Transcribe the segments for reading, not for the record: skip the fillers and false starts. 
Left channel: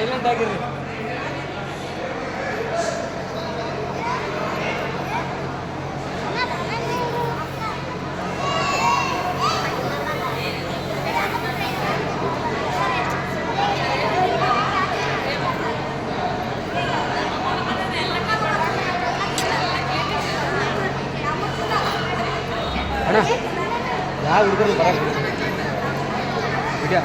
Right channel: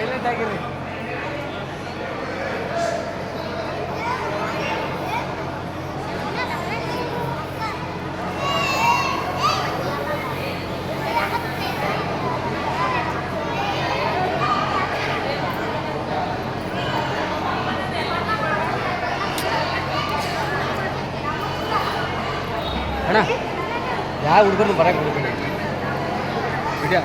Silent ಆಗಿರಿ. ಅಣ್ಣ ಯಾವ ಹುಡುಗರು ಬರೋದು ವಿಡಿಯೋ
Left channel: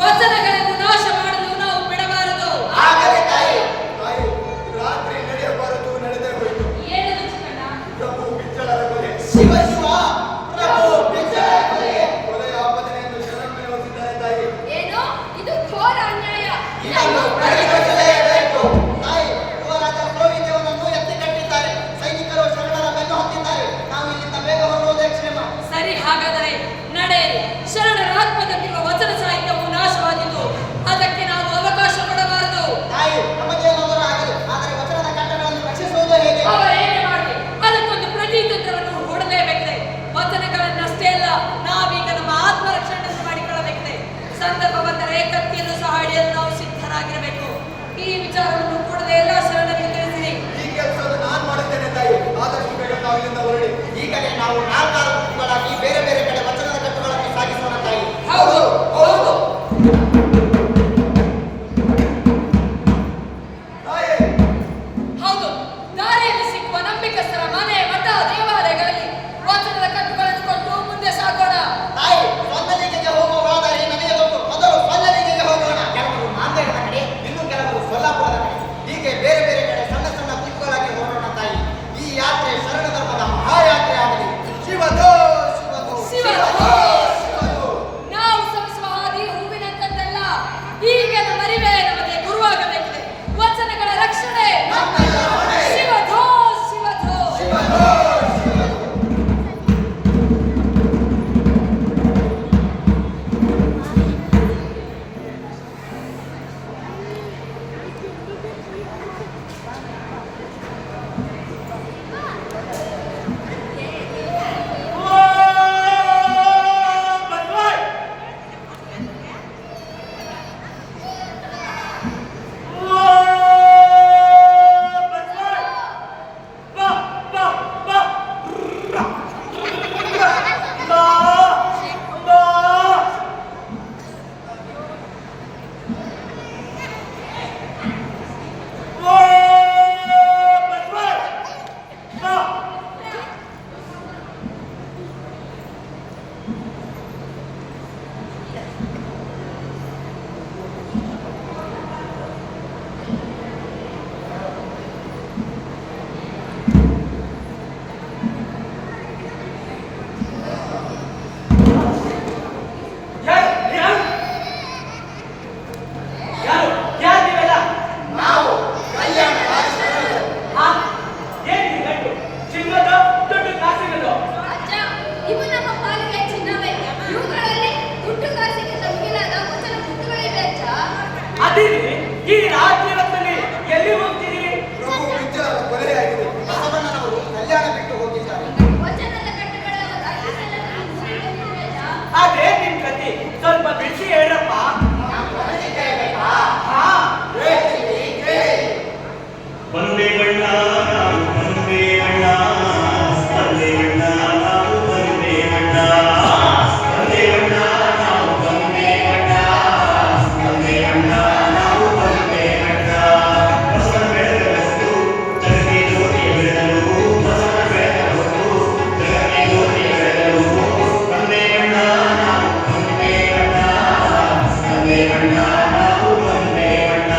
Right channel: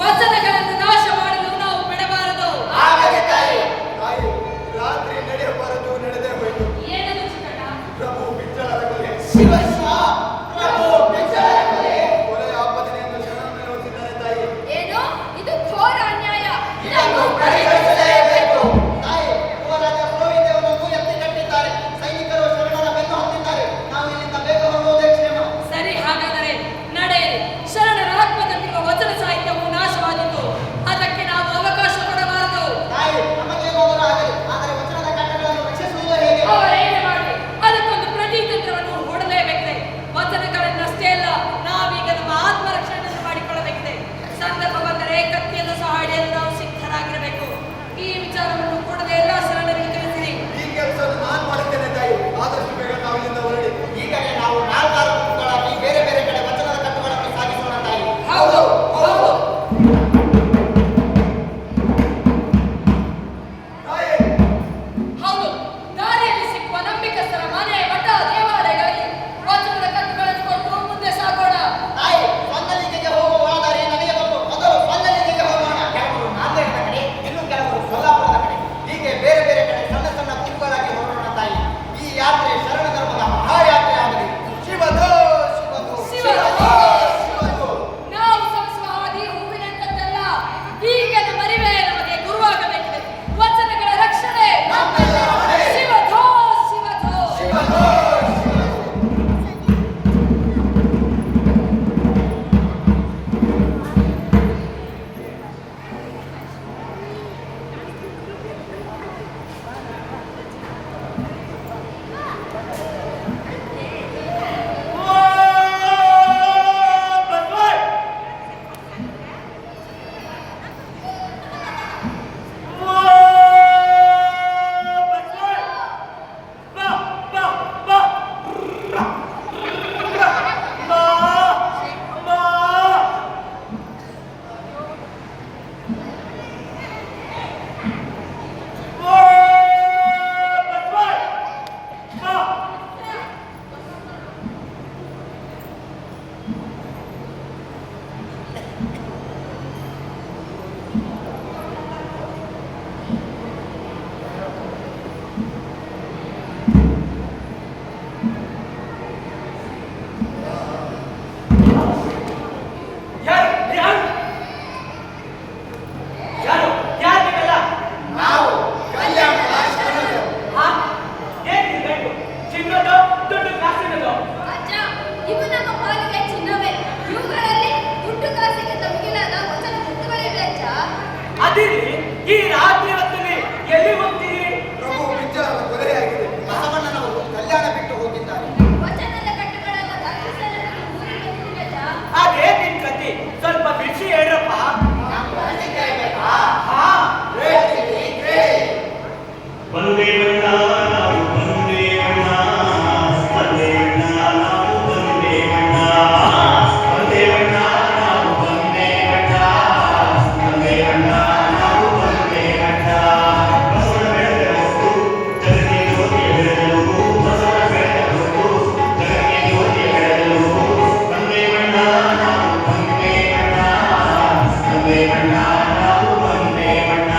ವಚನಗಳನ್ನು ನಾಶ ಮಾಡಲು ನಾವು ಬಿಡಬಾರದು. ರಾತ್ರಿ ನಡೆಯಬಾರದು, ನಡೆದೇ ಹೋಯಿತು. ಏನದು ಚಿಕ್ಕಣ್ಣ? ಪ್ರಭು ಬಿಚ್ಚಳರ ಕೊಲೆ. ಪ್ರಭು ಬಿಚ್ಚಳರ ಕೊಲೆ. ಕೊಲೆಯ ಆಪದನೆಯನ್ನು ಶರಣನ್ನು ಹೊತ್ತಿದ್ದಾರೆ ತಾಯಿ. ಏನು ಇದು ಘೋರ ಅನ್ಯಾಯ. ಇದನ್ನು ಪರಿಹರಿಸಲೇಬೇಕು. ತಾಯಿ, ಯುವರಾಜ ಗೋವಿಂದನನ್ನು ಎತ್ತಿ ಕಟ್ಟಿದ್ದಾರೆ. ಸೈನಿಕರು ಶರಣರ ಬೆನ್ನು ಹತ್ತಿದ್ದಾರೆ. ನಾವು ಇಲ್ಲಿಂದ ಬೇಗ ಹೊರಡುವುದೇ ಕ್ಷೇಮ. ಸರಿ, ಹಾಗಾದರೆ ನಡೆಯಿರಿ. ಶರಣರ ಆತ್ಮದಲ್ಲಿರುವ ವಚನ ಸಾಹಿತ್ಯವು ನಾಶವಾದೀತು. ಅದಕ್ಕೆ ನಾವು ಅವಕಾಶ ಕೊಡಬಾರದು. ತಾಯಿ, ನಮಗೇನಾದರೂ ಆಗಲಿ, ಆದರೆ ವಚನದ ಕಟ್ಟಡಗಳನ್ನು ರಕ್ಷಿಸುವುದು ಹೇಗೆ? ಅವರೇನೇ ಮಾಡಲಿ, ಅದಕ್ಕೊಂದು ಪ್ರತಿತಂತ್ರವನ್ನು ಹೂಡಲೇಬೇಕಿದೆ. ವಚನಗಳನ್ನಷ್ಟೇ ಅಲ್ಲ, ನಾವೀಗ ನಮ್ಮ ಆತ್ಮರಕ್ಷಣೆಯನ್ನು ಮಾಡಿಕೊಳ್ಳಬೇಕಿದೆ. ಸಂದರ್ಭ ಬಂದರೆ ಕತ್ತಿಯನ್ನು ಸಹ ಹಿಡಿಯಲು ನಾವು ಸಿದ್ಧರಾಗಿರಬೇಕು. ಈ ವಿಚಾರವನ್ನು ಕೂಡಲೇ ಎಲ್ಲ ಶರಣರಿಗೆ ತಿಳಿಸಿರಿ. ಈ ಕೆಲಸವನ್ನು ನಾನು ಮಾಡುತ್ತೇನೆ ತಾಯಿ. ಆದಷ್ಟು ಬೇಗ ನಾವು ಇಲ್ಲಿಂದ ಹೊರಡಿ. ಈಗಲೇ ನಾವು ನಾಲ್ಕಾರು ಗುಂಪುಗಳಾಗಿ ಬೇರೆ ಬೇರೆ ಕಡೆ ವಚನದ ಕಟ್ಟುಗಳನ್ನು ಸಾಗಿಸೋಣ ತಾಯಿ. ಹೌದು ಹೌದು. ತಾಯಿ, ಹೌದು, ದಾರಿಯಲ್ಲಿ ಸಿಕ್ಕುವ ನಂಬಿಕಸ್ಥರ ಮನೆ, ಮಠ, ದೇವಾಲಯಗಳಲ್ಲಿ ವಚನದ ಕಟ್ಟುಗಳನ್ನು ಕೊಟ್ಟು ಮುಂದೆ ಸಾಗೋಣ. ಅದಿರಿ ಈ ರಾಜ್ಯದಲ್ಲಿ ಎಲ್ಲಿ ಹೋಗ್ತೀರಿ? ಪ್ರಭು ವಿಜ್ಜಲರ ಕೊಲೆಯಾಗಿದೆ. ಬಸವಣ್ಣನವರು ಕಲ್ಯಾಣ ಬಿಟ್ಟು ಹೋಗಿದ್ದಾರೆ. ವಚನದ ಕಟ್ಟುಗಳನ್ನು ರಕ್ಷಿಸಲು ನಾವು ಊರಿಗೆ ಬಂದಿದ್ದೀವಲ್ಲ. ಅದೇ ನಿನ್ ಕತಿ, ಸ್ವಲ್ಪ ಬಿಡಿಸಿ ಹೇಳಪ್ಪ. ಹಾ, ಹೇಳ್ತೀನಿ, ಕೇಳಿ. ಒಂದೇ ಬಣ್ಣ ನಾವು ಒಂದೇ ಬಣ್ಣ, ಒಂದೇ ಬಣ್ಣ ನಾವು ಒಂದೇ ಬಣ್ಣ, ಒಂದೇ ಬಣ್ಣ ನಾವು ಒಂದೇ ಬಣ್ಣ, ಒಂದೇ ಬಣ್ಣ ನಾವು ಒಂದೇ ಬಣ್ಣ. ಬಸವನ ಬೆಳಗಲು ಜಗತ್ತಿಗೆ ಜ್ಯೋತಿಯ ಬೆಳಗಲು, ಬಸವನ ಬೆಳಗಲು ಜಗತ್ತಿಗೆ ಜ್ಯೋತಿಯ ಬೆಳಗಲು. ಒಂದೇ ಬಣ್ಣ ನಾವು ಒಂದೇ ಬಣ್ಣ, ಒಂದೇ ಬಣ್ಣ ನಾವು ಒಂದೇ ಬಣ್ಣ.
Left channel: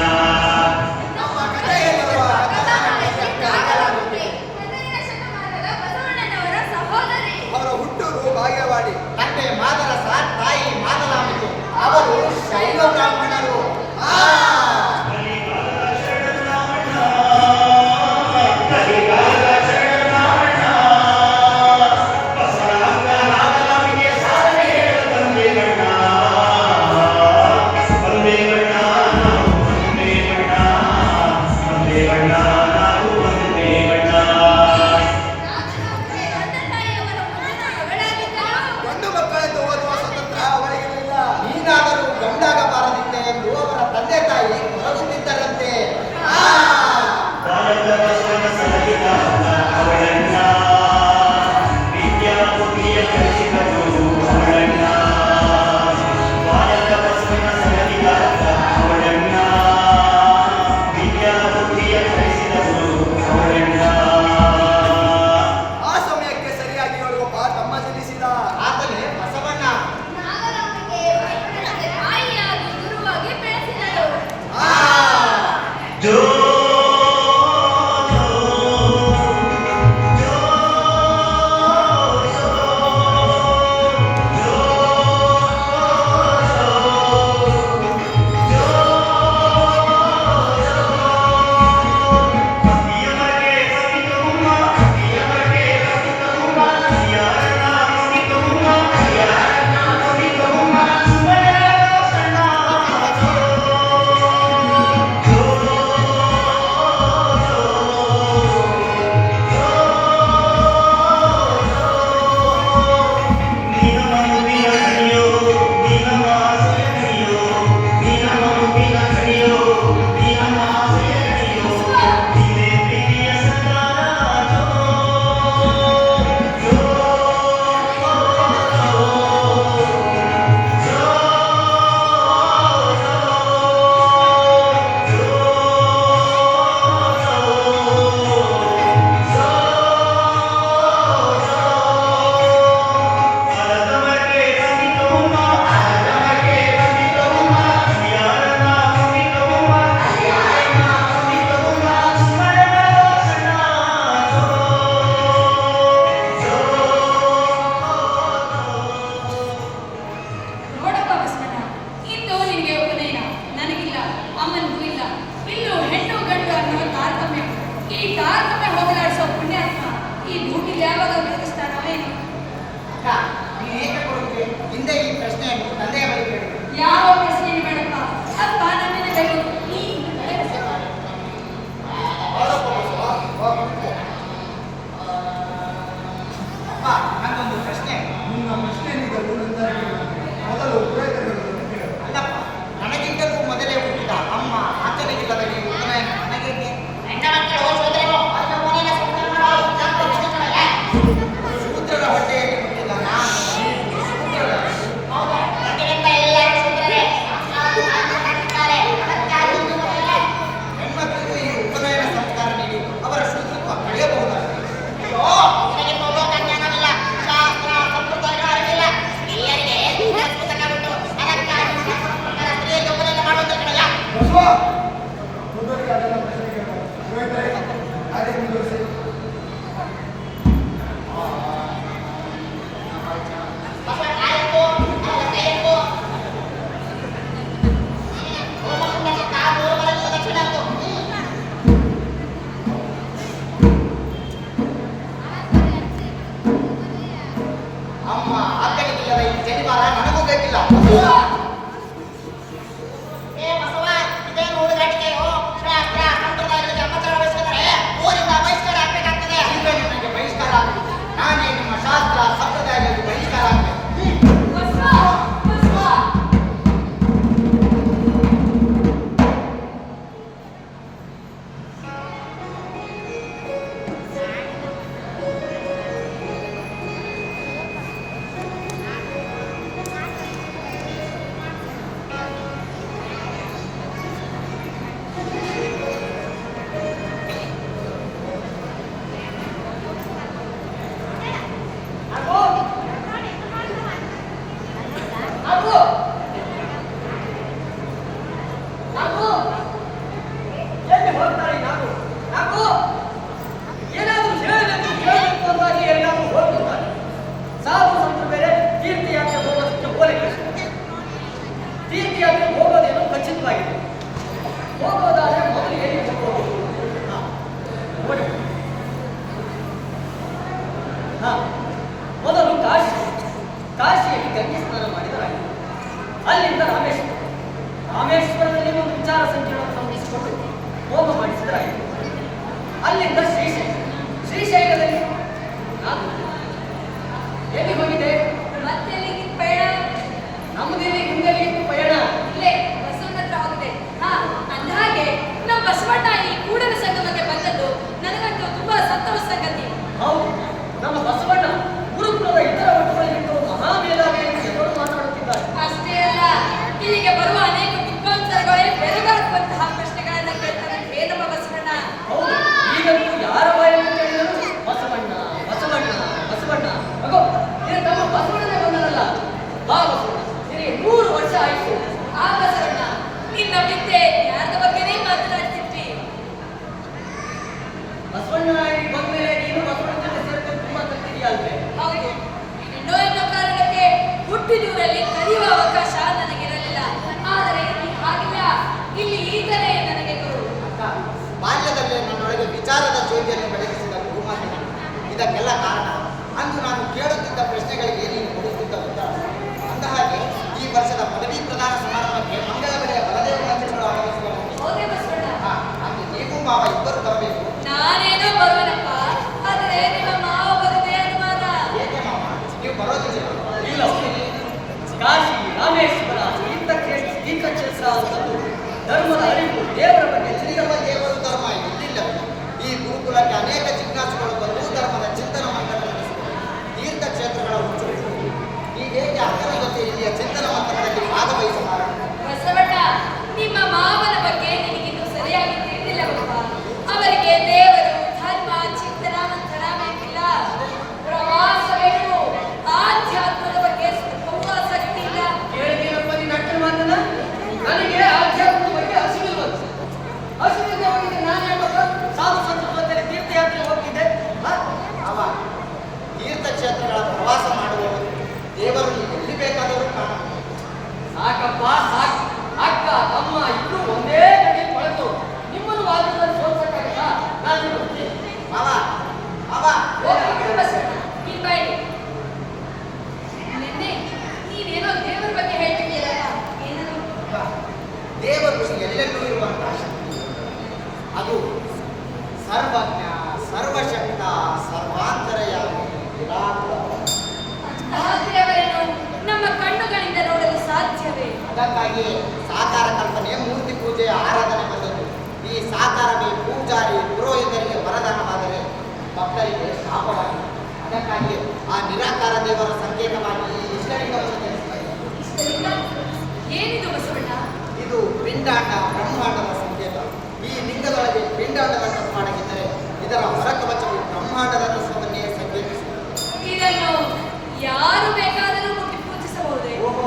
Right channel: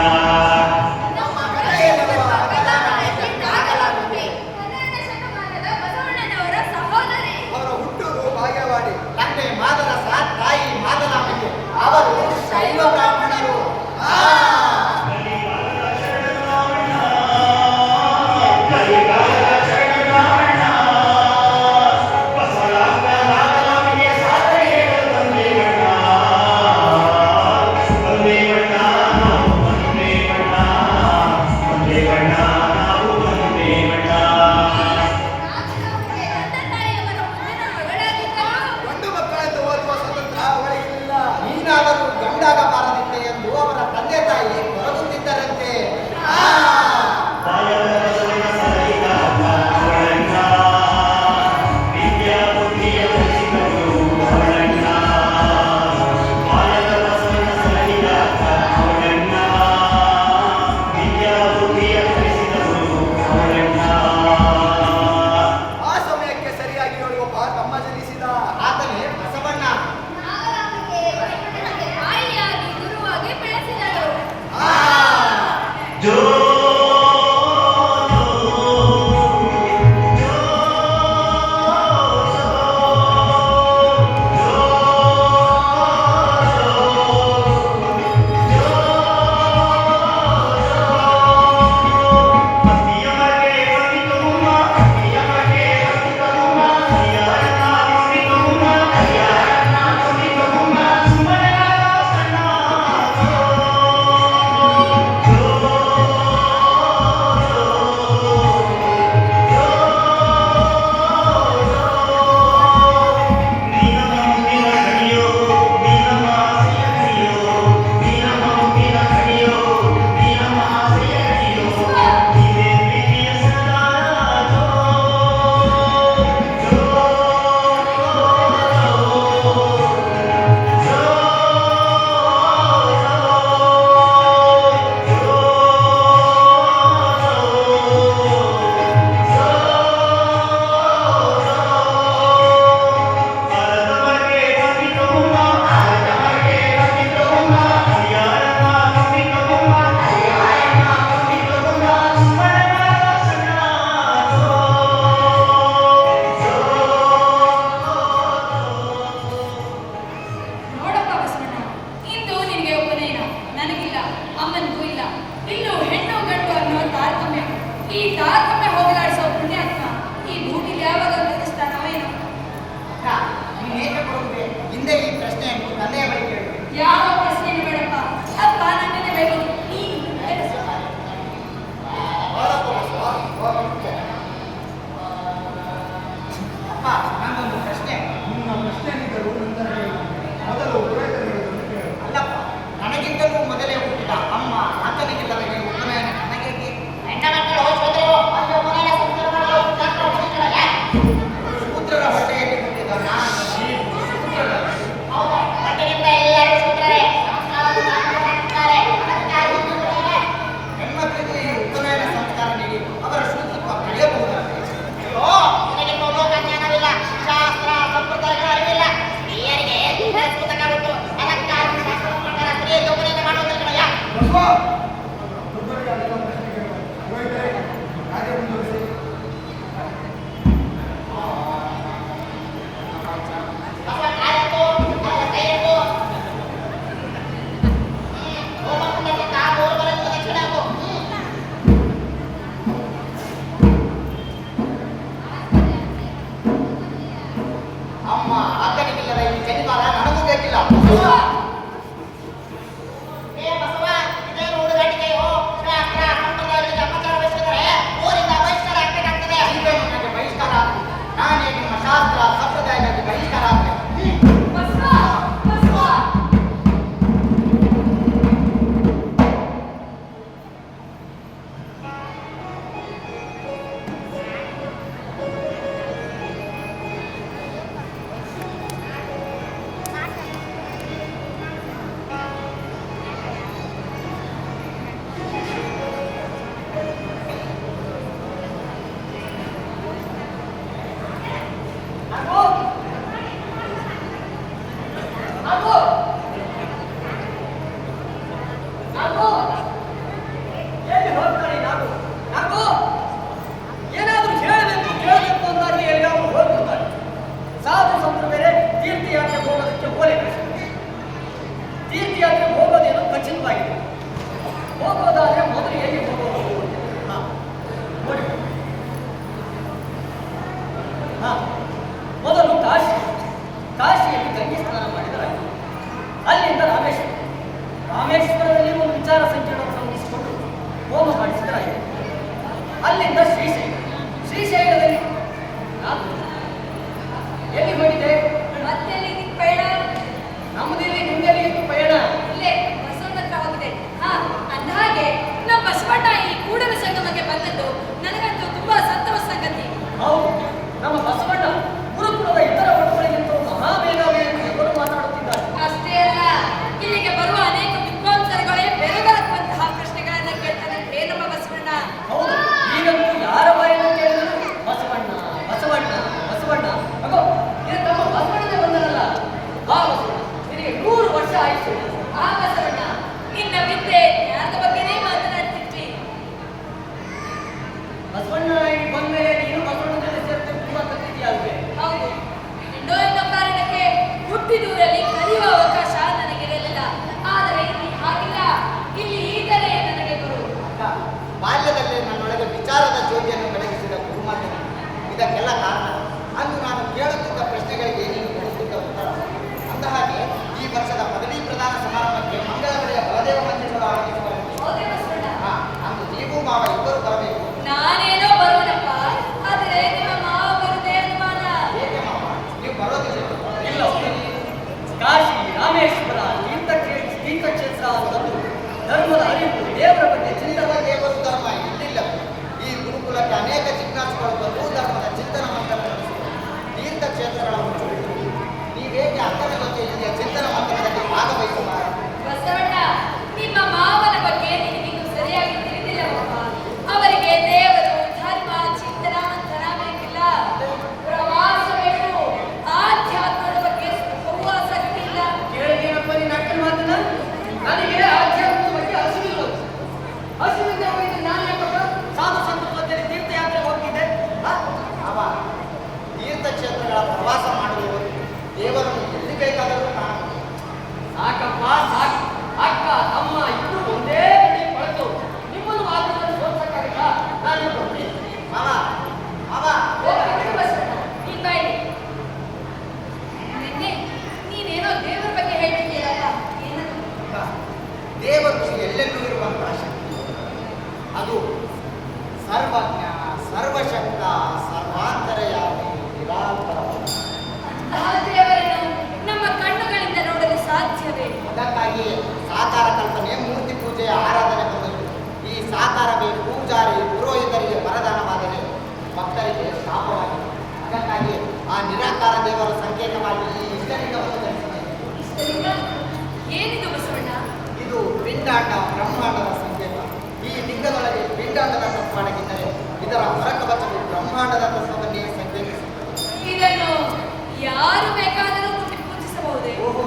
ನಮ್ಮ ಕಥೆಯಲ್ಲಿರುವ ಕಥಾನಾಯಕಿ ಆಗಲಾಗುತ್ತೆ. 11ನೇ ಶತಮಾನದ ಬಸವಣ್ಣನವರ ಸಹೋದರಿ. ಅವರ ಹುಟ್ಟೂರು ಬಾಗೇವಾಡಿ. ತಂದೆ ಮಾದರಸ, ತಾಯಿ ಮಾದಲಾಂಬಿಕೆ. ಅವರು ಶೈವ ಬ್ರಾಹ್ಮಣರು. ನಾಗರಾಜನಿಗೆ ತಂದೆ ತಾಯಿಯವರ ಮುಂದಿನ ಮಗಳಾಗಿದ್ದರು. ಗಂಡು ಮಕ್ಕಳೆಂದು ಓದುವ ಸ್ವತಂತ್ರ ಅವಳಿಗಿರಲಿಲ್ಲ. ನೀನಾದರೂ ಗಂಡಾಗಬಾರದಿತ್ತೆ ಎಂದು ಅವರ ತಂದೆ ತಾಯಿ ಹೊರಗುತ್ತಿದ್ದರಂತೆ. ಆ ಸಮಯಕ್ಕೆ ಸರಿಯಾಗಿ ಹೇಳುವ ತಮ್ಮ ಜನಿಸಿದ. ಆತನೇ ಬಸವಣ್ಣ. ನಾಗರಾಜನಿಗೆ ಬಸವಣ್ಣನಿಗೆ ತಾಯಿಯಾಗಿ ಗುರುವಾಗಿ ಬೆಳೆಸಿದರು. ಜೋ ನೋಡಪ್ಪ ಬಸವಣ್ಣ, ಇಂದು ನಿನಗೆ ಉಪನಯನ, ನನಗಿಲ್ಲ, ಅಮ್ಮನಿಗೂ ಇಲ್ಲ. ಇನ್ನು ಹೆಣ್ಣು ಗಂಡು ಅನ್ನೋ ತಾರತಮ್ಯ. ಈ ತಾರತಮ್ಯ ಹೋಗಲಾಡಿಸೋ ಪುಣ್ಯಾತ್ಮ ಈ ಭೂಮಿಗೆ ಯಾವಾಗ ತೋರಿಸ್ತಾನೋ ಏನೋ. ಅಕ್ಕ, ನೀನೇಕೆ ಕೊಡುಗೆ? ಹಿಂದೆ ಈ ಪ್ರಶ್ನೆಯನ್ನು ತಂದೆಯ ಬಳಿ ಕೇಳಿ. ಯಾವ ಪ್ರಶ್ನೆ ಬೇಡಪ್ಪ, ಅಪ್ಪ ನನ್ನನ್ನೇ ಬೇಕು. ನೀನು ನಡೆಸು. ಬಾಳಪ್ಪ ಬಸವ, ಬಾ ಕೂತ್ಕೋ. ಅಪ್ಪ, ನಂಗೊಂದು ಪ್ರಶ್ನೆ. ನಿನ್ನ ಪ್ರಶ್ನೆನಿದ್ದರೂ ನನ್ನ ಹೇಳು. ಮೊದಲು ಪುರೋಹಿತರುಗಳನ್ನು ಕೇಳು. ಅಲ್ಲಪ್ಪ, ನನಗಿಂತಲೂ ಮೊದಲೇ ಹುಟ್ಟಿದ ಅಮ್ಮ ಆತನಿಗಿಲ್ಲದ ಈ ಉಪನಯನ ನನಗೇಕೆ? ಶೂದ್ರರ ಹೊಟ್ಟೆಯಲ್ಲಿ ಹುಟ್ಟಿದ ನಾನು ಶೂದ್ರರ ಹೆಣ್ಮಕ್ಳಿಗೆ ಈ ಉಪನಯನ ಸಂಸ್ಕಾರ ನೀಡಿ ಅವರ ಶೂದ್ರತ್ವ ಕಳೆಯಬಹುದಾಗಿದೆ. ಬಸವ, ದೊಡ್ಡವರಿಗೆ ಅದೆಲ್ಲ ಪ್ರಶ್ನೆ ಕೇಳಬಾರದು. ಪುರೋಹಿತರೇ, ಕಾರ್ಯ ಮುಂದುವರಿಸಿ. ಅಮ್ಮ ಆತನಿಗಿಲ್ಲದ ಈ ಜನಿವಾರ ನನಗೂ ಬೇಕಿಲ್ಲ. ಕಾಶಿಯಲ್ಲಿ ಗಂಗೆ ಸ್ನಾನ ಮಾಡಿದರಾಯಿತು. ಅಲ್ಲಿಂದ ರಾಮೇಶ್ವರದಲ್ಲಿ ಒಂದು ವಿಚಾರ ಸಂಕಿರಣವನ್ನು ಮುಗಿಸಿಕೊಂಡು ಹೋಮ ಮಾಡಿಸಿದರಾಯಿತು. ಅಲ್ಲಿಂದ ಶ್ರೀಶೈಲದಲ್ಲಿ ನಾನು ಎಲ್ಲಿ ಹೋಗಿದೆ? ಮತ್ತೆಲ್ಲಿಗೆ ಪಯಣ? ನಮ್ಮದಿಲ್ಲಿ ಹಿಂದೆಲ್ಲಿ ಪಯಣ. ಇಲ್ಲೇ ಬಸವನ ಹತ್ರ ಹೋಗಿದೆ. ಅಂದಹಾಗೆ ನಮ್ಮ ಬಸವಣ್ಣ ಈ ಕೂಡಲ ಸಂಗಮಕ್ಕೆ ಬಂದದ್ದು ನನಗಂತೂ ತುಂಬಾ ಸಂತೋಷ ಸಂಗತಿ. ಹೌದು, ನಮ್ಮ ಬಸವಣ್ಣ ಗುರುಕುಲದ ಇತರ ಒಟ್ಟುಗಳಿಗಿಂತ ಮಹಾಮೇಧಾವಿ ಎಂದು ಎಲ್ಲರೂ ಮಾತನಾಡುತ್ತಿದ್ದಾರೆ. ಅಷ್ಟೇ ಅಲ್ಲ, ಇಲ್ಲಿಗೆ ಬರುವ ಅನೇಕ ವಿದ್ವಾಂಸರುಗಳೇ ಬೆಳಗಾಗುವಂತಹ ಪ್ರಶ್ನೆಗಳನ್ನ ಕೇಳ್ತಾರೆ. ನಮ್ಮ ಬಸವಣ್ಣ. ಹೌದು, ಈಗಂತೂ ಯಾರ ಬಾಯಲ್ಲಿ ಕೇಳಿದ್ರು ಬಸವಣ್ಣ ಬಸವಣ್ಣ ಬಸವಣ್ಣ. ಅಗೋ, ಇದು ನಮ್ಮ ಬಸವಣ್ಣನೇ ಬಂದನಲ್ಲ. ಹಾ ಬಸವಣ್ಣ, ನಿನಗೆ 100 ವರ್ಷ ಆಯಿತು. ಆ ಬಸವಣ್ಣ ನಿನ್ನ ವಿದ್ಯೆ ಜ್ಞಾನದ ಬಗ್ಗೆನೇ ಮಾತನಾಡ್ತಿದ್ವಿ. ಬಸವಣ್ಣನಾಗಿ ಬಂದ್ಮೇಲೆ ನೀನು ಬಸವಣ್ಣ ಜೊತೆ ಸೇರ್ಕೊಂಡು ತುಂಬಾ ಕಲ್ತಿದೆಯಲ್ವೇ? ಹೌದು, ಇನ್ನೋ ಕಾರಣಕ್ಕೆ ಹುಟ್ಟಿದೂರಲ್ಲಿ ಕಲಿಯುವ ಅವಕಾಶ ನನಗಿರಲಿಲ್ಲ. ಆದರೆ ಇಲ್ಲಿ ಹಾಗಿಲ್ಲ. ಇಲ್ಲಿ ಈಗಲೇ ನನಗೆ ಗುರು. ಅಕ್ಕ, ಬಾಲ್ಯದಲ್ಲೇ ನನ್ನೊಳಗೆ ವಿಚಾರದ ಜ್ಯೋತಿಯನ್ನು ಬೆಳಗಿಸಿದ ಗುರುಮಾತೆ. ಇದಕ್ಕೆಲ್ಲ ಕಾರಣ ಅಂದು ನಾನು ಕೇಳುತ್ತಿದ್ದ ಪ್ರಶ್ನೆಗಳಿಗೆ ನೀನು ಕೊಡುತ್ತಿದ್ದ ಉತ್ತರ. ಅಂದಹಾಗೆ ಈ ವರ್ಷದ ಪದವಿ ಪ್ರದಾನ ಸಮಾರಂಭಕ್ಕೆ ಮಂಗಳಗಡೆಯ ಬಲದೇವ ಮಂದಿರಗಳು ಆರಂಭಿಸುವ ಹೌದೇ ಬಸವಣ್ಣ? ಅಂದು ನೀವು ಮಾವ ಇಬ್ಬರು ಬರಬೇಕು. ನಾನೇನೋ ಬರೋಣಪ್ಪ, ಆದರೆ ನಿಮ್ಮ ಮಾವ ಬರುದೇ ಅನುಮಾನ. ಏಕೆ ಮಾವ, ನೀವು ಬರೋದಿಲ್ಲ? ಇಲ್ಲ, ಕಾಶಿ ರಾಮೇಶ್ವರ ತೀರ್ಥಕ್ಷೇತ್ರ ಅಂತಂದು ಧರ್ಮದ ಅರಿವು, ದೇವರ ಬಗ್ಗೆ ಚಿಂತನ ದೇವರು ಧರ್ಮ ಇಲ್ಲಿಲ್ಲ. ಈ ಗುರುಕುಲಕ್ಕೆ ಅನೇಕ ಜಿಜ್ಞಾಸುಗಳು ಬಂದು ಧರ್ಮದ ಚಿಂತನ ಮಂಥನ ನಡೆಸಿದರು. ತೀರ್ಥಕ್ಷೇತ್ರಗಳ ಹುಚ್ಚು ಹೀಗೆ ಅಕ್ಕನ ಜೊತೆ ಇಲ್ಲಿಯ ಚಿಂತನ ಮಂಥನದಲ್ಲಿ ಭಾಗವಹಿಸಬಾರದು. ಬಸವಣ್ಣ, ನಿಮ್ಮ ಮಾವನ ಬಗ್ಗೆ ನಿನಗಿನ್ನೂ ಸರಿಯಾಗಿ ತಿಳಿದಿಲ್ಲವಪ್ಪ. ಅವರಿಗೆ ದೇವರು, ಧರ್ಮ, ಚಿಂತನ ಮಂಥನ ಬೇಕಿಲ್ಲ. ಪ್ರವಾಸ ಬೇಕು. ಆಧ್ಯಾತ್ಮದ ಬಗ್ಗೆ ಸ್ವಲ್ಪವೂ ಆಸಕ್ತಿ ಇಲ್ಲ. ಕೇಳಿದೀನಪ್ಪ ನೀನು ಅಕ್ಕನ ಮಾತನ್ನ. ನನಗೆ ಆಧ್ಯಾತ್ಮದ ಬಗ್ಗೆ ಹಸಿವಿಲ್ಲದೆ ಹೋಗಿದ್ದೆ. ನಾನು ಯಾಕಪ್ಪ ಸಾಧು ಸಂತರ ಜೊತೆ ತೀರ್ಥಯಾತ್ರೆ ಹೋಗ್ತಿದ್ದೆ? ಅವ ತೀರ್ಥಕ್ಷೇತ್ರಗಳ ಪ್ರವಾಸ ಮಾಡುವವರು ದೇವರನ್ನು ಎಲ್ಲಿ ಬೇಕಾದರೂ ಕಾಣಬಹುದು. ಸಾಕಪ್ಪ ಸಾಕು. ಅಕ್ಕ ತಮ್ಮ ಇಬ್ರು ಒಂದೇ ಗಡಿ ಪಡೆದು ನಿಮ್ಮನ್ನು ವಾದದಲ್ಲಿ ಸೋಲ್ಸಕ್ಕಾಗತ್ತಾ? ನಾನು ಹೋಗ್ತೀನಿ. ಅವ ಹೋಗಿ ಬಿಡು ಬಸವಣ್ಣ, ನೀನ್ ಬಾಯ್ಲಿ. ನಿನ್ನೆ ನೀನೇನೋ ದೇವರ ಬಗ್ಗೆ ಹೇಳ್ತಿದ್ದೀರಲ್ಲ, ಏನದು? ದೇವರು ಎಲ್ಲೆಲ್ಲೂ ಇರುವಂತಹ ಶಕ್ತಿ. ಅದು ಸರ್ವಜ್ಞ, ಸರ್ವಶಕ್ತ, ಸರ್ವಾಂತರಯಾಮಿ, ನಿರಾಕಾರ. ಅಂತಹ ದೇವರನ್ನು ನಮ್ಮ ಕಣ್ಣುಗಳಿಂದ ನೋಡಲು ಸಾಧ್ಯವೇ? ಅದಕ್ಕಾಗಿಯೇ ಸಾಕಾರ ಕಲ್ಪನೆ, ಮೂರ್ತಿ ಪೂಜೆಯ ಆರಾಧನೆ ಬಂದದ್ದು. ಈ ಸಾಕಾರವೇ ಪೂಜಾರಿ ಪುರೋಹಿತರಿಗೆ ವರದಾನವಾದರೆ ಭಕ್ತರಿಗೆ ಶಾಪವಾಗಿದೆ. ಅದಕ್ಕಾಗಿಯೇ ಆ ನಿರಾಕಾರ ದೇವರ ಸಂಕೇತವಾಗಿ ಈ ಇಷ್ಟಲಿಂಗವನ್ನು ಧರಿಸಿದೆ. ಇಷ್ಟಲಿಂಗ ಏನಿದು ಬಸವಣ್ಣ? ಇದು ಪಿಂಡಾಂಡ ಬ್ರಹ್ಮಾಂಡದ ಸಂಕೇತ. ಈ ಲಿಂಗದೊಳಗೆ ಪಿಂಡಾಂಡದ ತತ್ವ ಅಡಗಿದ್ದರೆ ಇದರ ಹೊರಕವಚವು ಬ್ರಹ್ಮಾಂಡದ ತತ್ವವನ್ನೇ ಸಂಕೇತಿಸುತ್ತದೆ. ಇದನ್ನು ಯಾರು ಬೇಕಾದರೂ ಮುಟ್ಟಿ ಪೂಜಿಸಬಹುದೇ? ಓಹೋ,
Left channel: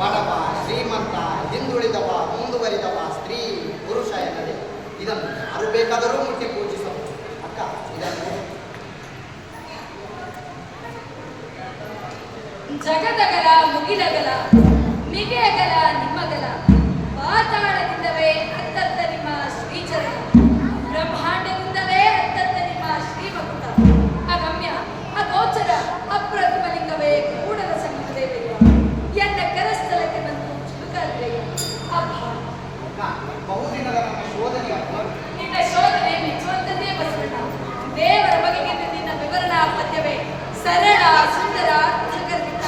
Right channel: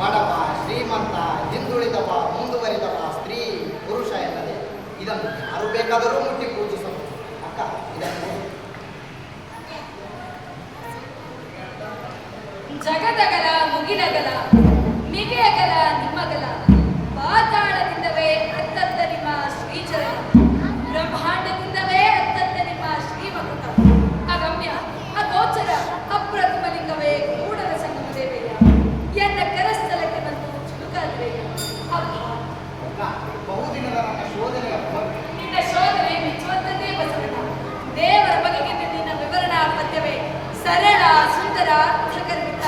ಬಡವ, ಶ್ರೀಮಂತ, ಹಿಂದುಳಿದವ, ಮುಂದುವರಿದವ, ಸ್ತ್ರೀ, ಪುರುಷ ಎನ್ನದೆ ಇದನ್ನು ಯಾರು ಬೇಕಾದರೂ ಮುಟ್ಟಿ ಪೂಜಿಸಬಹುದು. ಅಕ್ಕ, ಇದನ್ನು ಜಗದಗಲ ಮುಗಿಲಗಲ ನಿಗೆಯಗಲ ನಿಮ್ಮಗಲ ಪಾತಾಳದಿಂದಲೇ ಅತ್ತತ್ತ ನಿಮ್ಮ ಶ್ರೀಚರಣ, ಬ್ರಹ್ಮಾಂಡದಿಂದಲೇ ಅತ್ತತ್ತ ನಿಮ್ಮ ಶ್ರೀಮಕುಟ, ಅಗಮ್ಯ ಅಗೋಚರ ಅಪ್ರತಿಮಲಿಂಗವೇ ಕೂಡಲ ಸಂಗಮ ದೇವಯ್ಯ, ಎನ್ನ ಕರಸ್ಥಳಕ್ಕೆ ಬಂದು ಚಿಲುಕಾಗಿವೆಯ. ಅಕ್ಕ, ಬಹುದಿನದ ನನ್ನ ಶೋಧನೆಯ ಫಲ. ನಿನ್ನ ಶೋಧನೆ ಮೆಚ್ಚುವಂತದ್ದೇ ಬಸವಣ್ಣ. ದೇವರ ಬಗೆಗೆ ನಿನ್ನ ವಿವರಣಾ ಪದ್ಯವೇ ಸರಳ, ಸುಂದರ, ಅರ್ಥಗರ್ಭಿತ.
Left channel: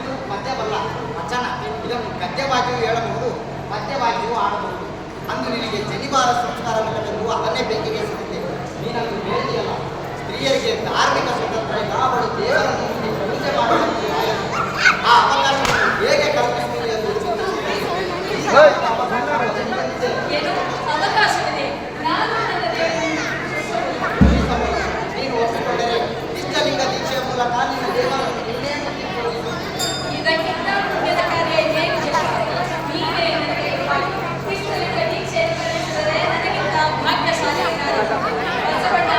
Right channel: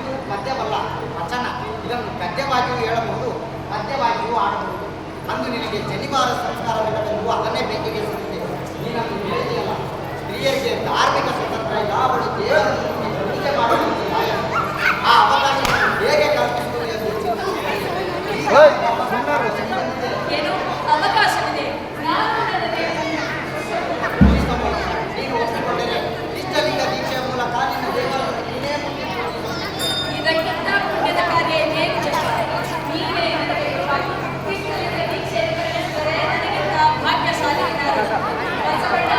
ಇದು ಪದ್ಯವಲ್ಲ, ವಚನ. ಇದನ್ನು ಗದ್ಯವಾಗಿಯೂ ಹೇಳಬಹುದು, ಪದ್ಯವಾಗಿಯೂ ಆಡಬಹುದು. ಅಂದು ನಿನಗೆ ಜನಿವಾರ ಸಂಸ್ಕಾರವಿಲ್ಲವೆಂದು ಅದನ್ನೇ ಬೆಂಕಿಗೆ ಸಿಗುತ್ತೆ. ನೀನಂದು ಹೇಳಿದೆಯಲ್ಲ, ಸ್ತ್ರೀಯರಿಗೆ ಧಾರ್ಮಿಕ ಸ್ವತಂತ್ರ ಇಲ್ಲ, ಅವಳು ದೇವರನ್ನು ಮುಟ್ಟಿ ಪೂಜೆ ಮಾಡುವ ಆ ಅವಕಾಶವನ್ನು ಹೇಗೆ ಕಲ್ಪಿಸುವುದು ಎಂದು ಚಿಂತಿಸುತ್ತೇನೆ. ಈಗ ಬಂದಿದೆ. ಏನು ಅವಕಾಶವಿದೆ? ನಾನು ನನ್ನ ದೇವರನ್ನು ನೀನು ಒಪ್ಪಿಕೊಂಡರೆ ಇಷ್ಟಲಿಂಗ ದೀಕ್ಷೆಯ ಮೂಲಕ ನಿನ್ನ ದೇವರನ್ನು ನೀನೇ ಮುಟ್ಟಿ ಪೂಜಿಸಬಹುದು. ಇದಕ್ಕಿಂತ ಪುಣ್ಯದ ಕಾರ್ಯ ಇನ್ನೇನು ಬೇಕು? ನೀವೇ ನನಗೆ ಗುರುವಾಗಿ ಇಷ್ಟಲಿಂಗ ದೀಕ್ಷೆ ನಿರ್ವಹಿಸಿದರೆ ನನಗಿಂತ ಭಾಗ್ಯಶಾಲಿ ಯಾರು? ಬಸವಣ್ಣ,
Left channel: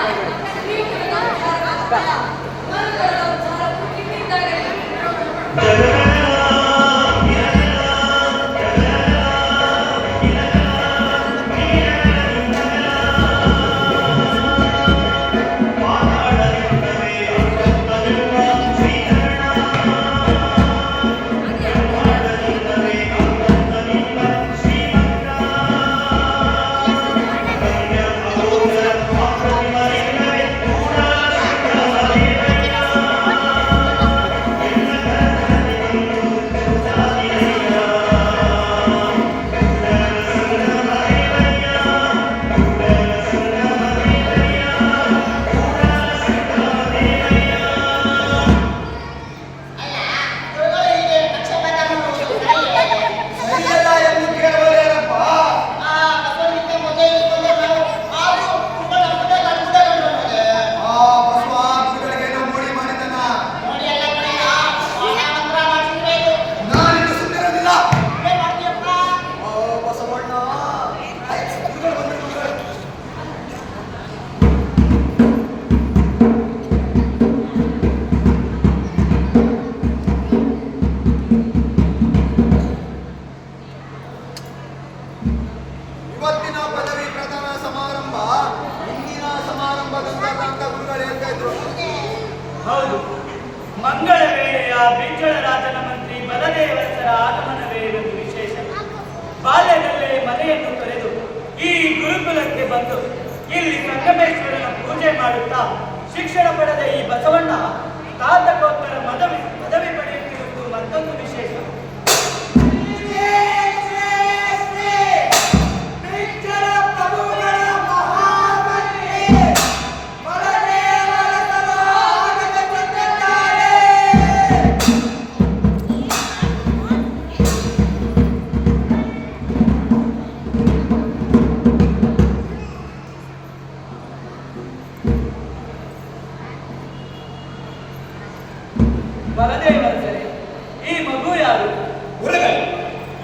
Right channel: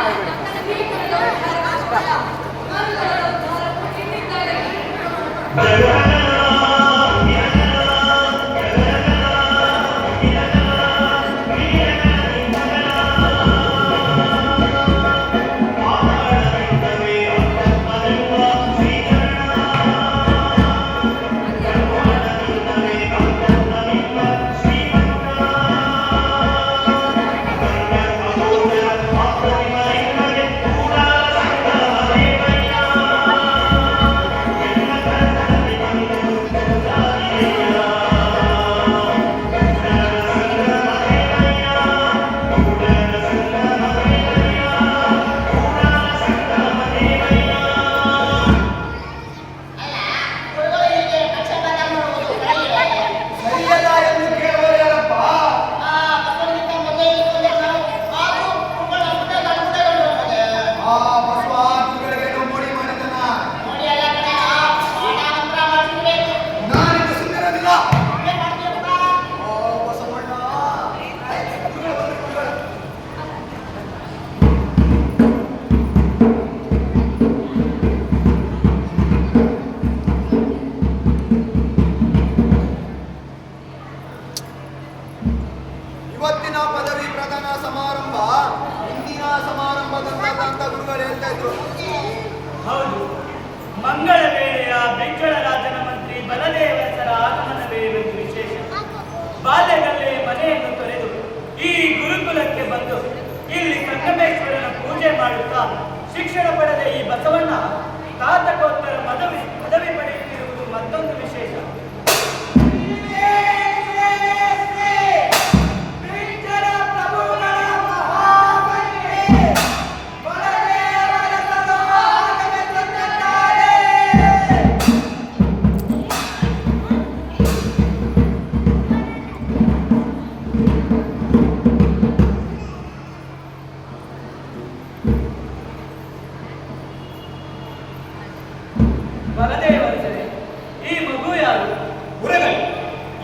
ಶ್ರೀಗುರುದ ಉದ್ಧಾರ ಮಾತ್ರವಲ್ಲ, ಮರುಗಳ ಉದ್ಧಾರವು ನಿನ್ನಿಂದಾಗಲಿ. ಶ್ರೀ ಗುರುಕುಲಕ್ಕೆ ಬಂದು ಇಲ್ಲಿ ಸಂಗಮೇಶ್ವರನ ಪೂಜೆ ಮಾಡುತ್ತಾ ಶಿಕ್ಷಣ ಪಡೆದ ಈ ಬಸವಣ್ಣ ಸ್ನಾತಕೋತ್ತರ ಪದವಿ ಪಡೆಯುತ್ತಿರುವುದು ಮತ್ತೊಂದು ವಿಶೇಷ. ಬಲದೇವರ್ಸರೆ, ಈ ಮಗು ಯಾರು? ಗುರುಗಳೇ,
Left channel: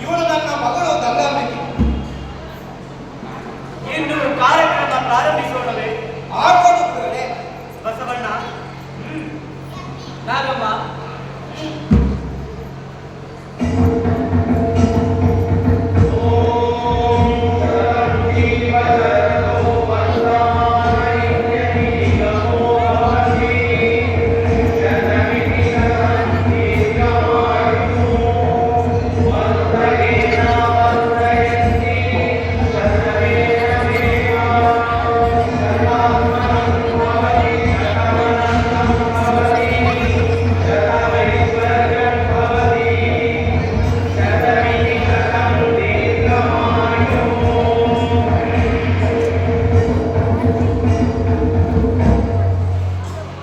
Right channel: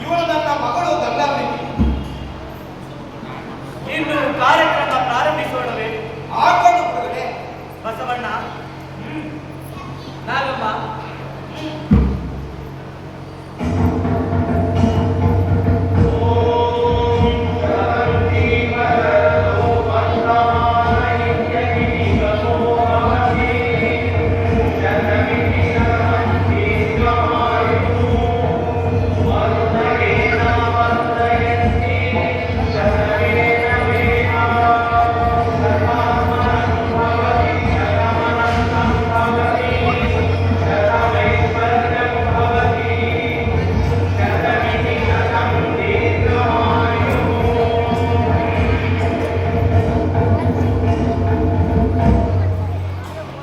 ಇವಳು ನನ್ನ ಮಗಳು ಗಂಗಾಂಬಿಕೆ. ಇನ್ನು ಕಾರ್ಯಕ್ರಮ ಪ್ರಾರಂಭಿಸೋಣವೇ? ಆಗೋದು ಗುರುಗಳೇ. ಬಸವಣ್ಣ, ನಾಗಮ್ಮ,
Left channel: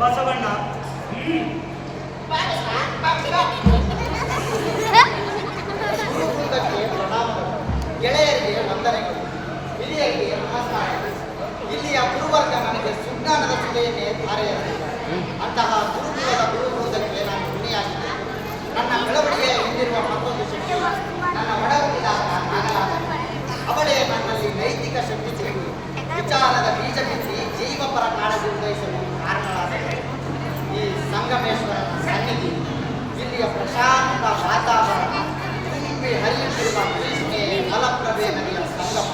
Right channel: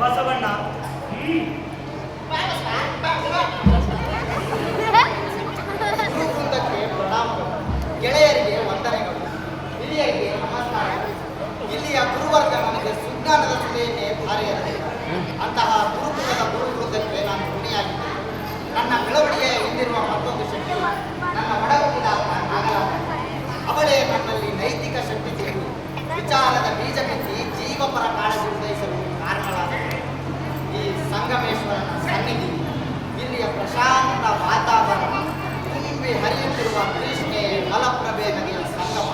ಬಸವಣ್ಣ, ಗುರುವೃಂದಕ್ಕೆ ಪ್ರಣಾಮಗಳು, ಗೆಳೆಯರಿಗೆ ವಂದನೆಗಳು, ಹಿರಿಯರಿಗೆ ನಮಸ್ಕಾರಗಳು. ಇಲ್ಲಿಯ ಗುರುವರ್ಗ ನನಗೆ ಸುಜ್ಞಾನದ ಸುಲೆಯನ್ನೇ ಧಾರೆಯಾಗಿದೆ. ಅಂತಹ ಗುರುಕುಲದ ಗುರುವೃಂದಕ್ಕೆ ನಾನು ಋಣಿಯಾಗಿದ್ದೆ. ನನ್ನ ಬೆಳವಣಿಗೆಯ ಹಿಂದಿರುವ ಮತ್ತೊಂದು ಶಕ್ತಿ ನನ್ನ ಒಡಹುಟ್ಟಿದಾಗ ನಾಗರಾಜ. ಅವಳೇ ನನ್ನಲ್ಲಿ ನೈತಿಕ ಶಕ್ತಿ ತಿರುಗಿ ವಿಚಾರದ ಬೀಜ ಬಿತ್ತಿ ಜೀವಪರ ಕಾಳಜಿ ಉದಯಿಸಲು ಕಾರಣವಾಗಿದೆ. ಈ ಸಂಗಮೇಶ್ವರನ ಸನ್ನಿಧಿ, ಇಲ್ಲಿಯ ಪ್ರಶಾಂತ ವಾತಾವರಣ, ತುಂಬಿ ಹರಿಯುತ್ತಿರುವ ಕೃಷ್ಣೆ ಫಲಪ್ರಭೆ ನದಿಯ ಸಂಗಮ,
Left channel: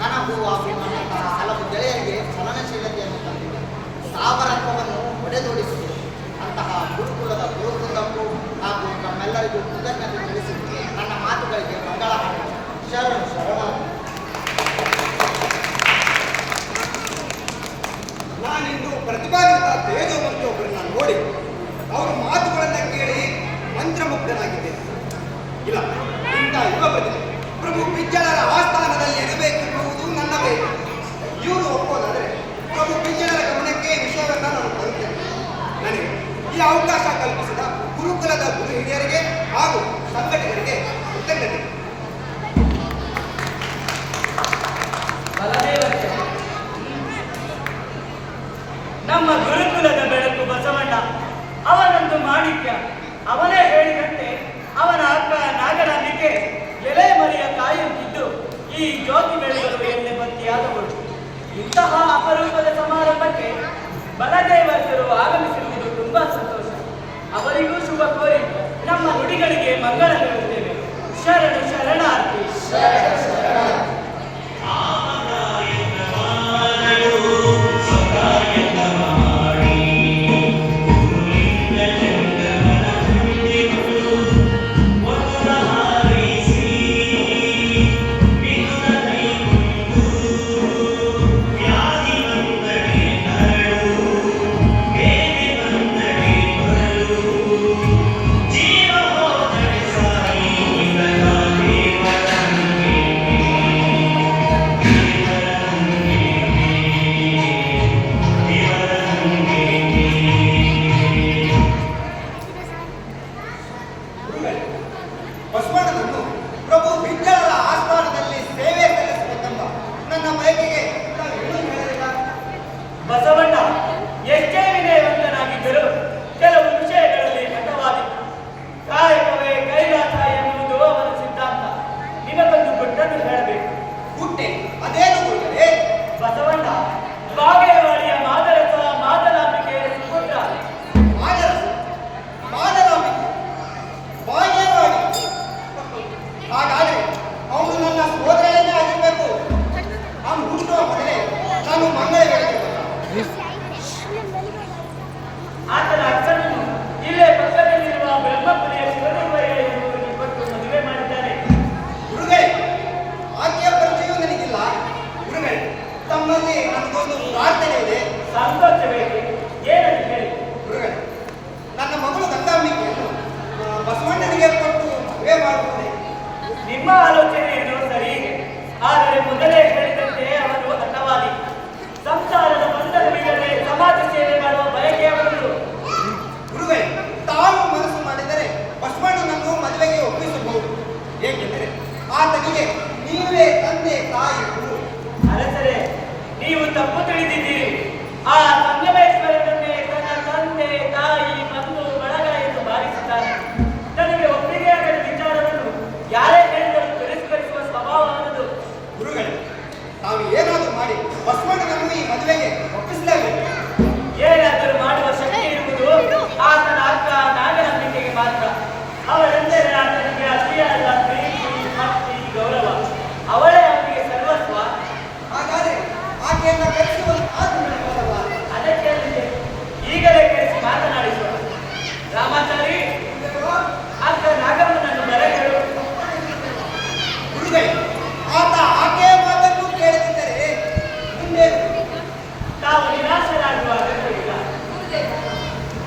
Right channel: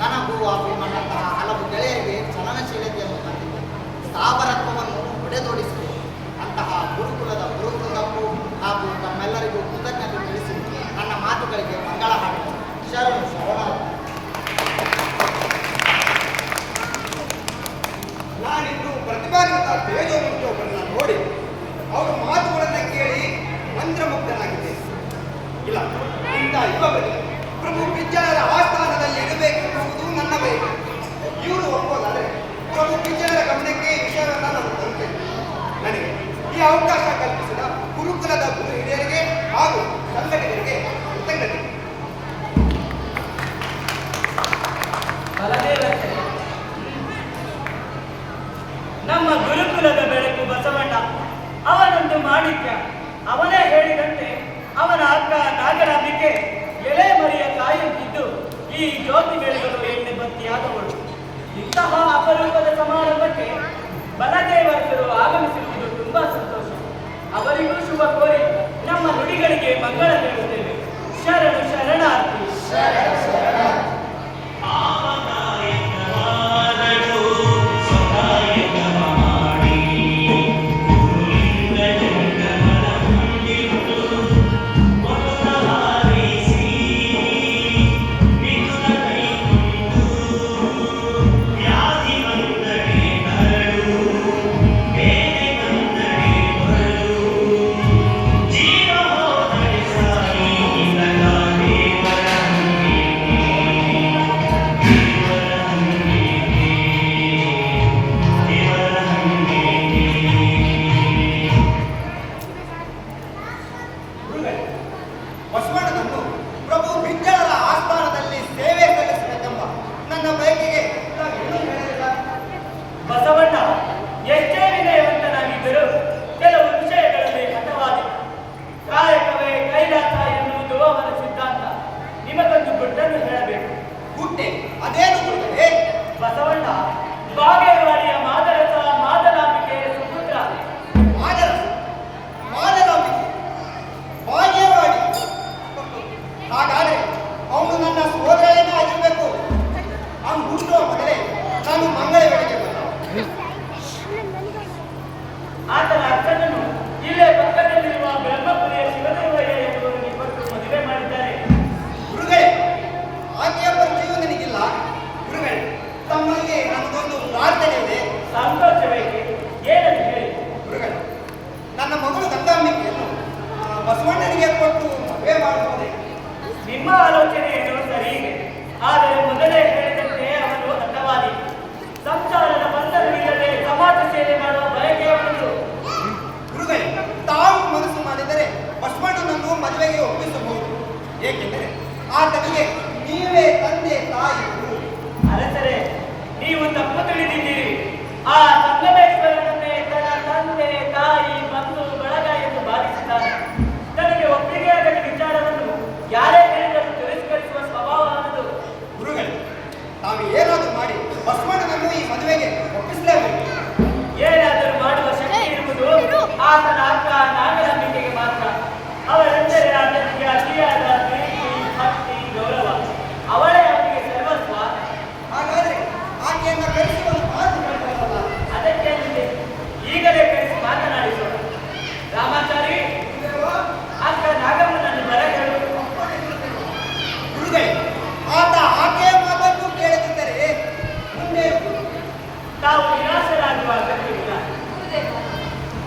ನನಗೂ ಅಭಿಮಾನಂತಹ ಹಲವು ಗೆಳೆಯರಿಗೆ ಚಲನಶೀಲತೆಯನ್ನು ತಂದಿದೆ, ಸ್ಥಾವರತ್ವವನ್ನು ಒಡೆದೋಡಿಸಿದೆ. ಅಂತಹ ಗುರುಕುಲದ ಗುರುವೃಂದಕ್ಕೂ ಹಾಗೂ ತಮ್ಮೆಲ್ಲರಿಗೂ ಕೃತಜ್ಞತೆ ತಿಳಿಸಿ ನನ್ನ ಮಾತುಗಳಿಗೆ ಮಂಗಳ ಹಾಡಿ ಶರಣು ಶರಣಾರ್ಥಿ. ನಾನಿಂದು ಪ್ರತಿಭಾನ್ವಿತ ತೇಜೋಮೂರ್ತಿಯೊಬ್ಬರನ್ನ ನೋಡಿ ಅವರ ಮಾತುಗಳನ್ನು ಕೇಳಿ ಮಂತ್ರಮುಗ್ಧನಾಗಿದ್ದೆ. ಇಲ್ಲ, ಇಂಥ ಯುವ ಪ್ರತಿಭೆ ಪ್ರಭು ಪಿಜ್ಜಳರ ಆಸ್ಥಾನದಲ್ಲಿ ಇರಬೇಕೆನ್ನುವುದು ನನ್ನ ಬಯಕೆ. ಇವರು ಒಪ್ಪೋದಾದರೆ ಪ್ರಭು ಪಿಜ್ಜಳರ ಗಮನಕ್ಕೆ ವಿಷಯವನ್ನು ನಾನು ತರುತ್ತೇನೆ. ನನಗೆ ಈ ಅವಕಾಶ ಕಲ್ಪಿಸಿದ ಗುರುಕುಲದ ಗುರು ಹಿರಿಯರಿಗೆ ಹಾಗೂ ಸಂಘಟಕರಿಗೆ ಕೃತಜ್ಞತೆ. ಬಲದೇವರ್ಸರೆ, ನಮ್ಮ ಗುರುಕುಲದ ಬೆಳಕು ಬಸವಣ್ಣ, ಅವನೊಂದು ಮಾಣಿಕ್ಯ. ಅವನೇ ಹೇಳಿದಂತೆ ಅವನ ಅಕ್ಕ ನಾಗರಾಂಬಿಕೆ ಎಲೆ ಮರಿಯ ಕಾಯುತ್ತಿದ್ದು ಈ ಜ್ಯೋತಿ ಬೆಳಗಲು ಎಣ್ಣೆ ಬತ್ತಿಯಾದವಳು. ಇಂತಹ ಅಪರೂಪದ ಸಮಾರಂಭಕ್ಕೆ ಬಲದೇವರ್ಸರು ಆಗಮಿಸಿರುವುದು ತುಂಬಾ ಸಂತೋಷ. ಅವರಿಗೂ ಶುಭ ಕೋರಿ ನಮ್ಮ ನುಡಿಗಳಿಗೆ ಮಂಗಳ ಹೇಳುತ್ತೇವೆ. ಶರಣು ಶರಣಾರ್ಥಿ. ಬಸವಣ್ಣನನ್ನು ಪ್ರಭು ಪಿಜ್ಜಳರ ಆಸ್ಥಾನದಲ್ಲಿ ಸೇವೆ ಸಲ್ಲಿಸಬೇಕೆಂಬ ನನ್ನ ಬಯಕೆಗೆ ನಾನು ಏನೂ ಹೇಳಲಿಲ್ಲ. ಬಸವಣ್ಣ ಎಷ್ಟೇ ವಿನಯವಂತನಾಗಿದ್ದರೂ ಕೆಲವು ವಿಷಯಗಳಲ್ಲಿ ಹಠವಾದಿ. ಕಾಯಕವೇ ಕೈಲಾಸ ಎನ್ನುವುದು ಅವನ ಸಿದ್ಧಾಂತ. ನಿಮಗೊಂದು ಗುಟ್ಟನ್ನು ಹೇಳಬೇಕು. ಗುಟ್ಟೆ ಅದೇನು ಗುರುಗಳೇ? ಬಸವಣ್ಣ ಬಾಗೇವಾಡಿಯ ಮಾದರಸ ಮಾದಲಾಂಬಿಕೆಯ ಸುಪುತ್ರ. ಮಾದರಸ ಮಾದಲಾಂಬಿಕೆ ಬಾಲ್ಯವಾಗಿ. ಹಾಗಾದರೆ ಅವನು ನನ್ನ ಸೋದರನೇ ಆಗಿರಬೇಕು. ಅವನು ಹುಟ್ಟುವ ಮೊದಲೇ ನಾನು ಮಂಗಳ ವೇಳೆಗೆ ಬಂದ. ಆತನ ಅಕ್ಕನನ್ನು ಇಲ್ಲೇ ಪಕ್ಕದಲ್ಲಿರುವ ಬ್ರಹ್ಮಪುರಿಯ ಶಿವದೇವಯ್ಯ ಎನ್ನುವರಿಗೆ ಕೊಟ್ಟು ಮದುವೆ ಮಾಡಿದ್ದಾರೆ. ಗುರುಗಳೇ, ಆಕೆಯ ಪರಿಚಯವೂ ನನಗಿಲ್ಲ. ಗುರುಗಳೇ, ಬಸವಣ್ಣನಿಗೆ ಕೊಟ್ಟು ಮದುವೆ ಮಾಡುವುದೇ? ನಿಮ್ಮ ಆಲೋಚನೆ ಏನೋ ಸರಿ, ಆದರೆ ಮೊದಲೇ ಹೇಳಿದಂತೆ ಅವನು ಹಠವಾದಿ. ಸಂಸಾರದ ಬಂಧನವಿಲ್ಲದೆ ಸಮಾಜ ಸೇವೆ ಮಾಡುವ ಬಯಕೆ ಅವನದು. ಗುರುಗಳೇ, ತಾವು ಮನಸ್ಸು ಮಾಡಿದರೆ ಬಸವಣ್ಣನನ್ನು ಮದುವೆಗೆ ಒಪ್ಪಿಸಬಹುದು. ಏಕೆಂದರೆ ಆತನಿಗೆ ನೀವೇ ತಂದೆ ತಾಯಿ ಗುರು. ಅರಸರೇ, ನೀವು ತಪ್ಪು ತಿಳಿದಿದ್ದೀರಿ. ಆ ಸಂಗಮೇಶ್ವರನನ್ನೇ ತನ್ನ ತಂದೆ ತಾಯಿ ಬಂಧು ಬಳಗ ಎಂದು ಭಾವಿಸಿದ್ದಾನೆ. ತನಗೆ ಒಪ್ಪಿಗೆಯಾಗದ ವಿಚಾರವನ್ನು ಯಾರೇ ಹೇಳಿದರೂ ತಿರಸ್ಕರಿಸುವ ಸ್ವಭಾವ ಅವನದು. ಗುರುಗಳೇ, ತಾವು ಏನಾದರೂ ಮಾಡಿ ಬಸವಣ್ಣನನ್ನು ಈ ಮದುವೆಗೆ ಒಪ್ಪಿಸಲೇಬೇಕು. ಏನಾದರೂ ಮಾಡುವ ಶಕ್ತಿ ಇರುವುದು ಆತನ ಅಕ್ಕ ನಾಗನಂಬಿಕೆಗೆ ಮಾತ್ರ. ಅವರೆಂದರೆ ಆತನಿಗೆ ಅತಿಯಾದ ಪ್ರೀತಿ, ಭಕ್ತಿ, ಗೌರವ. ಅವಳೇ ಅವನಿಗೆ ಸರ್ವಸ್ವ. ಹಾಗಾದ್ರೆ ಆಕೆಯನ್ನು ಕರೆಸುವುದು ಮಾತು ಹೇಳ್ತಾರಲ್ಲ. ಅದಕ್ಕೆ ಈಗಲೇ ಕರೆಸಿ ಮಾತನಾಡಿಸೋಣ. ರಾಮಾಚಾರಿ, ಅಕ್ಕ ನಾಗಮ್ಮನನ್ನು ಬರಗಳು. ಗುರುಗಳೇ, ಆತ ಆಕೆಯ ಮಾತನ್ನು ಕೇಳದಿದ್ದರೆ ಮುಂದೆ ತಾವು ನಿರಾಶರಾಗುವ ಅಗತ್ಯವಿಲ್ಲ.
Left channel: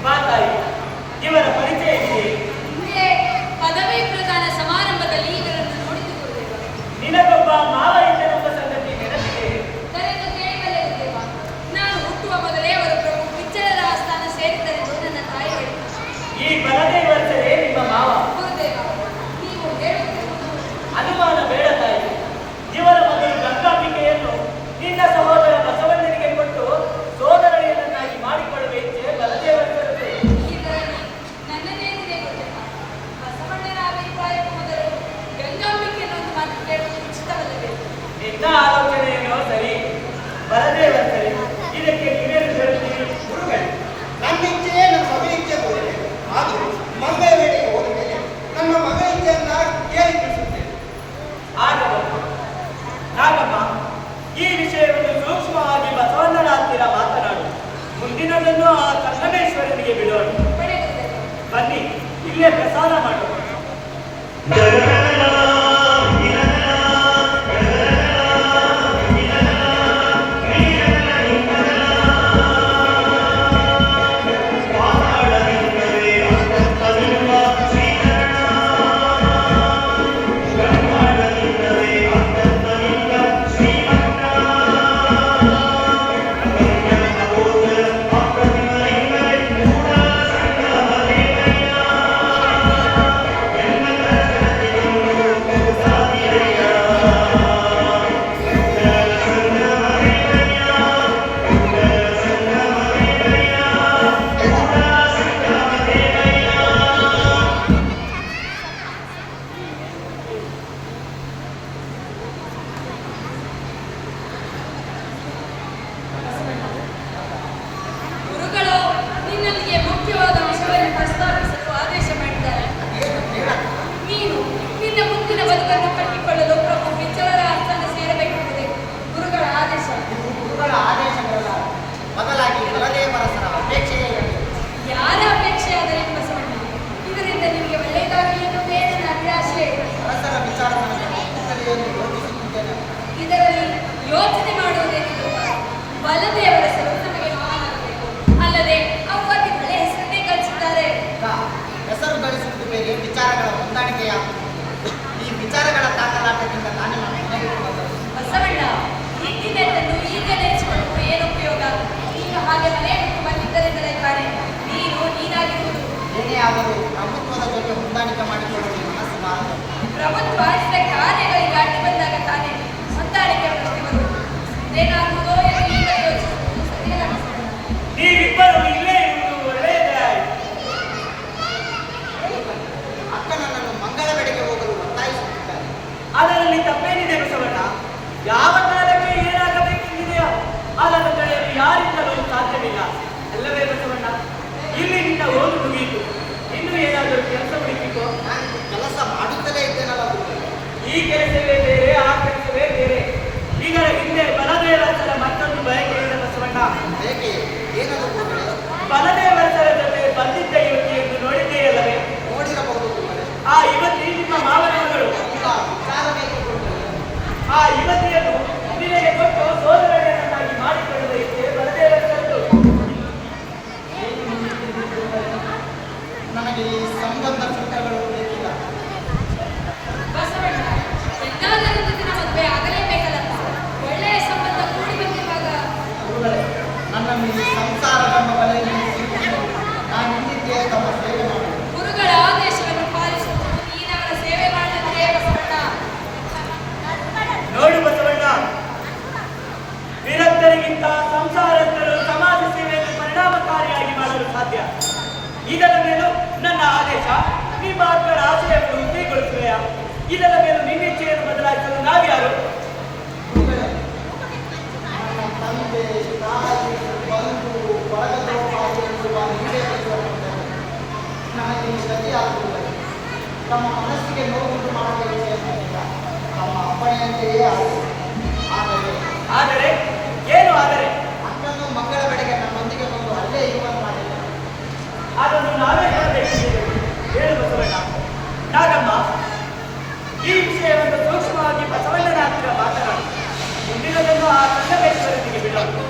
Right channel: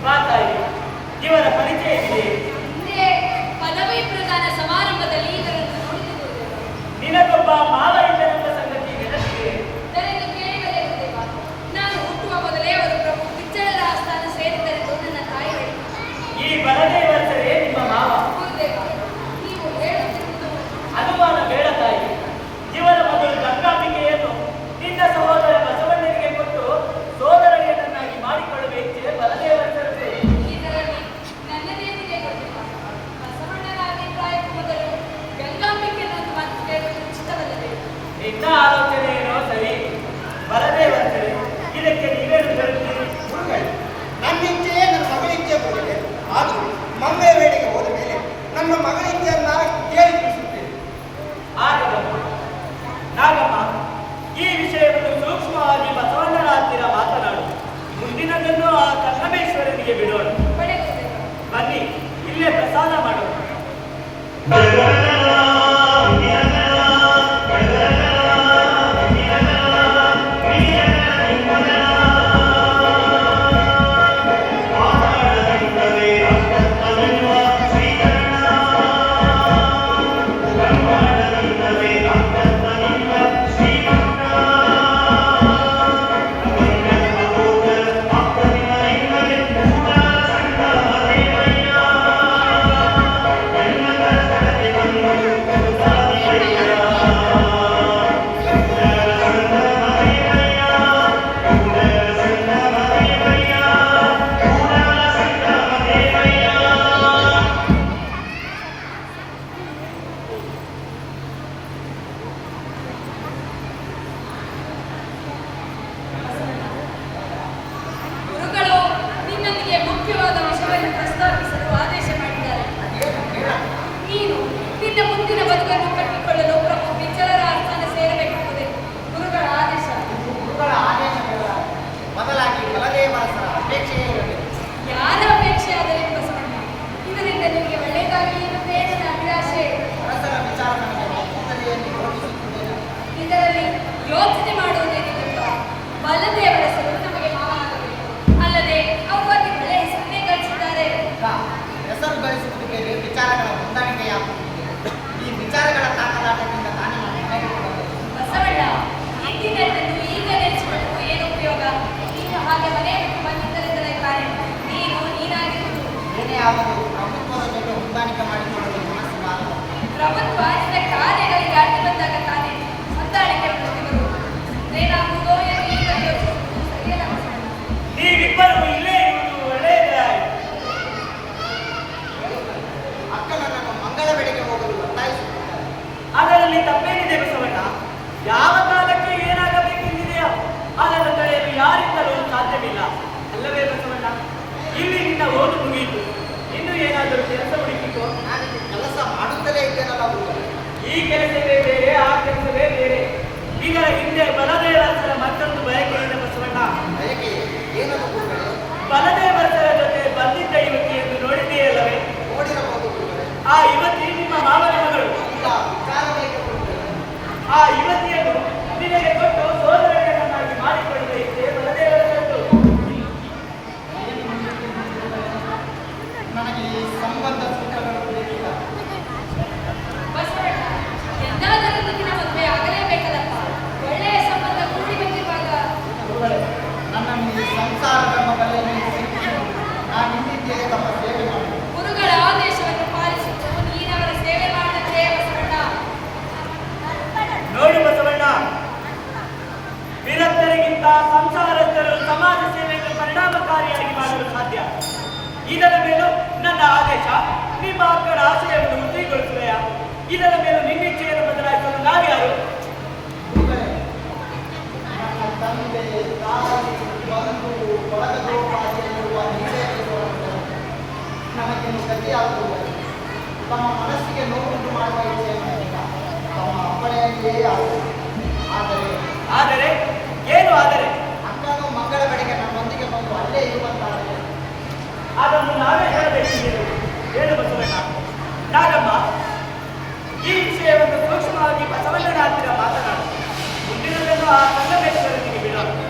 ಬಾ ತಾಯಿ, ಇವರ ಪರಿಚಯವಿದೆ. ಹಿಂದೆ ಪದವಿ ಪ್ರದಾನ ಸಮಾರಂಭದಲ್ಲಿ ಇವರನ್ನು ನೋಡಿದುಕೊಳ್ಳುವ ನಿನಗೊಬ್ಬ ಮಾವ ಇದ್ದನೆಂಬ ಸಂಗತಿ ನೆನಪಿದೆ. ನನಗೆ ಕೇಳಲೇ ಇದ್ದೇವ. ನಾನು ಹುಟ್ಟುವ ಮೊದಲೇ ಅವರು ಪ್ರಭು ಕಿಚ್ಚರದ ಆಸ್ಥಾನ ಸೇರಿದರೆಂದು ನನ್ನ ತಾಯಿ ಹೇಳಿದರು. ಈ ಬಲದೇವರ್ಸರೇ ನಿಮ್ಮ ಮಾವ. ಗುರುದೇವ, ನೀವು ಹೇಳುತ್ತಿರುವುದು ಅನುಮಾನ ಬೇಡ ತಾಯಿ. ಇವರ ಮೊದಲು ಗಂಗಾಂಬಿಕೆಯನ್ನು ನಿನ್ನ ಸಹೋದರ ಬಸವಣ್ಣನಿಗೆ ಕೊಟ್ಟು ಸೋದರಳಿಯನನ್ನಾಗಿ ಮಾಡಿಕೊಳ್ಳುವ ಇಚ್ಛೆ ಬಲದೇವರ್ಸರದು. ಇದರಲ್ಲಿ ನನ್ನದೇನಿದೆ ಗುರುದೇವ? ಬಸವಣ್ಣನ ಅಭಿಪ್ರಾಯಕ್ಕೂ ಮೊದಲು ಗಂಗಾಂಬಿಕೆಯನ್ನು ಒಂದು ಮಾತು ಕೇಳುವುದು ಉಚಿತವಲ್ಲವೇ? ನಿನ್ನ ಆಲೋಚನೆ ಏನೋ ಸರಿ, ಬಲದೇವರ್ಸರೇ, ಇದಕ್ಕೆ ನೀವೇನು ಹೇಳುತ್ತೀರಿ? ಗುರುಗಳೇ, ನನ್ನ ಇಚ್ಛೆಯೇ ನನ್ನ ಮಗಳ ಇಚ್ಛೆ ಹೋದರೆ ಆದರೂ ಮಂಗಳ ವೇಳೆಗೆ ಹೋದ ಮೇಲೆ ನಮ್ಮ ಮಗಳ ಇಚ್ಛೆಯನ್ನ ಕೇಳಿ ತಿಳಿಸುತ್ತೇವೆ. ಆಗಬಹುದು. ನಾಗಮ್ಮ, ಈ ವಿಷಯವನ್ನು ಸೂಕ್ಷ್ಮವಾಗಿ ಬಸವಣ್ಣನ ಹತ್ತಿರ ಮಾತನಾಡು. ಮುಂದಿನದನ್ನು ಆ ಸಂಗಮೇಶ್ವರನಿಗೆ ಬಿಡೋಣ. ಬಡೆ ಗುರುದೇವ. ಬನ್ನಿ, ಇಲ್ಲೇ ಪ್ರಸಾದ ಮಾಡೋಣ. ಗುರುಗಳು ನಿನ್ನಲ್ಲಿಗೆ ಮುಖ್ಯವಾದ ವಿಷಯವನ್ನು ಪ್ರಸ್ತಾಪಿಸಲು ಆದೇಶ ಮಾಡಿದ್ದಾರೆ. ನೀನು ನಿನ್ನ ಮುಂದಿನ ಬದುಕನ್ನು ಕಟ್ಟಿಕೊಳ್ಳಲು ಪ್ರಭು ವಿಚ್ಚಲರ ಆಸ್ಥಾನ ಸೇರಬೇಕೆಂಬುದೇ ಗುರುಗಳ ಆದೇಶ. ಗುರುಗಳ ಆದೇಶಗಳ ಬದಲಾಗಿ ಬಲದೇವರಸರ ಅಪೇಕ್ಷೆಯೇ ಇರಲಿ. ಯಾರ ಅಪೇಕ್ಷೆ ಆದಲ್ಲಿ ಬಸವಣ್ಣ, ಇದರಿಂದ ನಿನಗೆ ಒಳ್ಳೆಯದಾಗಲಿ ಎನ್ನುವುದೇ ನನ್ನ ಅಭಿಲಾಷೆ. ಅರಸರ ವಿಚಾರ ನನಗೆ ಮುಖ್ಯತೆಯನ್ನು ಯೋಚಿಸುತ್ತಿದ್ದೇನೆ. ಇದರಲ್ಲಿ ಯೋಚನೆ ಮಾಡುವುದೇನಿಲ್ಲಪ್ಪ. ಬಲದೇವರಸರು ನಮಗೆ ಮಾವನಾಗಬೇಕು, ಅಲ್ಲದೆ ಅವ್ವತ್ತಿದ್ದರೆ ಹೆಸರನ್ನೇ ಗಳಿಸಿದ್ದಾರೆ. ಹೆಸರು ಗಳಿಸುತ್ತಿದ್ದೇವೆ, ವಿಚಾರಗಳ ಹೊಂದಾಣಿಕೆಯಾಗುತ್ತಿದೆ. ಈ ವಿಚಾರಗಳ ತಾಕಲಾಟದಿಂದ ತಾನೇ ನಾನು ಮನೆಗೆ ಹೋಗಬೇಕು. ಬಸವಣ್ಣ, ಇಂದಿನೆಟ್ಟನ್ನು ಈಗ ನೆನೆಸಿಕೊಂಡು ಏನು ಉಪಯೋಗ? ನೀನು ಹಾಗೆ ಮನೆ ಬಿಟ್ಟು ಬಂದಿದ್ದರಿಂದಲೇ ತಾನೆ ನೀನು ನೀನಾಗಿರುವುದು. ಏನೇ ಅವರು ಪ್ರಭುತ್ವದ ಜೊತೆ ಹೊಂದಾಣಿಕೆ ಮಾಡಿಕೊಳ್ಳಲು ಮನಸ್ಸು ಬಾರದು. ಪ್ರಭುತ್ವ ನಿನ್ನ ಕಾರ್ಯಗಳಿಗೆ ಅಡ್ಡಿ ಬಂದಾಗ ತಾನೆ ಹೊಂದಾಣಿಕೆ ಪಡೆದಿವರು. ಏನಾಗುವುದೋ ಎಂದು ಈಗ ಯೋಚಿಸುವುದು ಸರಿಯಲ್ಲ ಬಸವಣ್ಣ. ನೀವಿಬ್ಬರು ಇಲ್ಲೇ ಇರುವುದು ಒಳ್ಳೆಯದಾಯಿತು. ಅಕ್ಕ ನನ್ನನ್ನು ಮಂಗಳ ಬೆಡೆಗೆ ಹೋಗಲು ಒತ್ತಾಯಿಸುತ್ತಿದ್ದಾರೆ. ಅದರಲ್ಲಿ ತಪ್ಪೇನಿದೆ ಬಸವಣ್ಣ? ಯಾವ ಕಾಲಕ್ಕೆ ಏನಾಗಬೇಕೆಂದಿದೆಯೋ ಅದನ್ನು ತಡೆಯಲು ಯಾರಿಂದಲೂ ಸಾಧ್ಯವಿಲ್ಲ, ಅಲ್ಲವೇ ಬಸವಣ್ಣ? ಇಲ್ಲಿ ನಿನ್ನ ಓದು ಮುಗಿಯಿತು, ಇನ್ನು ಏನಾದರೂ ಕೆಲಸ ಹುಡುಕಿಕೋ. ನಾನು ಕೆಲಸ ಮಾಡುತ್ತಲೇ ಇದ್ದೇನಲ್ಲ ಗುರುಗಳೇ. ಈ ಕೆಲಸವೇ ಬೇರೆ, ಆ ಕೆಲಸವೇ ಬೇರೆ. ಇದರ ಹಿಂದೆ ಬಲದೇವರಸರ ಮತ್ತೊಂದು ಬಯಕೆ ಇದೆ ಬಸವಣ್ಣ. ಬಯಕೆ ಏನದು ಗುರುಗಳೇ? ಬಲದೇವರಸರ ಜೊತೆ ಬಂದಿದ್ದ ಯುವತಿಯನ್ನು ನೋಡಿದೆಯಲ್ಲವೇ? ನೋಡಿರಬಹುದು ಗುರುಗಳೇ. ಆ ಯುವತಿ ನಿಮ್ಮ ಮಾವನ ಮಗಳು. ಇಲ್ಲ, ವಿಚಾರವೇಕೆ ಗುರುಗಳೇ? ಆ ಯುವತಿಯನ್ನು ನಿನಗೆ ಕೊಟ್ಟು ಸೋದರನನ್ನಾಗಿ ಮಾಡಿಕೊಳ್ಳುವ ಇಚ್ಛೆ ಬಲದೇವರಸರದ್ದು. ನನಗೆ ಈ ಸಂಬಂಧ ಸೂತ್ರಗಳು ಮಹೇಶ, ನಿಮ್ಮ ಅಕ್ಕನ ಆಶಯವನ್ನು ಉದ್ದಿಗೊಳಿಸುವೆಯಾ? ಇದರ ಮೇಲೆ ನಿನ್ನಿಚ್ಛೆಯನ್ನು ಬದಲಾಯಿಸಲು ನಾವ್ಯಾರು? ಗುರುಗಳೇ, ನನ್ನ ತಂದೆ ತಾಯಿ ಬಂಧು ಬಳಗದೋಪಾದಿಯಲ್ಲಿರುವ ನೀವೇಶ್ವರ ನನಗಿನ್ನು ಗತಿಯಾಗುವುದಿಲ್ಲ. ತಮ್ಮ ಮನಸ್ಸಿಗೆ ನೋವುಂಟು ಮಾಡುವ ಇಚ್ಛೆಯನ್ನಿಲ್ಲ. ತಮ್ಮ ಅಪ್ಪಣೆಯಂತೆಯೇ ಆಗುವುದು. ಆದರೆ ಏನು ಆದರೆ? ಅಕ್ಕನು ಮಂಗಳ ಬೆಳಗ್ಗೆ ನನ್ನೊಂದಿಗೆ ಬಂದು ಅಲ್ಲೇ ಇರುವಂತಾಗಿದೆ. ಅದನ್ನು ನಾವೇ ಹೇಳಬೇಕಿದೆ. ಹೇಳು ಬಸವಣ್ಣ. ನಾಗಮ್ಮ, ಈ ವಿಷಯವನ್ನು ಸೂಕ್ಷ್ಮವಾಗಿ ಬಸವಣ್ಣನ ಹತ್ತಿರ ಮಾತನಾಡು. ಮುಂದಿನದನ್ನು ಆ ಸಂಗಮೇಶ್ವರನಿಗೆ ಬಿಡೋದು.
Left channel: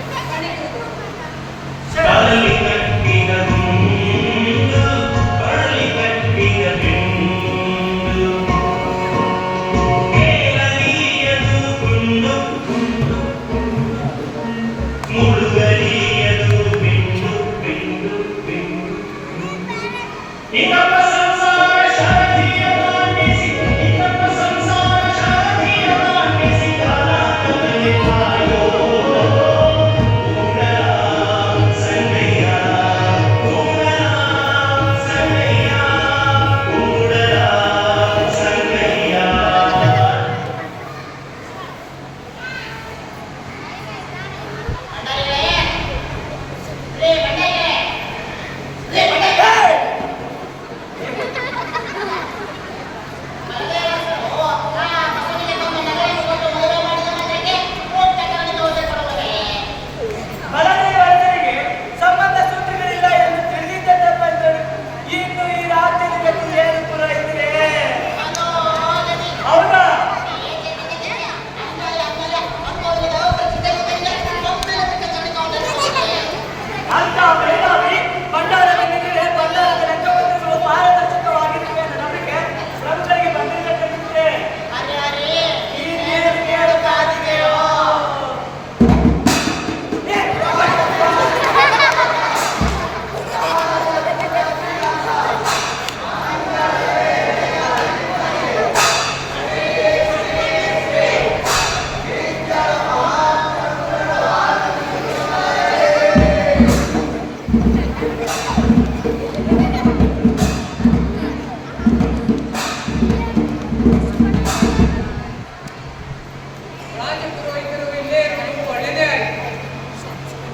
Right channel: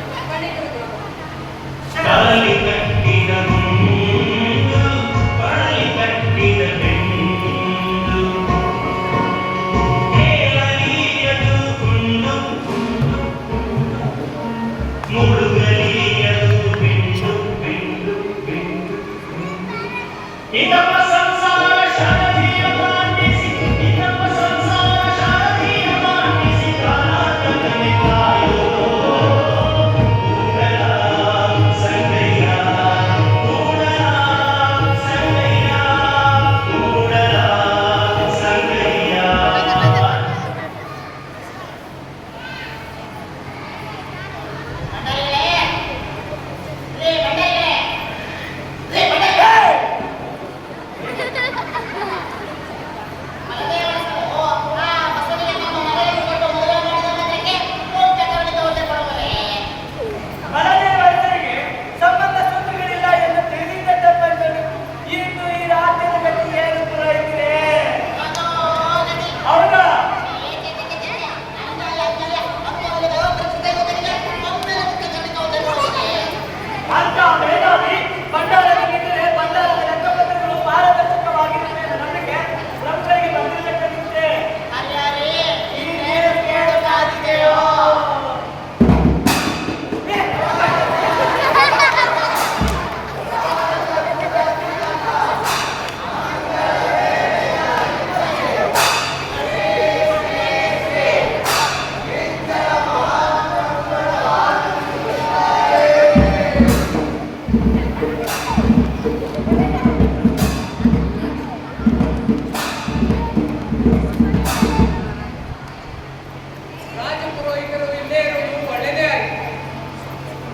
ರಾಜಪುರೋಹಿತರು ಇಲ್ಲೇ ಇರುವುದು ಒಳ್ಳೆಯದೇ ಆಯಿತು.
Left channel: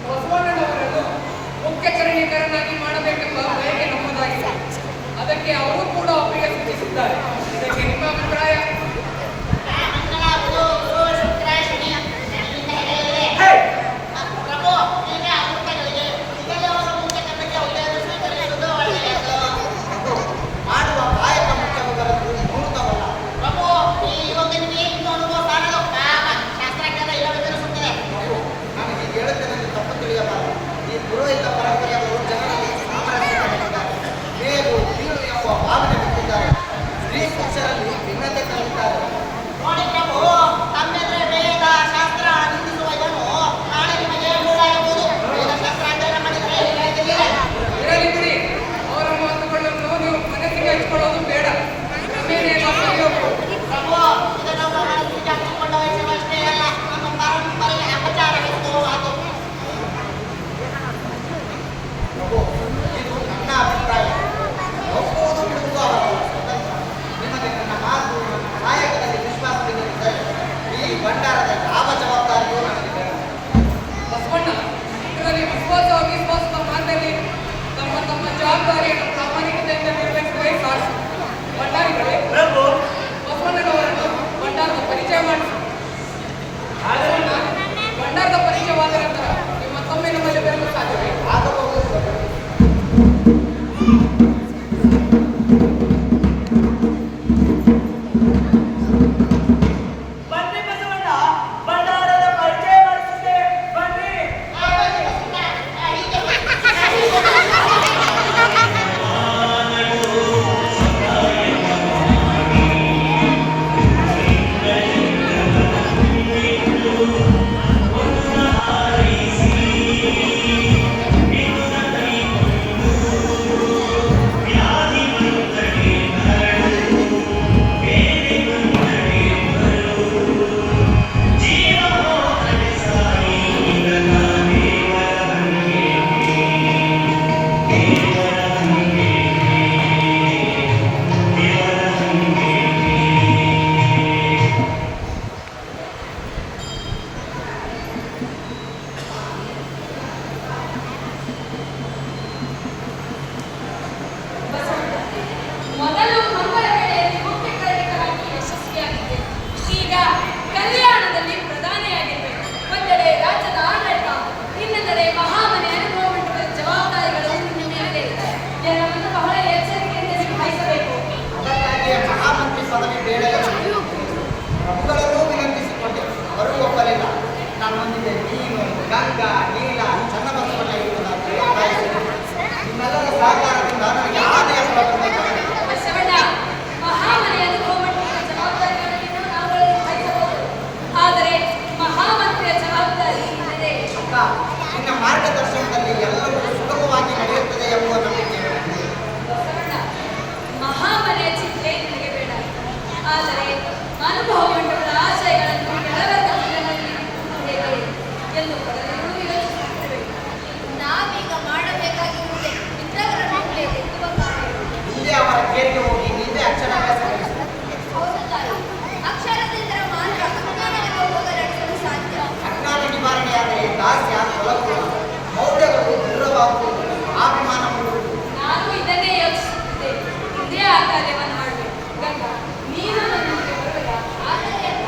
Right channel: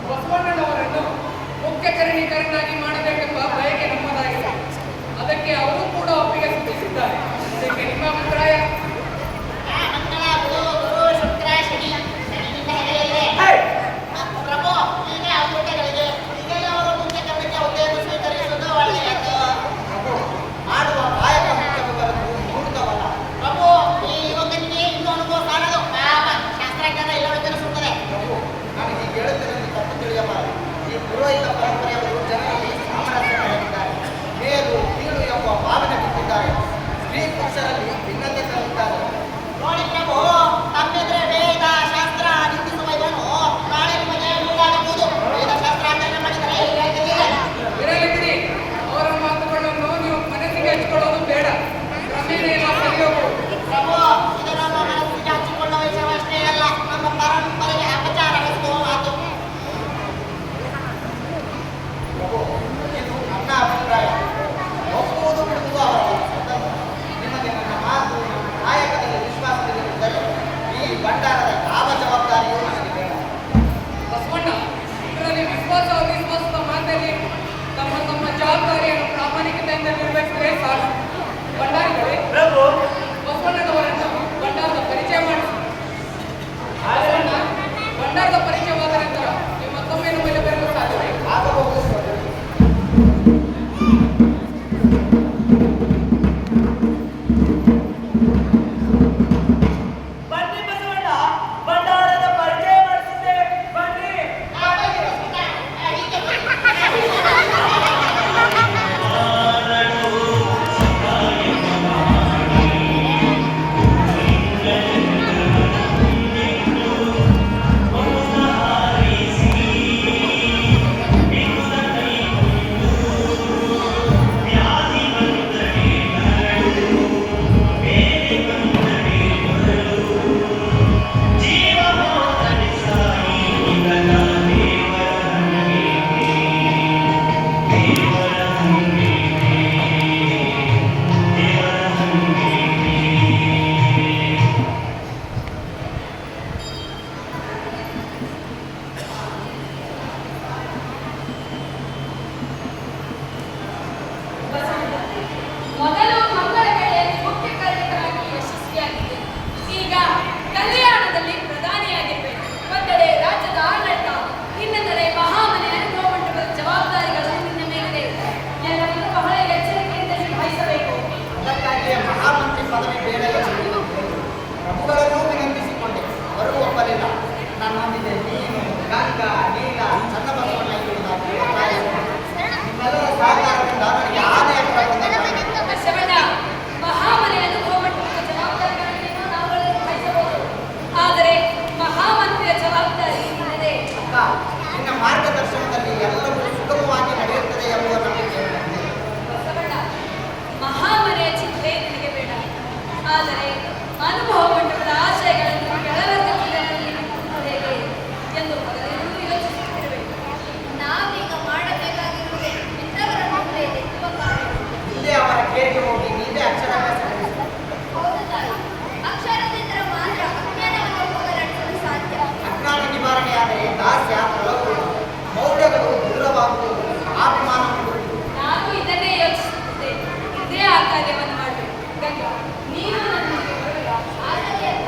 ಬಸವಣ್ಣನವರನ್ನು ಮುಖ್ಯ ಕರ್ಣಿಕರನ್ನಾಗಿ ಮಾಡಬೇಕೆಂಬ ಬಯಕೆ ನಮ್ಮದಾಗಿದೆ. ಅದಕ್ಕೆ ಅವರು ಕೂಡ ಒಪ್ಪಿಗೆ ಸೂಚಿಸಿದ್ದಾರೆ. ಇದಕ್ಕೆ ನಿಮ್ಮ ಅಭಿಪ್ರಾಯ? ಮಾಡುವ ಕಾಯಕ ಮುಖ್ಯವಾದದ್ದು ಮುಹೂರ್ತವಲ್ಲ. ಪ್ರಭು, ನಾನು ಹೀಗೆ ಹೇಳುತ್ತೇನೆ ತಪ್ಪು ತಿಳಿಯಬಾರದು. ಈ ಪುರೋಹಿತ ಪರಂಪರೆಯವರು ಜನರಲ್ಲಿ ಸಾಮರಸ್ಯ ಕಂಡಿದ್ದಾರೆ. ಮೇಲು ಕೀಳು ಎಂಬ ಭಾವನೆ ಬಿಟ್ಟಿದ್ದಾರೆ. ಸ್ತ್ರೀ ಪುರುಷರಲ್ಲಿ ಭಿನ್ನತೆ ತಂದಿದ್ದಾರೆ. ನೋಡಿ ಪ್ರಭು, ತಮ್ಮೆದ್ರೆ ವೇದ ಶಾಸ್ತ್ರ ನಿಂದಿಸುವ ಇವನು ನಾಳೆ ನಿಮಗೆ ಮೂಡಾಗಬಹುದು. ವೇದ ಶಾಸ್ತ್ರ ಅಧ್ಯಯನ ಮಾಡಿದರೆ ಇರಲಿ ಬಿಡಿ, ಅವರ ಮಾತುಗಳನ್ನು ನೀವು ಮನಸ್ಸಿಗೆ ಹಚ್ಕೊಳ್ಳೋದು ಬೇಡ. ಕ್ರಮೇಣ ಎಲ್ಲ ಸರಿ ಹೋಗ್ಬೋದು. ಪ್ರಭು, ಇದು ನಮ್ಮ ಮನಸ್ಸಿಗೆ ಹಚ್ಚಿಕೊಳ್ಳುವ ವಿಷಯವಷ್ಟೇ ಅಲ್ಲ, ನಮ್ಮ ಪರಂಪರೆಗೆ ಅಪಚಾರವೆಂದು ಅದು. ಪ್ರಭು, ಇದು ನನ್ನ ಅಭಿಪ್ರಾಯ. ಒಪ್ಪುವುದು ಬಿಡುವುದು ಅವರ ಸ್ವತಂತ್ರ. ನಿಮಗೆ ನನ್ನ ಮಾತು, ನನ್ನ ಕಾಯಕದಲ್ಲಿ ವಿಶ್ವಾಸವಿಲ್ಲದಿದ್ದರೆ ಈ ಭಂಡಾರದ ಯಾವ ಜವಾಬ್ದಾರಿಯೂ ನನಗೆ ಬೇಡ. ಬಸವಣ್ಣ, ಇದರಲ್ಲಿ ವಿಶ್ವಾಸ ಅವಿಶ್ವಾಸದ ಮಾತಲ್ಲಿ ತಮ್ಮ ತಮ್ಮ ಜವಾಬ್ದಾರಿಯನ್ನು ಪ್ರಾಮಾಣಿಕತೆಯಿಂದ ನಿರ್ವಹಿಸಿದರೆ ಸಾಕು. ಭಂಡಾರಿಗಳೇ, ಪ್ರಭು, ಬಸವಣ್ಣನವರನ್ನು ಪದವಿ ಬೇಡ ಎಂದು ಪ್ರಭುಗಳನ್ನೂ ವಿನಂತಿಸಿಕೊಂಡೆ, ಅವರೂ ಒಪ್ಪಲಿಲ್ಲ. ನನ್ನೊಂದಿಗೆ ನೀನು, ಗಂಗಾ, ನೀಲ, ಚನ್ನಬಸವಣ್ಣ ಇರುವುದಾಗಿ ಒತ್ತಾಯಿಸಿದೆ. ನಿಮ್ಮೆಲ್ಲರ ಸಹಕಾರದಿಂದ ನನಗೆ ಆನೆಯ ಫಲ ಬಂದಂತಾಗಿದೆ. ಬಸವಣ್ಣ, ಮಹಾಮನೆಯನ್ನು ಗೋಮಟ್ಟದ ಜವಾಬ್ದಾರಿಯನ್ನು ನಾವುಗಳು ವಹಿಸಬಹುದು. ಆದರೆ ಮಹಾಮಂತ್ರಿಯ ಜವಾಬ್ದಾರಿ ಇಲ್ಲದೆ ಅಕ್ಕ, ನಿನ್ನ ಮಾರ್ಗದರ್ಶನದಲ್ಲಿ ಎಲ್ಲವೂ ಸುಗಮವಾಗಿ ನಡೆಯುತ್ತದೆ ಎಂಬುವ ನಂಬಿಕೆ ನನಗಿದೆ. ಬಸವಣ್ಣ, ಮಹಾಮನೆಯ ಚಿಂತೆ ನಿನಗೆ ಬೇಡ. ಆದರೆ ಅನುಭವ ಮಂಟಪದ ಆಶಯಗಳನ್ನು ಕೆಳವರ್ಗದ ಜನರಲ್ಲಿ ಹೇಗೆ ಎಂದು ಅವರೆಲ್ಲರೂ ಯೋಚಿಸುತ್ತಿರಬೇಕು. ನಾವೀಗ ಮಾಡಬೇಕಾಗಿರುವುದೇ ಇಂಥವರ ನಡುವೆ ಎತ್ತುವ ಕಾರ್ಯ. ಹಿಂದೆ ಅವರ ಕೇರಿಗೆ ಹೋಗಿ ನೀವೇ ಅಕ್ಷರಾಭ್ಯಾಸ ಕಲಿಸಿ. ಹೌದು ತಾಯಿ, ಅಕ್ಷರದಿಂದ ಮಾತ್ರ ಅಜ್ಞಾನವನ್ನು ಹೋಗಲಾಡಿಸಲು ಸಾಧ್ಯ. ಅಜ್ಞಾನ ನಿವಾರಣೆಯಾದರೆ ದಾಸ್ಯ ತೊಲಗುವುದು, ಮೌಲ್ಯಗಳು ದೂರವಾಗುವುದು, ಅಭಿಮಾನ ಮೂಡುವುದು. ನಾನು ಇದನ್ನೇ ಯೋಚಿಸುತ್ತಿದ್ದೆ. ಇದೇ ಆ ಕಾರ್ಯವನ್ನು ಮಾಡಬೇಕು. ಗಂಗಾ, ನೀನು ನನ್ನೊಂದಿಗೆ ಬರಬೇಕ. ಆಗಲೇ ಅಲ್ಲ,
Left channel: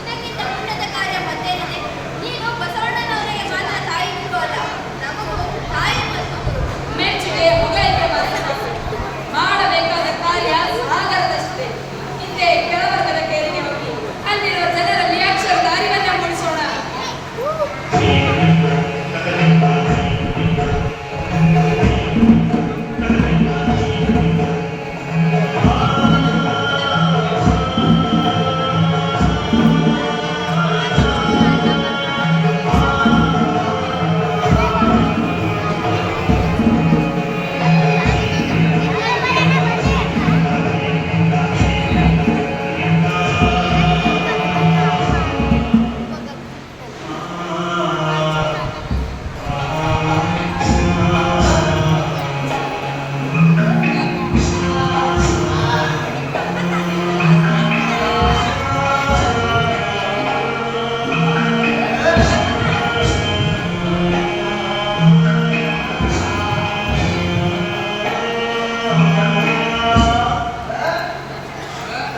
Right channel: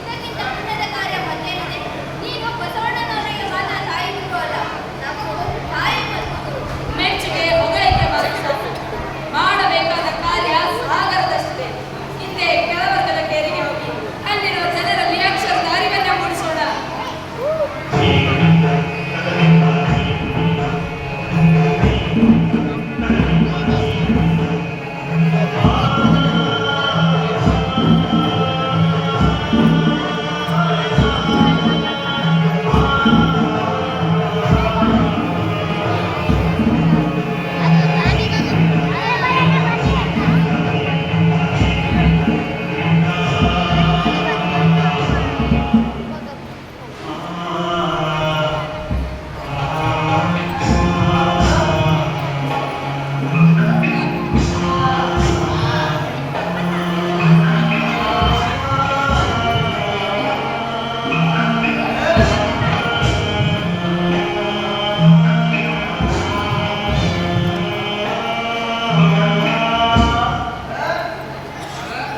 ಇದಕ್ಕಿಂತ ಉನ್ನತ ಕಾರ್ಯ ಮತ್ತೇನಿದೆ? ನೀನು ಬಸವಣ್ಣನವರಿಗೆ ಮಾತ್ರ ತಾಯಿ ಬಿಟ್ಟು ಅಲ್ಲ, ನಮಗೂ ತಾಯಿ ಮತ್ತು ಗುರು. ಮೆಚ್ಚುಗೆ ಹೊಗಳಿಕೆ ಮಾತ್ರ ಸಾಕು. ಮಾಡಬೇಕಾದ ಕಾರ್ಯ ಸಾಗರದಷ್ಟಿದೆ. ಹಿಂದೆ ಕೆಳವರ್ಗದ ಕೇರಿಗೆ ಹೋಗಿ ಅಲ್ಲಿರುವ ಜನರಲ್ಲಿ ಅಕ್ಷರದ ಅರಿವನ್ನ ಮೂಡಿಸೋಣ.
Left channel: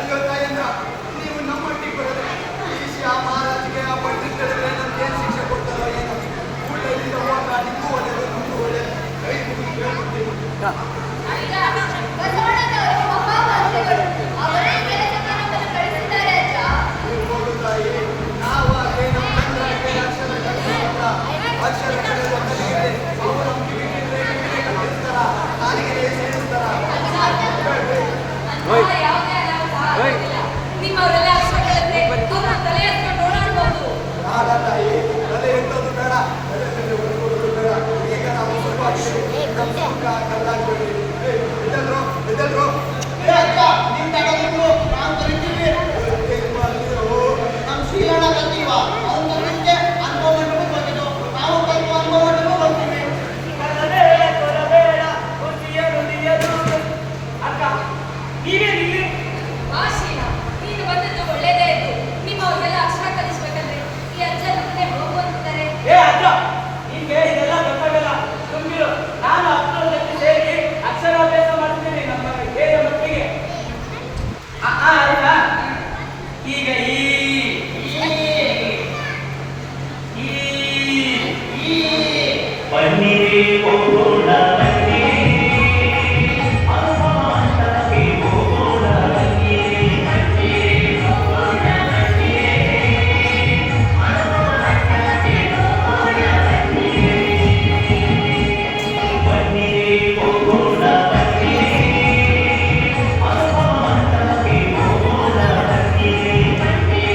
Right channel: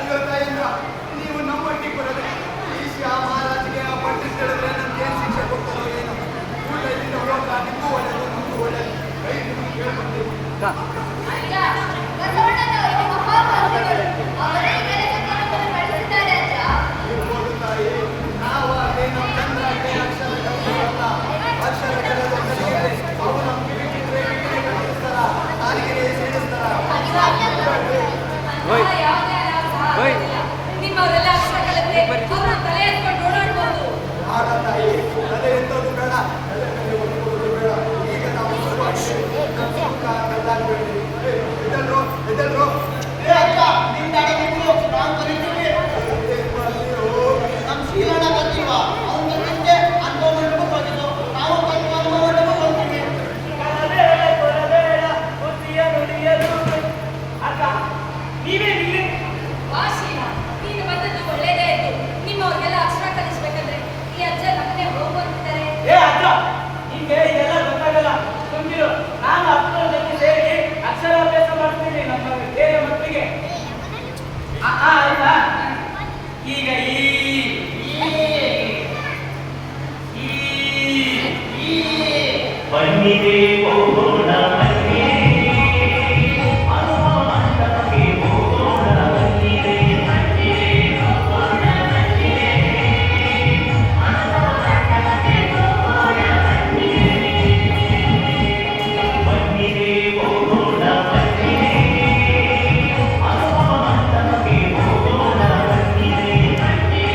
ಅಯ್ಯೋ ತಾಯಂದ್ರ, ನೀವು ನಮ್ಮೊಟ್ಟಿಗೆ ಬರೋದೆ ಈ ಶ್ಯಾ ಮಹಾರಾಜಿಗೆ ಆ ಪಂಡಿತ್ ಹೇಳಿದ್ರೆ ನಮ್ಗೆ ಏನು ಶಿಕ್ಷೆ ಕೊಡ್ತಾರೋ ಏನೋ. ಊಟ ಇಲ್ಲಿಂದ ಹೋದ್ರ ನಿಮಗೂ ಒಳ್ಳೆಯದು, ನಮಗೂ ಒಳ್ಳೆಯದು. ಕೈ ಮುಗಿದು ಕೇಳ್ಕೊಡ್ತೀವಿ. ಅಜ್ಜ, ಬಸವಣ್ಣನವರಿಗೆ ಮಹಾಮಂತ್ರಿಗಳು ಅವರೇ ಕೆಲಸಕ್ಕೆ ನಮ್ಮನ್ನು ಕಳಿಸಿದ್ದಾರೆ ಅಜ್ಜ. ಇರ್ಬೋದು ತಾಯಿ, ನಾವಾಗಲಿ ನಮ್ಮ ತಂದ್ರಾಗಲಿ ಅಕ್ಷರ ಕಲಿಸಲ್ಲ. ಅಕ್ಷರ ಕಲಿಯೋದು ಕಲಿಗಿದೆ. ಅವು ನಮ್ಮ ಕಿವಿ ಬಿದ್ದರೆ ಕಿವಿನೇ ಕಲಿಸ್ತಾರ, ನಾಲಿಗೆ ಸೇರಿಸ್ತಾರ. ಅಂತಹ ಯಾವುದೇ ಅನಾಹುತ ಆಗೋದಿಲ್ಲ. ನಿಮ್ಮವರೆಲ್ಲ ಅಕ್ಷರ ಕಲಿತ್ರೆ ಅವರು ತಲೆ ಎತ್ಕೊಂಡು ಓಡಾಡ್ಬೋದು. ಬೇಡ ತಾಯಿ, ತಲೆ ಎತ್ತೋದು ಬೇಡ, ತಲೆ ಮೇಲೆ ಒತ್ಕೊಳ್ಳೋದು ಬೇಡ. ಈಗ ನಾವು ಸುಖವಾಗಿದ್ದೀವಿ, ನಮ್ಮ ಸುಖ ಕಲ್ಲಾಗ್ಬೇಡಿ. ಎದ್ದಲ್ರು ಎದ್ದಲ್ರು. ಏನ್ ಮಾಡ್ತೀರೋ? ನಮ್ಮ ಶೀಲಣ್ಣ ಕಲ್ತೀವ, ಅವ್ನು ಕಲಿತೆ ಅನುಭವ ಮಂಟಪಕ್ಕೆ ಹೋಗಿದ್ದು, ನಾವು ಕಲ್ತು ಅನುಭವ ಮಂಟಪಕ್ಕೆ ಹೋಗ್ತೀವಿ. ಕರಬೇಡ, ಕೊರಬೇಡ, ಬುದ್ಧಿಯ ನುಡಿಯಲು. ಅಕ್ಕ, ನೀವೇನಿಲ್ಲಿ? ವಾಶೀನ, ನೀನು ಬಂದದ್ದು ಒಳ್ಳೇದೇ ಆಯ್ತು. ನಿಮ್ಮವ್ರಿಗೆಲ್ಲ ಅಕ್ಷರ ಕಲಿಸ್ಬೇಕಂದ್ರೆ ಈ ಅಜ್ಜ ನಮ್ಮನೆ ಹೋಗುವಂತಿದ್ದಾರೆ. ಏ ಅಕ್ಕ, ನಿಂಗೆ ಇದೆಲ್ಲ ಗೊತ್ತಾಗಲ್ಲ. ತುಂಬಿರು, ನಾನು ಅಕ್ಕನ ಜೊತೆ ಸೇರಿ ಅಕ್ಷರಾಭ್ಯಾಸ ಮಾಡ್ತೀನಿ ನಮ್ಮ ಬೇಗ ಮಟ್ಟಿಗೆ. ಆಯ್ತಾ? ಈಗ ಬನ್ನಿರಿ ಹೋಗೋಣ ಬನ್ನಿರಿ, ಹನುಮಂತನಿಗೆ ಹೋಗೋಣ ಬನ್ನಿರಿ, ಬನ್ನಿರಿ ಹೋಗೋಣ ಬನ್ನಿರಿ, ಹನುಮಂತನಿಗೆ ಹೋಗೋಣ ಬನ್ನಿರಿ, ಬನ್ನಿರಿ ಹೋಗೋಣ ಬನ್ನಿರಿ, ಹನುಮಂತನಿಗೆ ಹೋಗೋಣ ಬನ್ನಿರಿ, ಬನ್ನಿರಿ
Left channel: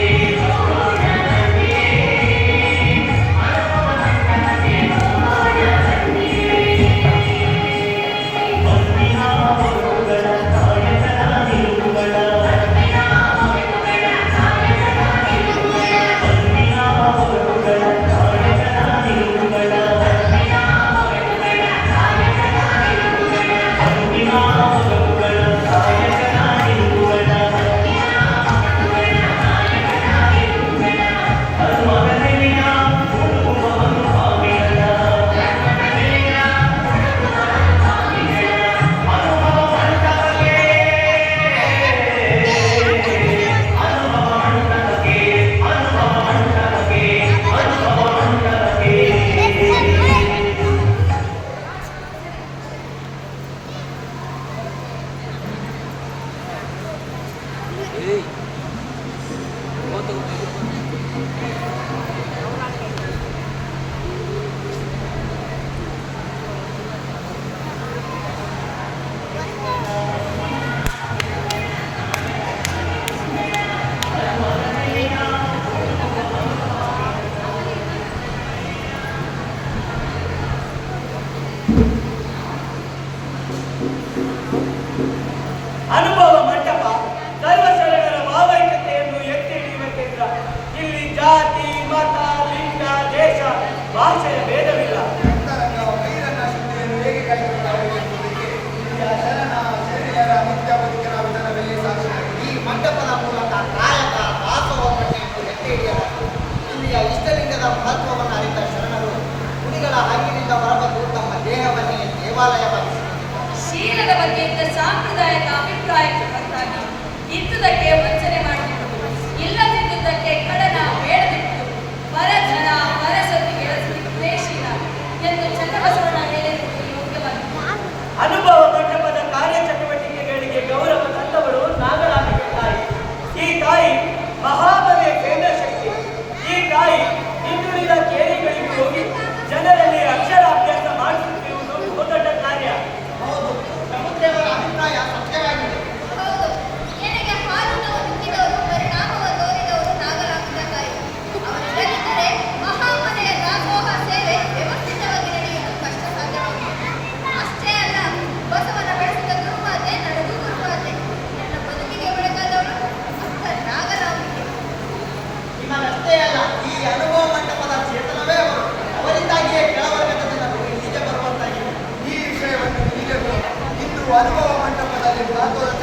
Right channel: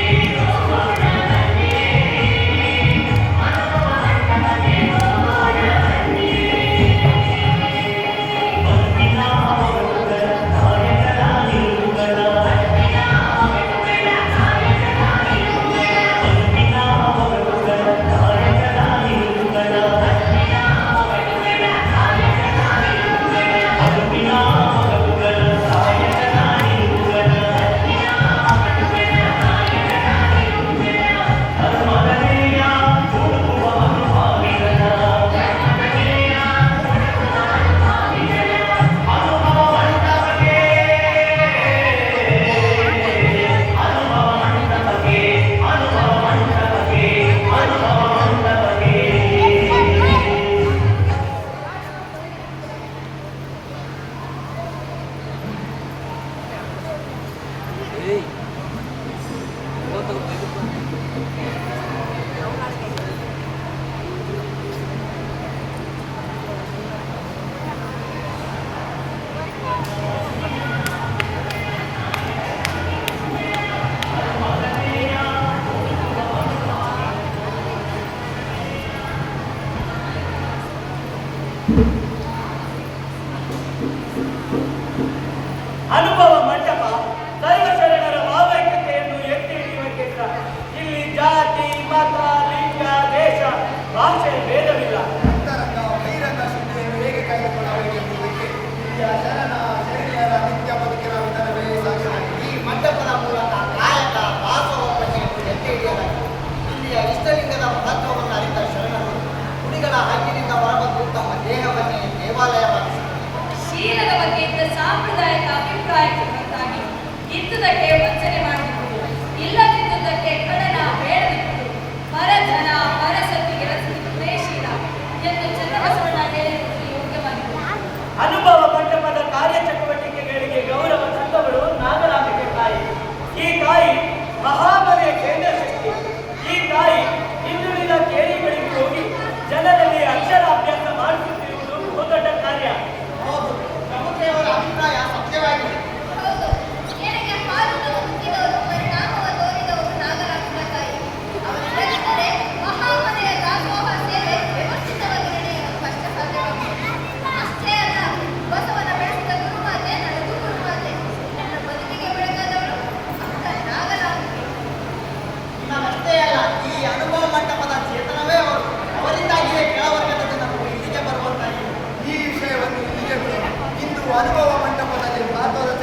ಅನುಭವ ಮಂಟಪ ಸರ್ವಶರಣರ ಭಾವೈಕ್ಯತೆಯನ್ನು ಎತ್ತಿ ಹಿಡಿಯುವ ಕೇಂದ್ರ. ಇಲ್ಲಿ ಜಾತಿ, ಮತ, ಲಿಂಗ, ದೇಶ, ಭಾಷೆಯ ಭೇದವಿಲ್ಲ. ಅಂತರಂಗ ಬಹಿರಂಗ ಶುದ್ಧಿಯನ್ನು ಹೇಗೆ ಕಾಯ್ದುಕೊಳ್ಳಬೇಕೆಂಬುದಕ್ಕೆ ಇಲ್ಲಿಯ ಶರಣ ಶರಣೆಯರ ನಿತ್ಯ ಬದುಕಿನ ವಿಧಾನವೇ ಸಾಕ್ಷಿಯಾಗಿದೆ. ಈ ಮಂಟಪದ ಮೂಲಕ ಕಾಯಕ ದಾಸೋಹವನ್ನು ಎತ್ತಿ ಹಿಡಿಯಲಾಗಿದೆ. ಇಲ್ಲಿಯ ಇಷ್ಟಲಿಂಗದ ಮಹತ್ವವನ್ನು ಅರಿತ ಶರಣರು ಗುಡಿಗಳ ಹಂಗಿನಿಂದ ಹೊರಬಂದು ತಮ್ಮ ದೇಹವನ್ನೇ ದೇವಾಲಯವಾಗಿಸಿಕೊಂಡಿದ್ದಾರೆ. ಶೀಲದ ಬಗ್ಗೆ ಇದ್ದ ಸಾಂಪ್ರದಾಯಿಕ ಅಭಿಪ್ರಾಯಕ್ಕೆ ಹೊರತಾಗಿ ಇದ್ದುದಕ್ಕೆ ವಂಚನೆ ಮಾಡಿಕೊಂಡು ಇಲ್ಲದಿದ್ದುದಕ್ಕೆ ಕಡನ ಹೇಳದಿತ್ತು ಪರಜನ ಪರಸೊತ್ತಿಗೆ ಉದ್ದೇಶೀಲ ಎಂದು ಚನ್ನಬಸವಣ್ಣ ಹೇಳಿರುವುದು ಯೋಗ್ಯವಾಗಿದೆ. ಅನುಭವ ಮಂಟಪದ ಕಾರ್ಯಚಟುವಟಿಕೆಗಳಿಗೆ ಗೌರವ ತಂದವರು ನಾಗರಾಂಬಿಕೆ ತಾಯಿ. ಈ ತಾಯಿ ಮಹಾಬಲಿಯ ಕೇಂದ್ರ ಶಕ್ತಿ. ಈ ತಾಯಿ ಹಿಂದುಳಿದ ಕೇರಿಗಳಿಗೆ ಹೋಗಿ ಜನರಲ್ಲಿ ಅಕ್ಷರಾಭ್ಯಾಸ ಮಾಡಿಸುತ್ತಿರುವುದು ಬಹುದೊಡ್ಡ ಕಾರ್ಯ. ಹೌದು, ಪ್ರಭುದೇವರ ಅಭಿಪ್ರಾಯ ಸತ್ಯವಾಗಿದೆ. ಹೌದು, ಎಳೆಗೆ ಹಾಲುಗಳನ್ನು ಮುಕ್ಕಿದವರು ಪರಿಣಾಮವ ತೋರಿದವರು ನಾಗರಾಂಬಿಕೆ ತಾಯಿ. ಅವರಿಲ್ಲದಿದ್ದರೆ ಮಹಾಮನೆಯ ದಾಸೋಹ ಸೇವೆ ವ್ಯವಸ್ಥಿತವಾಗಿ ನಡೆಯಲು ಕಷ್ಟ ಸಾಧ್ಯವಾಗಿದೆ. ಅಷ್ಟೇ ಅಲ್ಲ, ಬಸವನ ಬೆಳೆಸಿದ ಗುರುಮಾತೆ ನಡೆದು ಗುರುಮಾತೆ ನನ್ನ ಬದುಕಿಗೆ ಬೆಳಗಾದವರು ಅಕ್ಕ ನಾಗರಾಂಬಿಕೆ. ನಿಮಗಷ್ಟೇ ಅಲ್ಲ, ಈ ಅನುಭವ ಮಂಟಪದ ಚೇತನವೇ ಅವರು. ಅವರಿಂದಾಗಿಯೇ ಕೆಳವರ್ಗದ ಜನರು ಇಲ್ಲಿಗೆ ಬರುವಂತಾಗಿದೆ. ಈ ವಿಷಯವನ್ನು ಇಲ್ಲಿಗೆ ಬಿಡೋಣ. ಇಂದು ಅನುಭವ ಮಂಟಪದಲ್ಲಿ ಮಾತುಕತೆ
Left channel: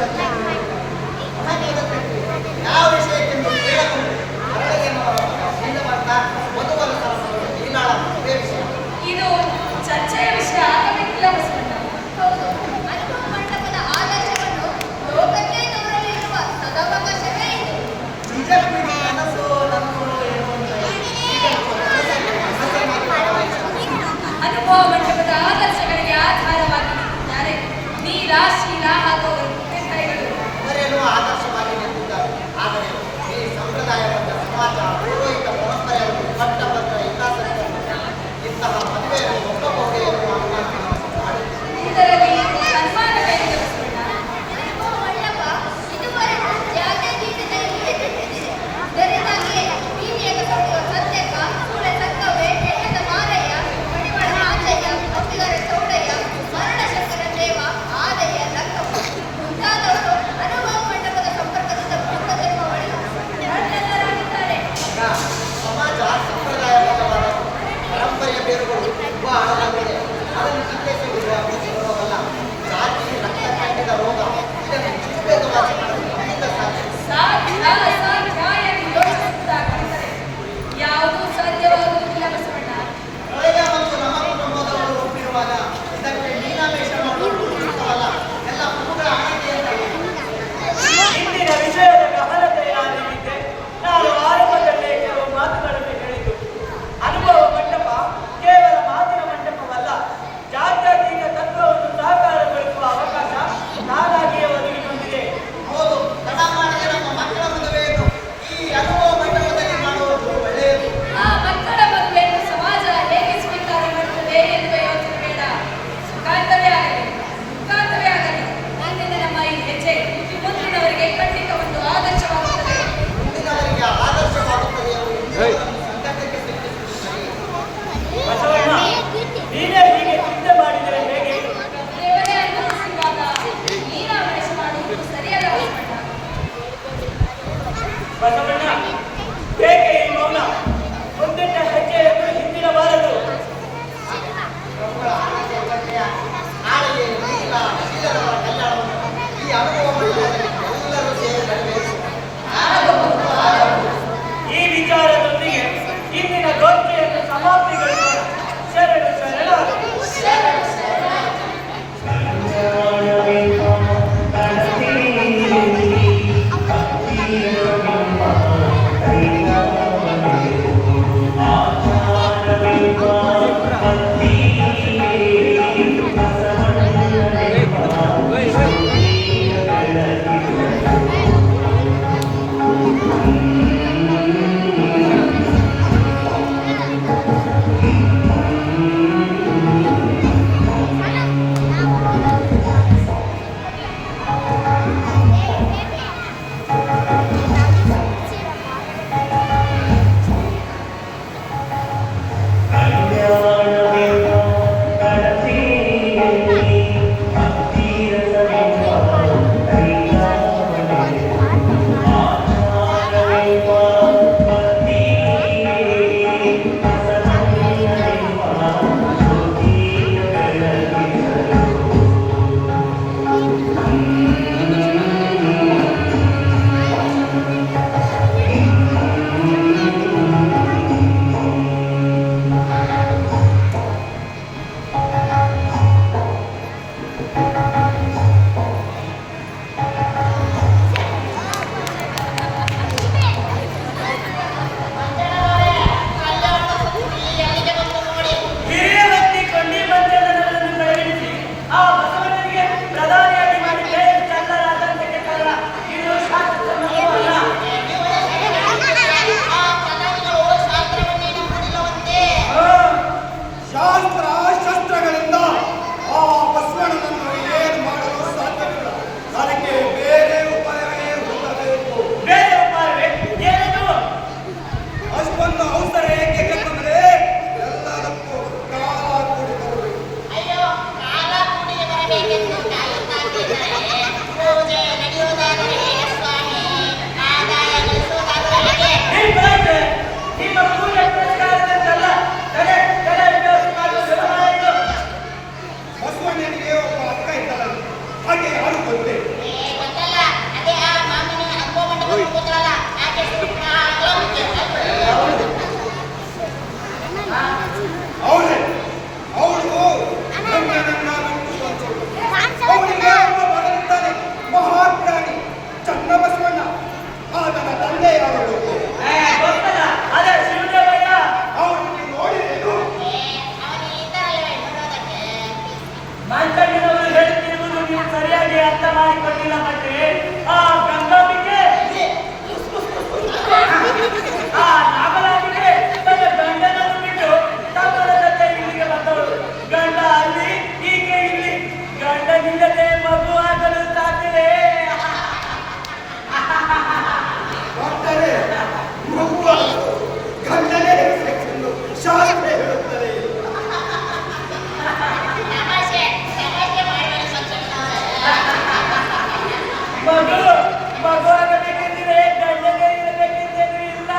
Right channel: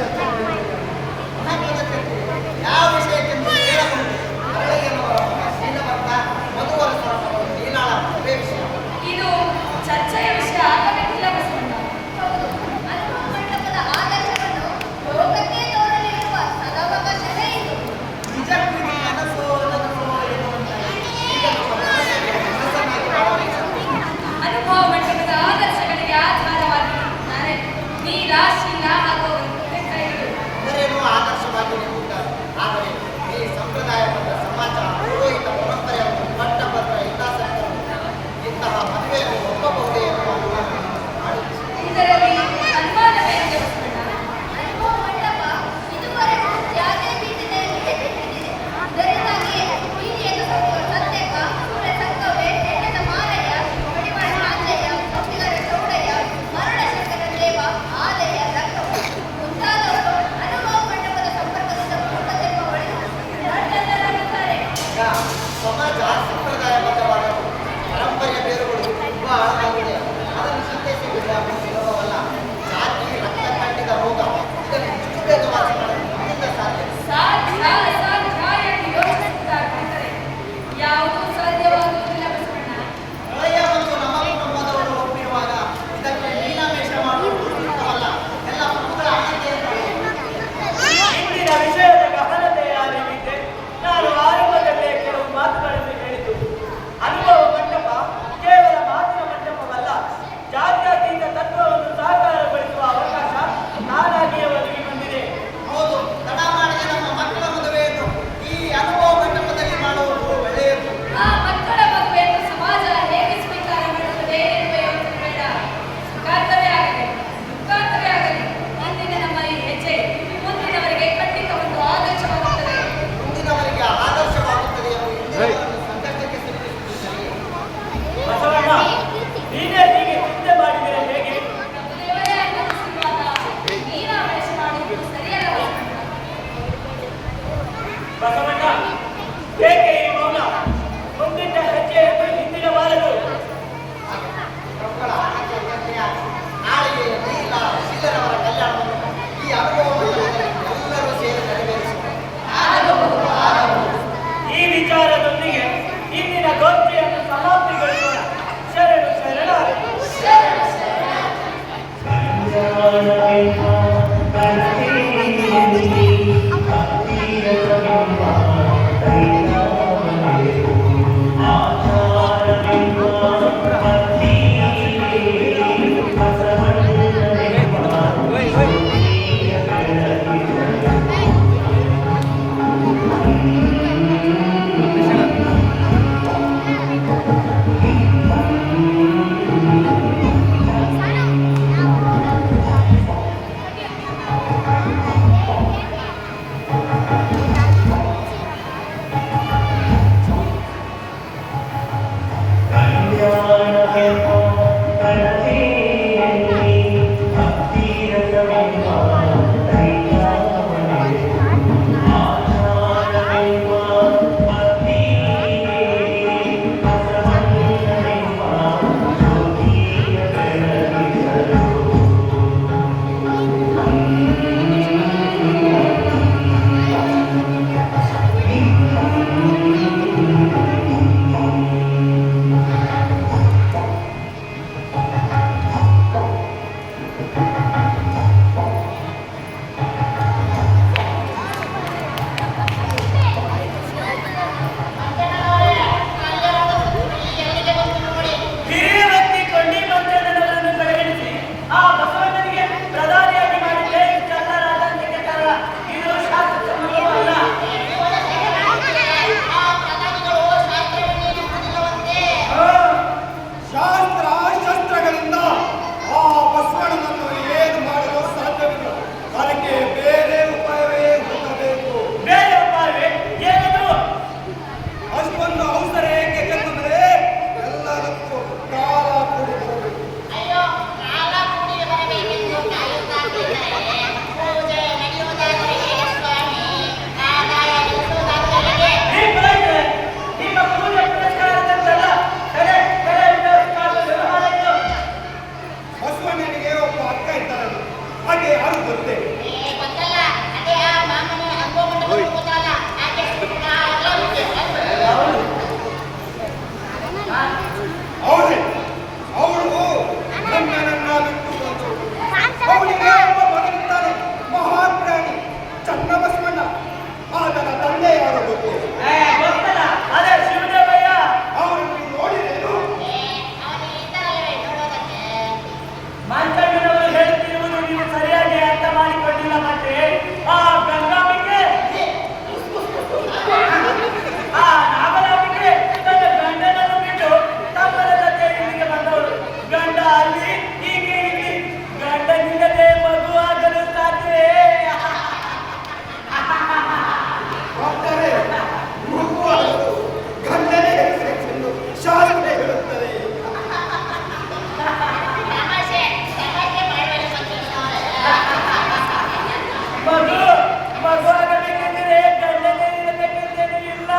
ಮಗುವಾಗಬೇಕಿದ್ರೆ ಗಂಡನೇ ಇರಬೇಕಿದ್ದೇನು ಇಲ್ಲ.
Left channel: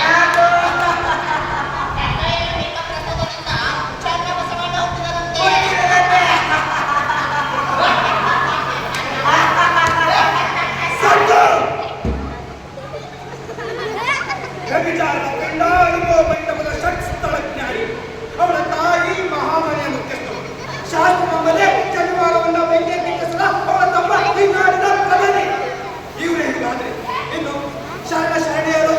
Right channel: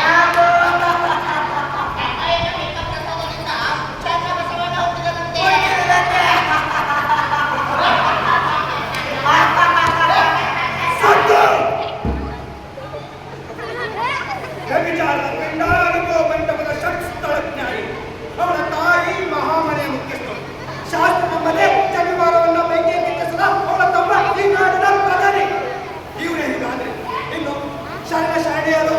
ಯಾಕೋ? ಹುಡುಗಿರದಂತೆ. ಸತ್ತು ವ್ಯಭಿಚಾರದ ಪಿಂಡ ಅನುಭವ ಮಂಟಪದ ಷಟ್ ಸ್ಥಳಜ್ಞಾನಿ ಅವಳ ತಾಯಿ ಮಹಾಮನೆಯ ಮುಖ್ಯಸ್ಥರು ಶಾಸ್ತ್ರ ನಮ್ಮದೇ ಶನಿವಾರವನ್ನ ಬೆಂಕಿ ಕಿಕ್ಕಿಸದ ಅವಳ ತಮ್ಮ ಈ ನಾಡಿನ ಪ್ರಧಾನಿ. ಇವರೇ ಹೀಗಾದ್ರೆ ಇನ್ನು ಶರಣ ಶರಣೆಯರು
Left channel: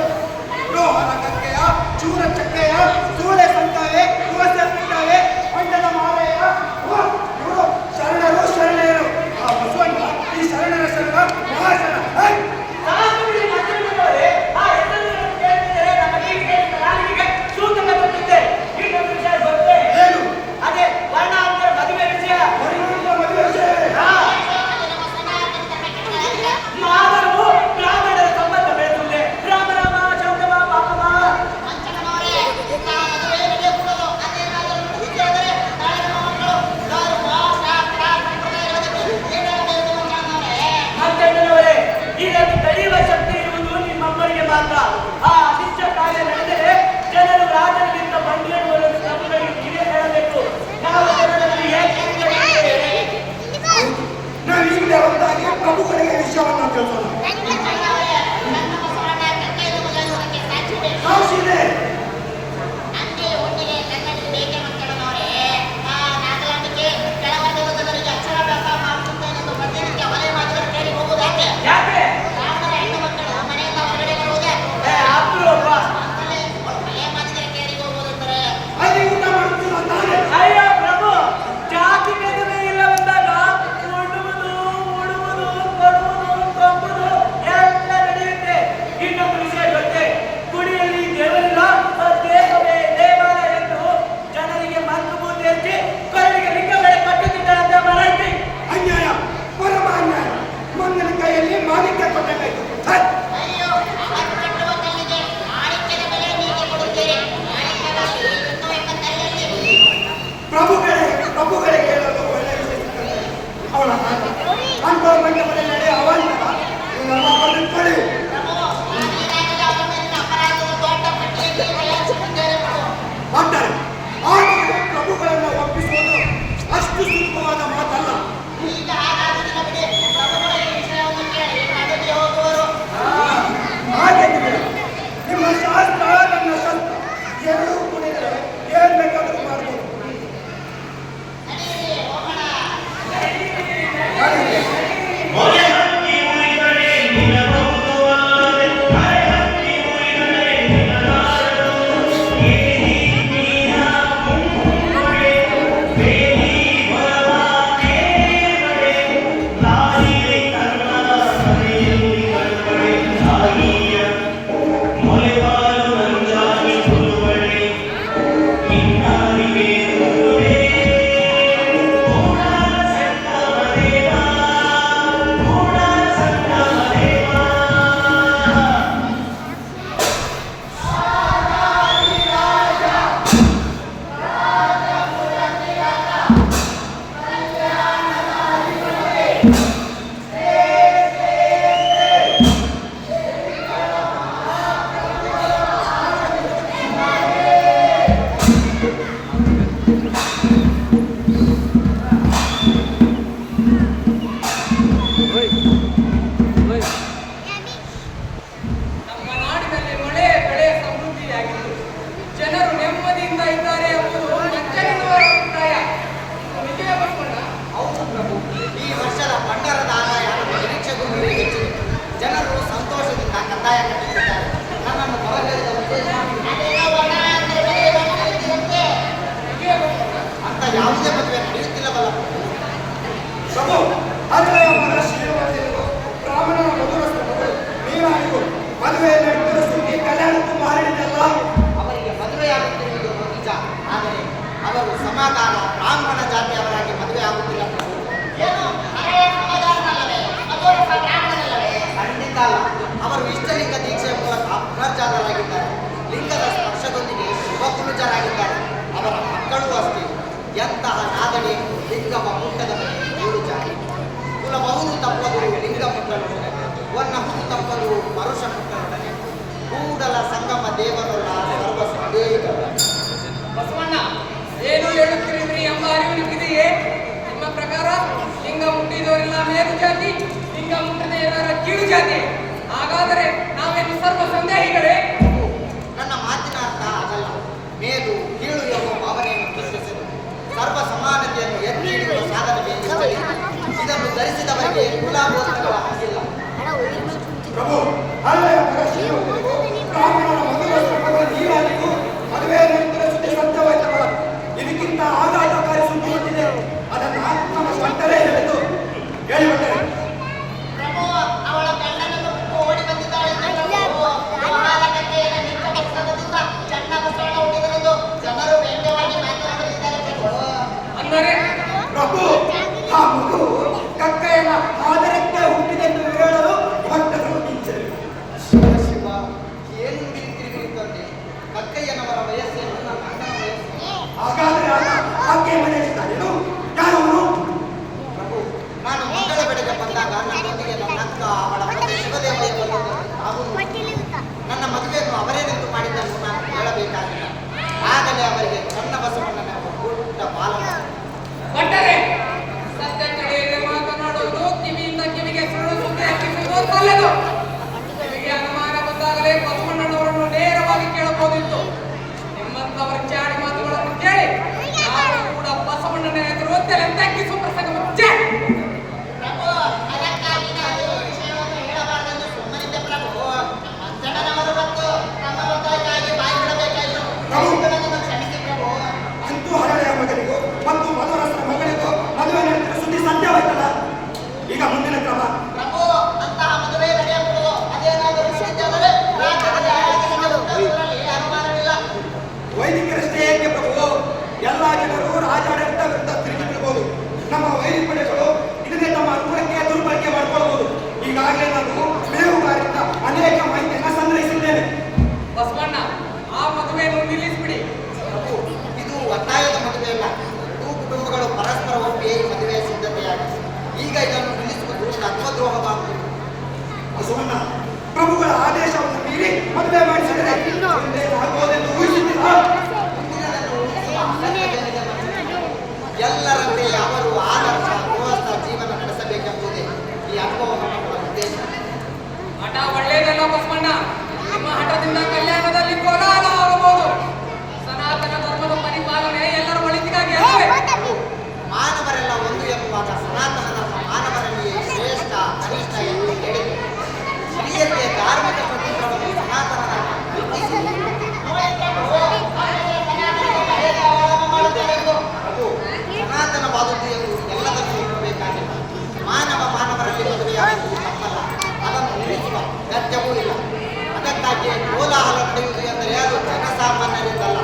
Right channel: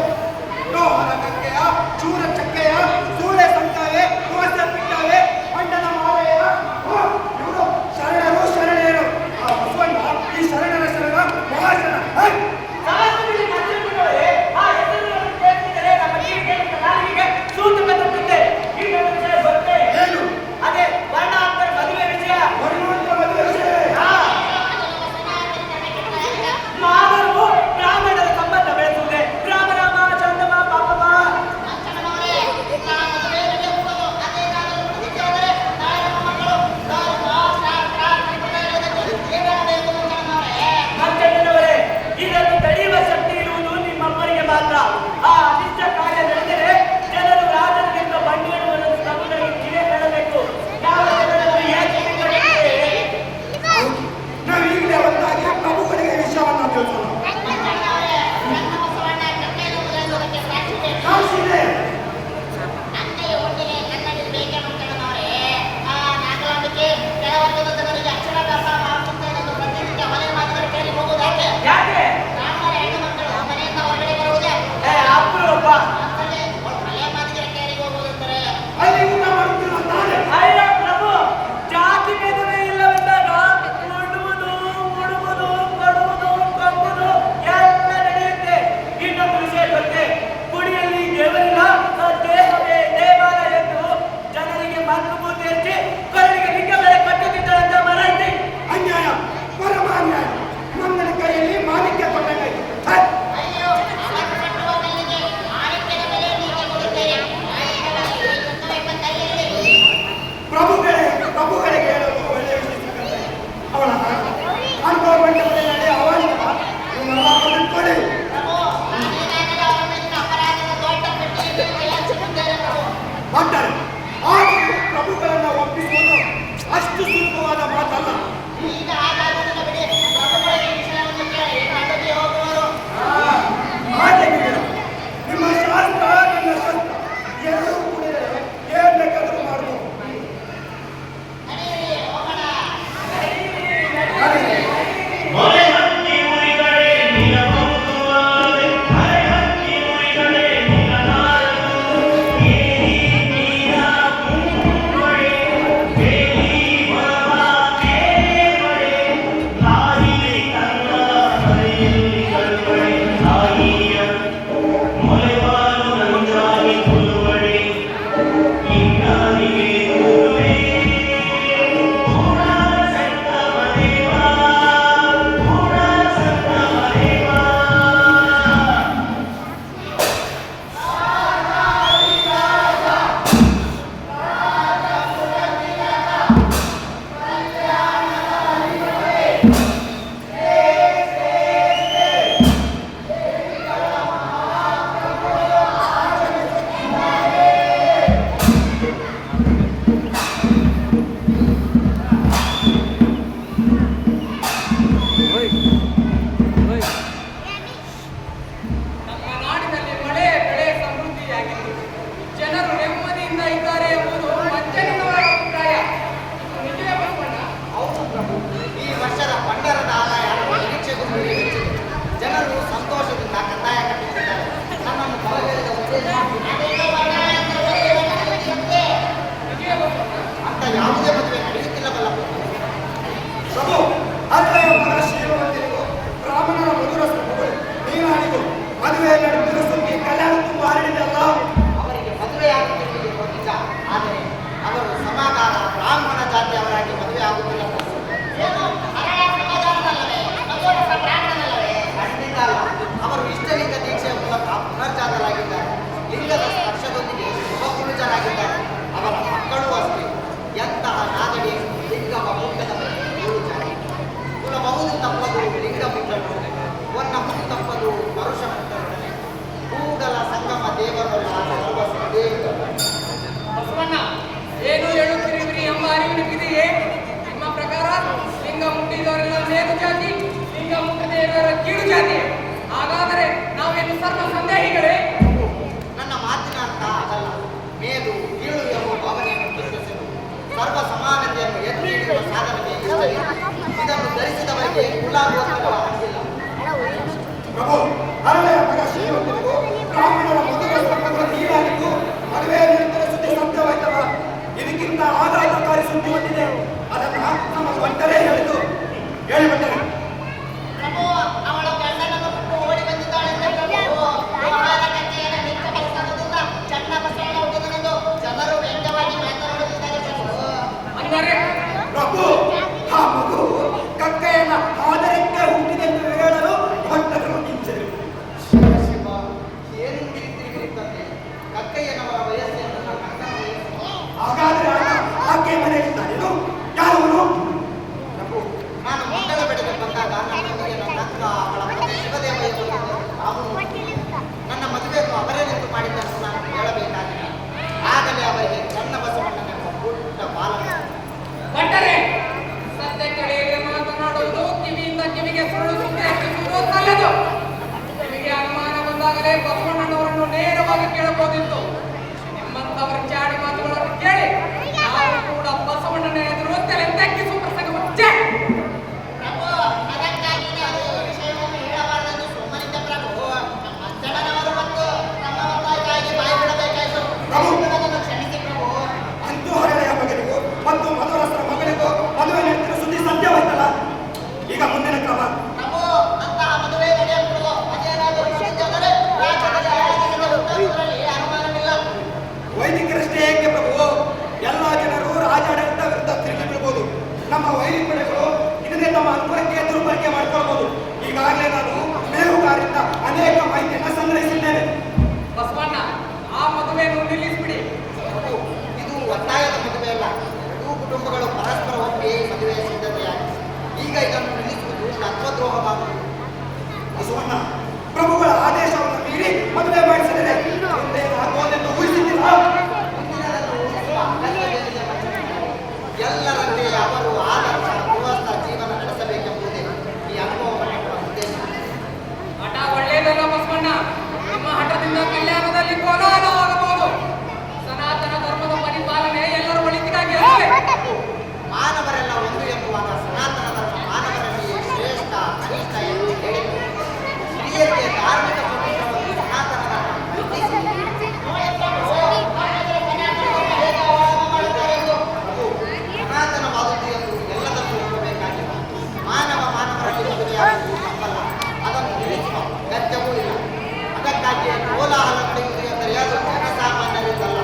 ಲೋಹರ ಕಕ್ಕೆಯ ಚೂರ ಚಕ್ಕೆಯ ಸೂಳೆ ಸಂಕವೇ ದೋಸೆ ಪಿಂಡವೇ ಮಂಡದ ಮಾವೆಯ ಇವರು ಶರಣರು ಶರಣೆಯರು. ಆ ಬಸವಣ್ಣ ಈ ಶರಣರ ಶರಣ ಮಹಾಶರಣ. ಸಾಧುವಿಗೆ ಮಂತ್ರಿಗಳವರೇ, ಆ ಹೆಸರುಗಳನ್ನು ಕೇಳ್ತಿದ್ದರೆ ನಮ್ಮ ಕಿವಿಗೆ ಕಾಲಿಗೆ ಸೂತಕ ತಟ್ಟುತ್ತೆ. ಇನ್ನೊಂದು ವಿಷಯ ಗೊತ್ತೇ? ಏನು? ಅದೇ ವರ್ಣಾಂತರ ಮದುವೆ ವಿಷಯ. ವರ್ಣಾಂತರ ಮದುವೆ ವಿಷಯ? ಹಾ. ಮಾಧವರು ಬ್ರಾಹ್ಮಣರ ಸಂಬಂಧ ಬೆಳೆಸುತ್ತೆ. ರಾಮ ರಾಮ ಚಂದಮ ಪಾಪಮ. ಮಂತ್ರಿಗಳವರೇ, ಇದನ್ನು ತಡೆಯುವ ಶಕ್ತಿ ಇರುವುದು ನಿಮ್ಮಮ್ಮರಿಗೆ ಮಾತ್ರ. ಆ ಅನಿಷ್ಟ ಕಾರ್ಯ ನಡೆದರೆ ಜನರು ರಾಜನಿಂದ ಬಂಡಿರುವುದನ್ನು ಪ್ರಭುಗಳಿಗೆ ಕಿವಿ ಹೇಳಬೇಕು. ನಾವು ಜನರನ್ನು ಏಕೆ ಬಿಟ್ಟುಕೊಡುತ್ತೇವೆ? ನಾವು ಈಗಲೇ ಒಂದಾಗಿ ಪ್ರಭುಗಳಿಗೆ ವಿಷಯವನ್ನ ತಿಳಿಸೋಣ. ಸಾಕ್ಷಿದೆ. ಯಾಕೆ? ಅಪ್ರೂಪ. ಅಲ್ಲಿ ಊಟ ಮಾಡುತ್ತಿಲ್ಲ ತಾನೆ. ಅಯ್ಯ ಪ್ರಭು, ಜಾತಿ ಭೇದವೇ ಇಲ್ಲವೆಂದಾಗ ಉಣ್ಣುವುದು, ಉಡುವುದು, ಕೊಡುವುದು, ಕೊಂಬುದು ಎಲ್ಲ ನಡೆಯುತ್ತೆ. ಇನ್ನೊಂದು ವಿಷಯ ಗೊತ್ತೇ? ಗುಡಿಯಲ್ಲಿ ದೇವರಿಲ್ಲ, ದೇಹವೇ ದೇವಾಲಯ ಎಂದು ಜನರಿಗೆ ಮಂತ್ರಭೂತಿ ಹಚ್ಚಿ ಕೊರಳಿಗೆ ಲಿಂಗ ಬೆಳೆ ಕಟ್ಟುತ್ತಿದ್ದಾರಂತ ಮರಾಠಿ. ಅನ್ಯಾಯ, ಪರಮ ಅನ್ಯಾಯ. ಮಂಗನ ಕೈಯಲ್ಲಿ ಮಾಣಿಕ್ಯ ಕೊಟ್ಟಂಗಾಯ್ತು. ಪ್ರಭುಗಳಿಗೆ ಹೇಳಲು ಒಳ್ಳೆಯ ವಿಷಯ ಸಿಕ್ಕಂತೆ ಅವಳ ಅನುಭವ ಮಂಟಪದಲ್ಲಿ ನಡೆಯುವ ಅವಾಂತರ ಇವನ್ನೆಲ್ಲ ಬರೆದಿಟ್ಕೊಳ್ಳಿ. ಮಾಡ್ತಾರೆ. ಆದರೆ ಪ್ರಭುಗಳನ್ನ ಒಪ್ಪಿಸುವುದು ಅಷ್ಟು ಸುಲಭವಾದ ಮಾತಲ್ಲ. ಹಾಗೆ ನಿಮ್ಮ ಶಾಸ್ತ್ರ ನನ್ನ ಶಸ್ತ್ರ ಎರಡೂ ಕೂಡಿದರೆ ಏನ್ ಬೇಕಾದರೂ ಮಾಡ್ಬೋದು. ಮೊರೆ ಹತ್ತಿ ಉಳಿದರೆ ನಿಲ್ಲಬಹುದಲ್ಲದೆ ಮರೆ ಹತ್ತಿ ಉಳಿದರೆ ನಿಲ್ಲಲಾರದು. ಏನಿ ನೀನ ಮುಂಗುಮಳೆ ಬೇಲಿ ಹೊರವ ಕೇವಳೆ ನಾಯಿಗೆ ಕರ್ಣ ಹರಿಯುಳಿ ಕರ್ಮಳೆ ನಾಯಿಯ ಮೊರೆವಾಲು ಹುಟ್ಟದ ಮೇಲೆ ಏಳು ಜಾತಿ ಕುಲಬಹುದು ತಪ್ಪದು ಲಿಂಗ ಮುಟ್ಟಲೊಡನೆ ಒನ್ನ ಹುಟ್ಟು ತಪ್ಪದು ಪರುಷ ಮುಟ್ಟಲೊಡನೆ ಕೂಡಲ ಸಂಗಮ ದೇವರಲ್ಲ ಸರ್ವ ಸುದೇವರ. ಬಸವಣ್ಣ ಏನು ಹೇಳುತ್ತಿರುವಿರಿ ಎಂಬ ಅರಿವು ನಿಮಗಿದೆಯೇ? ನಿಮ್ಮ ಪ್ರಕಾರ ಲಿಂಗ ಮುಟ್ಟಿದವರೆಲ್ಲ ಮೇಲು ಜಾತಿ, ಲಿಂಗ ಮುಟ್ಟದೇ ಇರೋರ ಕೀಳು ಜಾತಿ. ಹಾಗಾದರೆ ನಾವೇನು ಸರ್ವ ಸಂದೇಹಿಗಳೇ? ನನ್ನ ಮಾತಿನ ಅರ್ಥ ಅದಲ್ಲ. ಮೇಲು ಕೀಳು ಎಂಬ ಭಾವನೆಯನ್ನು ಪ್ರಶ್ನಿಸಲು ಸರ್ವ ಸಮಾನತೆಯನ್ನು ಎತ್ತಿ ಹಿಡಿಯುವ ಸಾಧನವೇ ಇಷ್ಟೇ. ಇದನ್ನು ಧರಿಸಿದವರಿಗೆ ಕುಲ ಗೋತ್ರಗಳ ಹಕ್ಕಿಲ್ಲ. ಪ್ರಭು, ಹಳೆಯ ಮಗ ಶ್ರೀಮಂತನಿಗೂ ಬ್ರಾಹ್ಮಣರ ಮಧುರಸ್ಥ ಮಗಳು ಹೀರಾಗಿದ್ದು ಮದುವೆ ನಂತರ ಸುದ್ದಿ ಸತ್ಯವಾಯ್ತಲ್ಲ. ಇದಕ್ಕಿಂತ ಆಘಾತಕಾರಿ ಸುದ್ದಿ ಬಂದಿದೆ. ಅದನ್ನ ನಮ್ಮ ಸ್ವಂತರೇ ಹೇಳಿದ್ದು ಹೇಳಿಬಿಟ್ಟರೆ. ಪ್ರಭು, ಅವಳ ಗಂಡನನ್ನು ಬಿಟ್ಟು ಓಡಿ ಬಂದಿದ್ದಾಳೆಂದರೆ ಪ್ರಭು ಮಹಾಲಕತೆಯನ್ನು ನಿಂತ ಕೆಲಸದಿಂದ ಚನ್ನ ಬಸವಣ್ಣ ಹುಟ್ಟಿದನೆಂದು ಜನರು ವ್ಯಂಗ್ಯವಾಗಿ ಮಾತನಾಡುತ್ತಿದ್ದಾರೆ ಪ್ರಭು. ಅಂದರೆ ಪ್ರಭು, ಆ ಮಗು ಕಕ್ಕಯ್ಯನ ಆದರಂತೆ ಹುಟ್ಟಿದೆಂದು ಹೇಳಲು ಭಕ್ತರು ನಿಂತರು. ಶಿವ ಶಿವ, ಏನು ತಿಳಿತಿರುತ್ತದೆ? ಕಕ್ಕಯ್ಯನವರ ವಯಸ್ಸೇನು ನನ್ನ ಅಣ್ಣನ ವಯಸ್ಸು? ಹಾಗಾದ್ರೆ ಆಕೆ ಮನೆಯಲ್ಲಿದ್ದಾನೇನು? ಯಾರವನು? ಪ್ರಭು, ನಾನು ಮಂಗಳ ಬೆಳೆಗೆ ಬಂದಾಗ ನನ್ನೊಂದಿಗೆ ನನ್ನ ಅಕ್ಕ ಅವಳ ತಂದೆ ಶಿವದೇವಯ್ಯ ಬಂದಿದ್ದರು. ನಾವು ನನ್ನ ಮದುವೆಯನ್ನು ಅವರೇ ನಿಂತು ಮಾಡಿದ್ದನ್ನು ನಾನು ಹೇಳಬೇಕಾಗಿಲ್ಲ. ಆಗಲೇ ಅವರಿಗೆ ಸಣ್ಣ ಬಸವಣ್ಣನೆಂಬ ಪುಟ್ಟ ಬಾಲಕ. ಭಟ್ಟರೆ, ಸತ್ಯ ತಿಳಿಯದೆ ಮಾತನಾಡುವುದು, ಕಿವಿಯಿಂದ ಕಿವಿಗೆ ಸುಳ್ಳು ಸುದ್ದಿ ಹಚ್ಚಿಸುವುದು ಸಲ್ಲದು. ನಿಮಗೆ ಅನುಮಾನ ಬಂದಾಗಲೇ ಬಸವಣ್ಣನವರನ್ನು ನೇರವಾಗಿ ಕೇಳಬಹುದಿತ್ತು. ನಿಮ್ಮಂತವರ ಚಾಡಿ ಮಾತುಗಳನ್ನು ಕೇಳಿ ನಾವು ಕೂಡ ಬಸವಣ್ಣನ ಎದುರು ತಲೆ ತಗ್ಗಿಸುವ ಪ್ರಸಂಗ ಮುಚ್ಚೆ. ಪ್ರಭು, ಅದಕ್ಕಾಗಿ ನಾನು ಈ ವಿಷಯವನ್ನು ಹೇಳಬಾರದೆಂದು ಸುಮ್ಮನಿದ್ದೆ ಪ್ರಭು. ನಮ್ಮ ಅಜ್ಜನವರು ಮತ್ತು ತಮ್ಮ ಒತ್ತಾಯಕ್ಕಾಗಿ ಬಾಯಿ ಬಿಡಬೇಕಾಯಿತು. ನನ್ನನ್ನು ಕ್ಷಮಿಸಿ ಪ್ರಭು. ಅಂತೂ ಹಳೆಯ ಮಗನಿಗೂ ಮತ್ತು ಮಧುರಸರ ಮಗಳಿಗೂ ಮದುವೆ ನಂತರ ಸುದ್ದಿ ಸತ್ಯವಾಯ್ತಲ್ಲ. ಈಗ ಮುಂದಿನ ಕ್ರಮ. ಪ್ರಭು, ಅಂತಹ ಮದುವೆ ನಡೆಯಕೂಡದು. ಅದೇನಾದರೂ ನಡೆದರೆ ರಾಜ್ಯದಲ್ಲಿ ಅರಾಜಕತೆ ಉಂಟಾಗುವುದರಲ್ಲಿ ಅನುಮಾನವಿಲ್ಲ. ವೈದಿಕರಷ್ಟೇ ಏಕೆ ಪ್ರಭು? ಎಲ್ಲ ಜನರು ರಾಜಾಡಳಿತ ವಿರುದ್ಧ ತಿರುಗಿ ಬಿಡಬಹುದು. ನಮ್ಮ ವೈದಿಕ ಪಡೆಗಳು ಇದನ್ನೇ ತಮ್ಮ ಅನುಕೂಲಕ್ಕೆ ದುರ್ಬಳಕೆ ಮಾಡಿಕೊಳ್ಳಬಹುದು. ಈಗಾಗಲೇ ನಾನು ಮೇಹುಗಾರಿಂದ ಅನೇಕ ಮಾಹಿತಿಯನ್ನು ಸಂಗ್ರಹಿಸಿದ್ದೇನೆ. ಬಸವಣ್ಣ, ಆ ಮದುವೆಯನ್ನು ನಿಲ್ಲಿಸಿಬಿಡಿ. ಪ್ರಭು, ಇದು ಒತ್ತಾಯದ ಮದುವೆಯಲ್ಲ. ಎರಡೂ ಕುಟುಂಬಗಳು ಪರಸ್ಪರ ಒಪ್ಪಿಗೆ ಈ ಮದುವೆಯ ಸಿದ್ಧತೆಯಾಗಿದೆ. ಈಗ ಇದನ್ನು ನಿಲ್ಲಿಸುವುದು ತತ್ವದ್ರೋಹವಾಗುವುದು. ಬಸವಣ್ಣ, ಪ್ರಭುಗಳ ಆದೇಶವನ್ನು ಮೀರಿ ಮದುವೆ ಮಾಡಿಸಿದರೆ ಆಗುವುದೆಂದು ಊಹಿಸಿದ್ದಿಲ್ಲ. ಮುಂದಿನದನ್ನು ಊಹಿಸುವ ಅಗತ್ಯತೆಯಿದೆ ಮನುಷ್ಯನಿಗೆ. ಎಲ್ಲರಂತೆ ಅವರು ಆದರ್ಶ ಗೃಹಸ್ಥ ಜೀವನ ನಡೆಸಬೇಕೆಂಬುದೇ ಈ ಅನುಭವ ಮಂಟಪದ ಉದ್ದೇಶ. ಹಠ ಒಳ್ಳೆಯದಲ್ಲ ಬಸವಣ್ಣ. ನಿಮ್ಮ ಹಠದಿಂದ ಕಲ್ಯಾಣದಲ್ಲಿ ಕೋಲಾಹಲ ಆಗಬಹುದು. ಸನಾತನ ಧರ್ಮದ ಪರಿಪಾಲನೆ ಎಲ್ಲರ ಒಳಿತಿಗಾಗಿ ಅಲ್ಲವೇ? ಮಾನವರೆಲ್ಲ ಒಂದು ಎಂಬುವಾಗ ಸನಾತನ ಧರ್ಮ ಮಾನವರಲ್ಲಿ ಶ್ರೇಷ್ಠ ಕನಿಷ್ಠ ಎಂದು ಹೇಳಿದೆ. ಹಿರಿಯರಿಗೆ ಧಾರ್ಮಿಕ ಸ್ವತಂತ್ರವನ್ನು ಸನಾತನ ಧರ್ಮ ಕಲ್ಪಿಸಿದೆ. ಪ್ರಭು, ಸನಾತನವಾದದ್ದು ಎಂದು ಎಲ್ಲದಕ್ಕೂ ಒಪ್ಪಬೇಕಾಗಿಲ್ಲ. ಮಾನವರಲ್ಲಿ ಮದುವೆಯಾಗುವುದು ತಪ್ಪಲ್ಲ. ಅದನ್ನು ನಿಲ್ಲಿಸುವ ಅಗತ್ಯವೂ ಇಲ್ಲ. ಅದಕ್ಕಾಗಿ ಕೋಲಾಹಲ ನಡೆಯುವುದು ಎಂದರೆ ಅದು ಜನಸಾಮಾನ್ಯರಿದ್ದಲ್ಲ,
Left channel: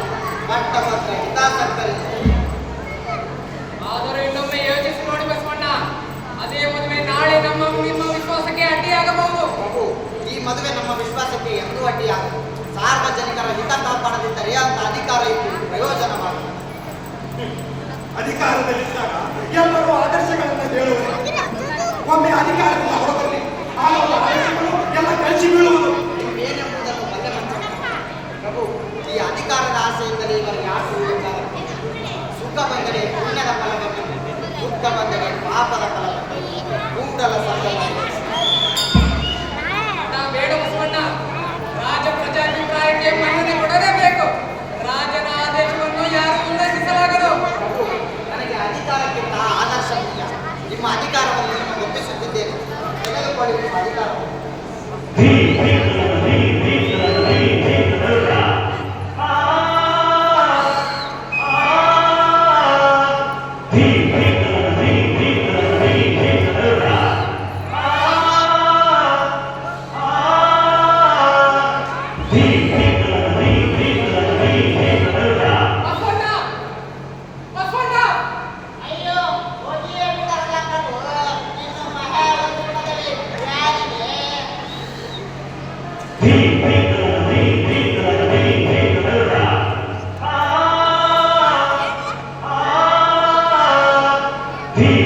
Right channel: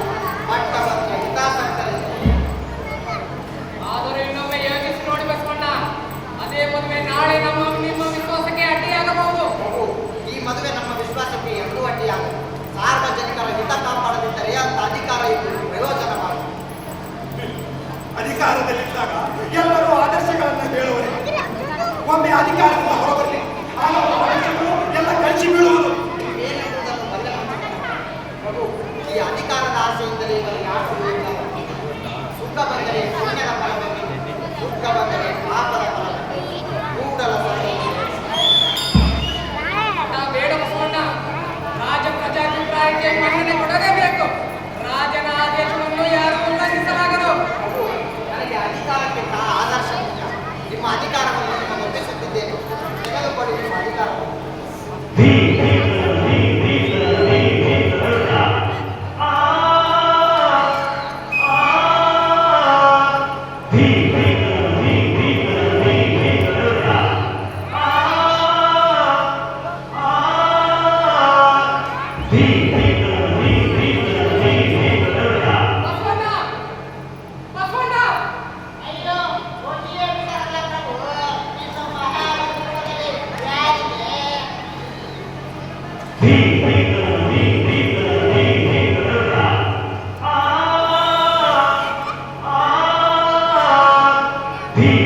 ಪಟ್ಟವರ್ಗ ಹಿತಾಸಕ್ತರಿಗೆ. ಆದರೂ ಇನ್ನೊಮ್ಮೆ ಯೋಚಿಸಿ ನೋಡಿ ಬಸವಣ್ಣ. ಅದೇ ಮದುವೆ ನಾಳೆ ನಿಮ್ಮ ವಿಶ್ವಾಸಕ್ಕೆ ಅಡ್ಡಿಯಾಗಬಹುದು. ಪ್ರಭು, ಈ ಮದುವೆ ನಮ್ಮ ವಿಶ್ವಾಸಕ್ಕೆ ಎಂದೂ ಅಡ್ಡಿಯಾಗದು. ಸಾರ್ವಜನಿಕರ ಹಿತ ಕಾಪಾಡದಿದ್ದರೆ ಅಂತ ಅಧಿಕಾರ ಇದ್ದು ಪ್ರಯೋಜನವಾಗುವುದು. ಅಧಿಕಾರದಲ್ಲಿದ್ದಾಗ ಎಲ್ಲರೂ ಆದರ್ಶಗಳನ್ನು ಹೇಳುವರು. ಒಮ್ಮೆ ಅಧಿಕಾರದಿಂದ ಹೊರಬರಲಿ, ಆಗ ಅವರ ಆದರ್ಶಗಳು ಎಲ್ಲ ಕಳಿಸಿ ಬೀಳುವುದು. ಏನೆಂಬುದನ್ನು ಬಲ್ಲ ಮನುಷ್ಯನ. ಪ್ರಭು, ಈ ಅಧಿಕಾರದ ಆಸೆಯಿಂದಲೇ ಇವರು ಯಾರು ಸುಳ್ಳುತ್ತಾರೆ? ಸುಖ ಬಂದರೆ ಪುಣ್ಯದ ಫಲವೆಂದು, ದುಃಖ ಬಂದರೆ ಪಾಪದ ಫಲವೆಂದು ಕೂಡಲ ಸರ್ವಜ್ಞ. ಹಠ ಬೇಡ ಬಸವಣ್ಣ. ರಾಜ ಪ್ರಜಾಭಿಪ್ರಾಯಕ್ಕೆ ಮನ್ನಣೆ ಕೊಡಲೇಬೇಕು. ರಾಜನ ಆದೇಶವನ್ನು ಯಾರು ಉಲ್ಲಂಘಿಸಲಾಗದು. ಪ್ರಭು, ನನಗೆ ಅಧಿಕಾರಕ್ಕಿಂತ ಆದರ್ಶ ಮುಖ್ಯ. ನಿಮ್ಮ ಅಧಿಕಾರವನ್ನು ನಾನು ಒಪ್ಪಿಸುತ್ತಿದ್ದೇನೆ. ತೆಗೆದುಕೊಳ್ಳಿ ನಿಮ್ಮ ಅಧಿಕಾರವನ್ನು. ಬಸವಣ್ಣ, ಬಸವಣ್ಣ, ಅಯ್ಯೋ, ಹೋಗಿಯೇ ಬಿಡಲ್ಲ ಪ್ರಭು. ಇನ್ನು ಮಹಾವೈಭವದಲ್ಲಿ ಯಾರಿಗೆ? He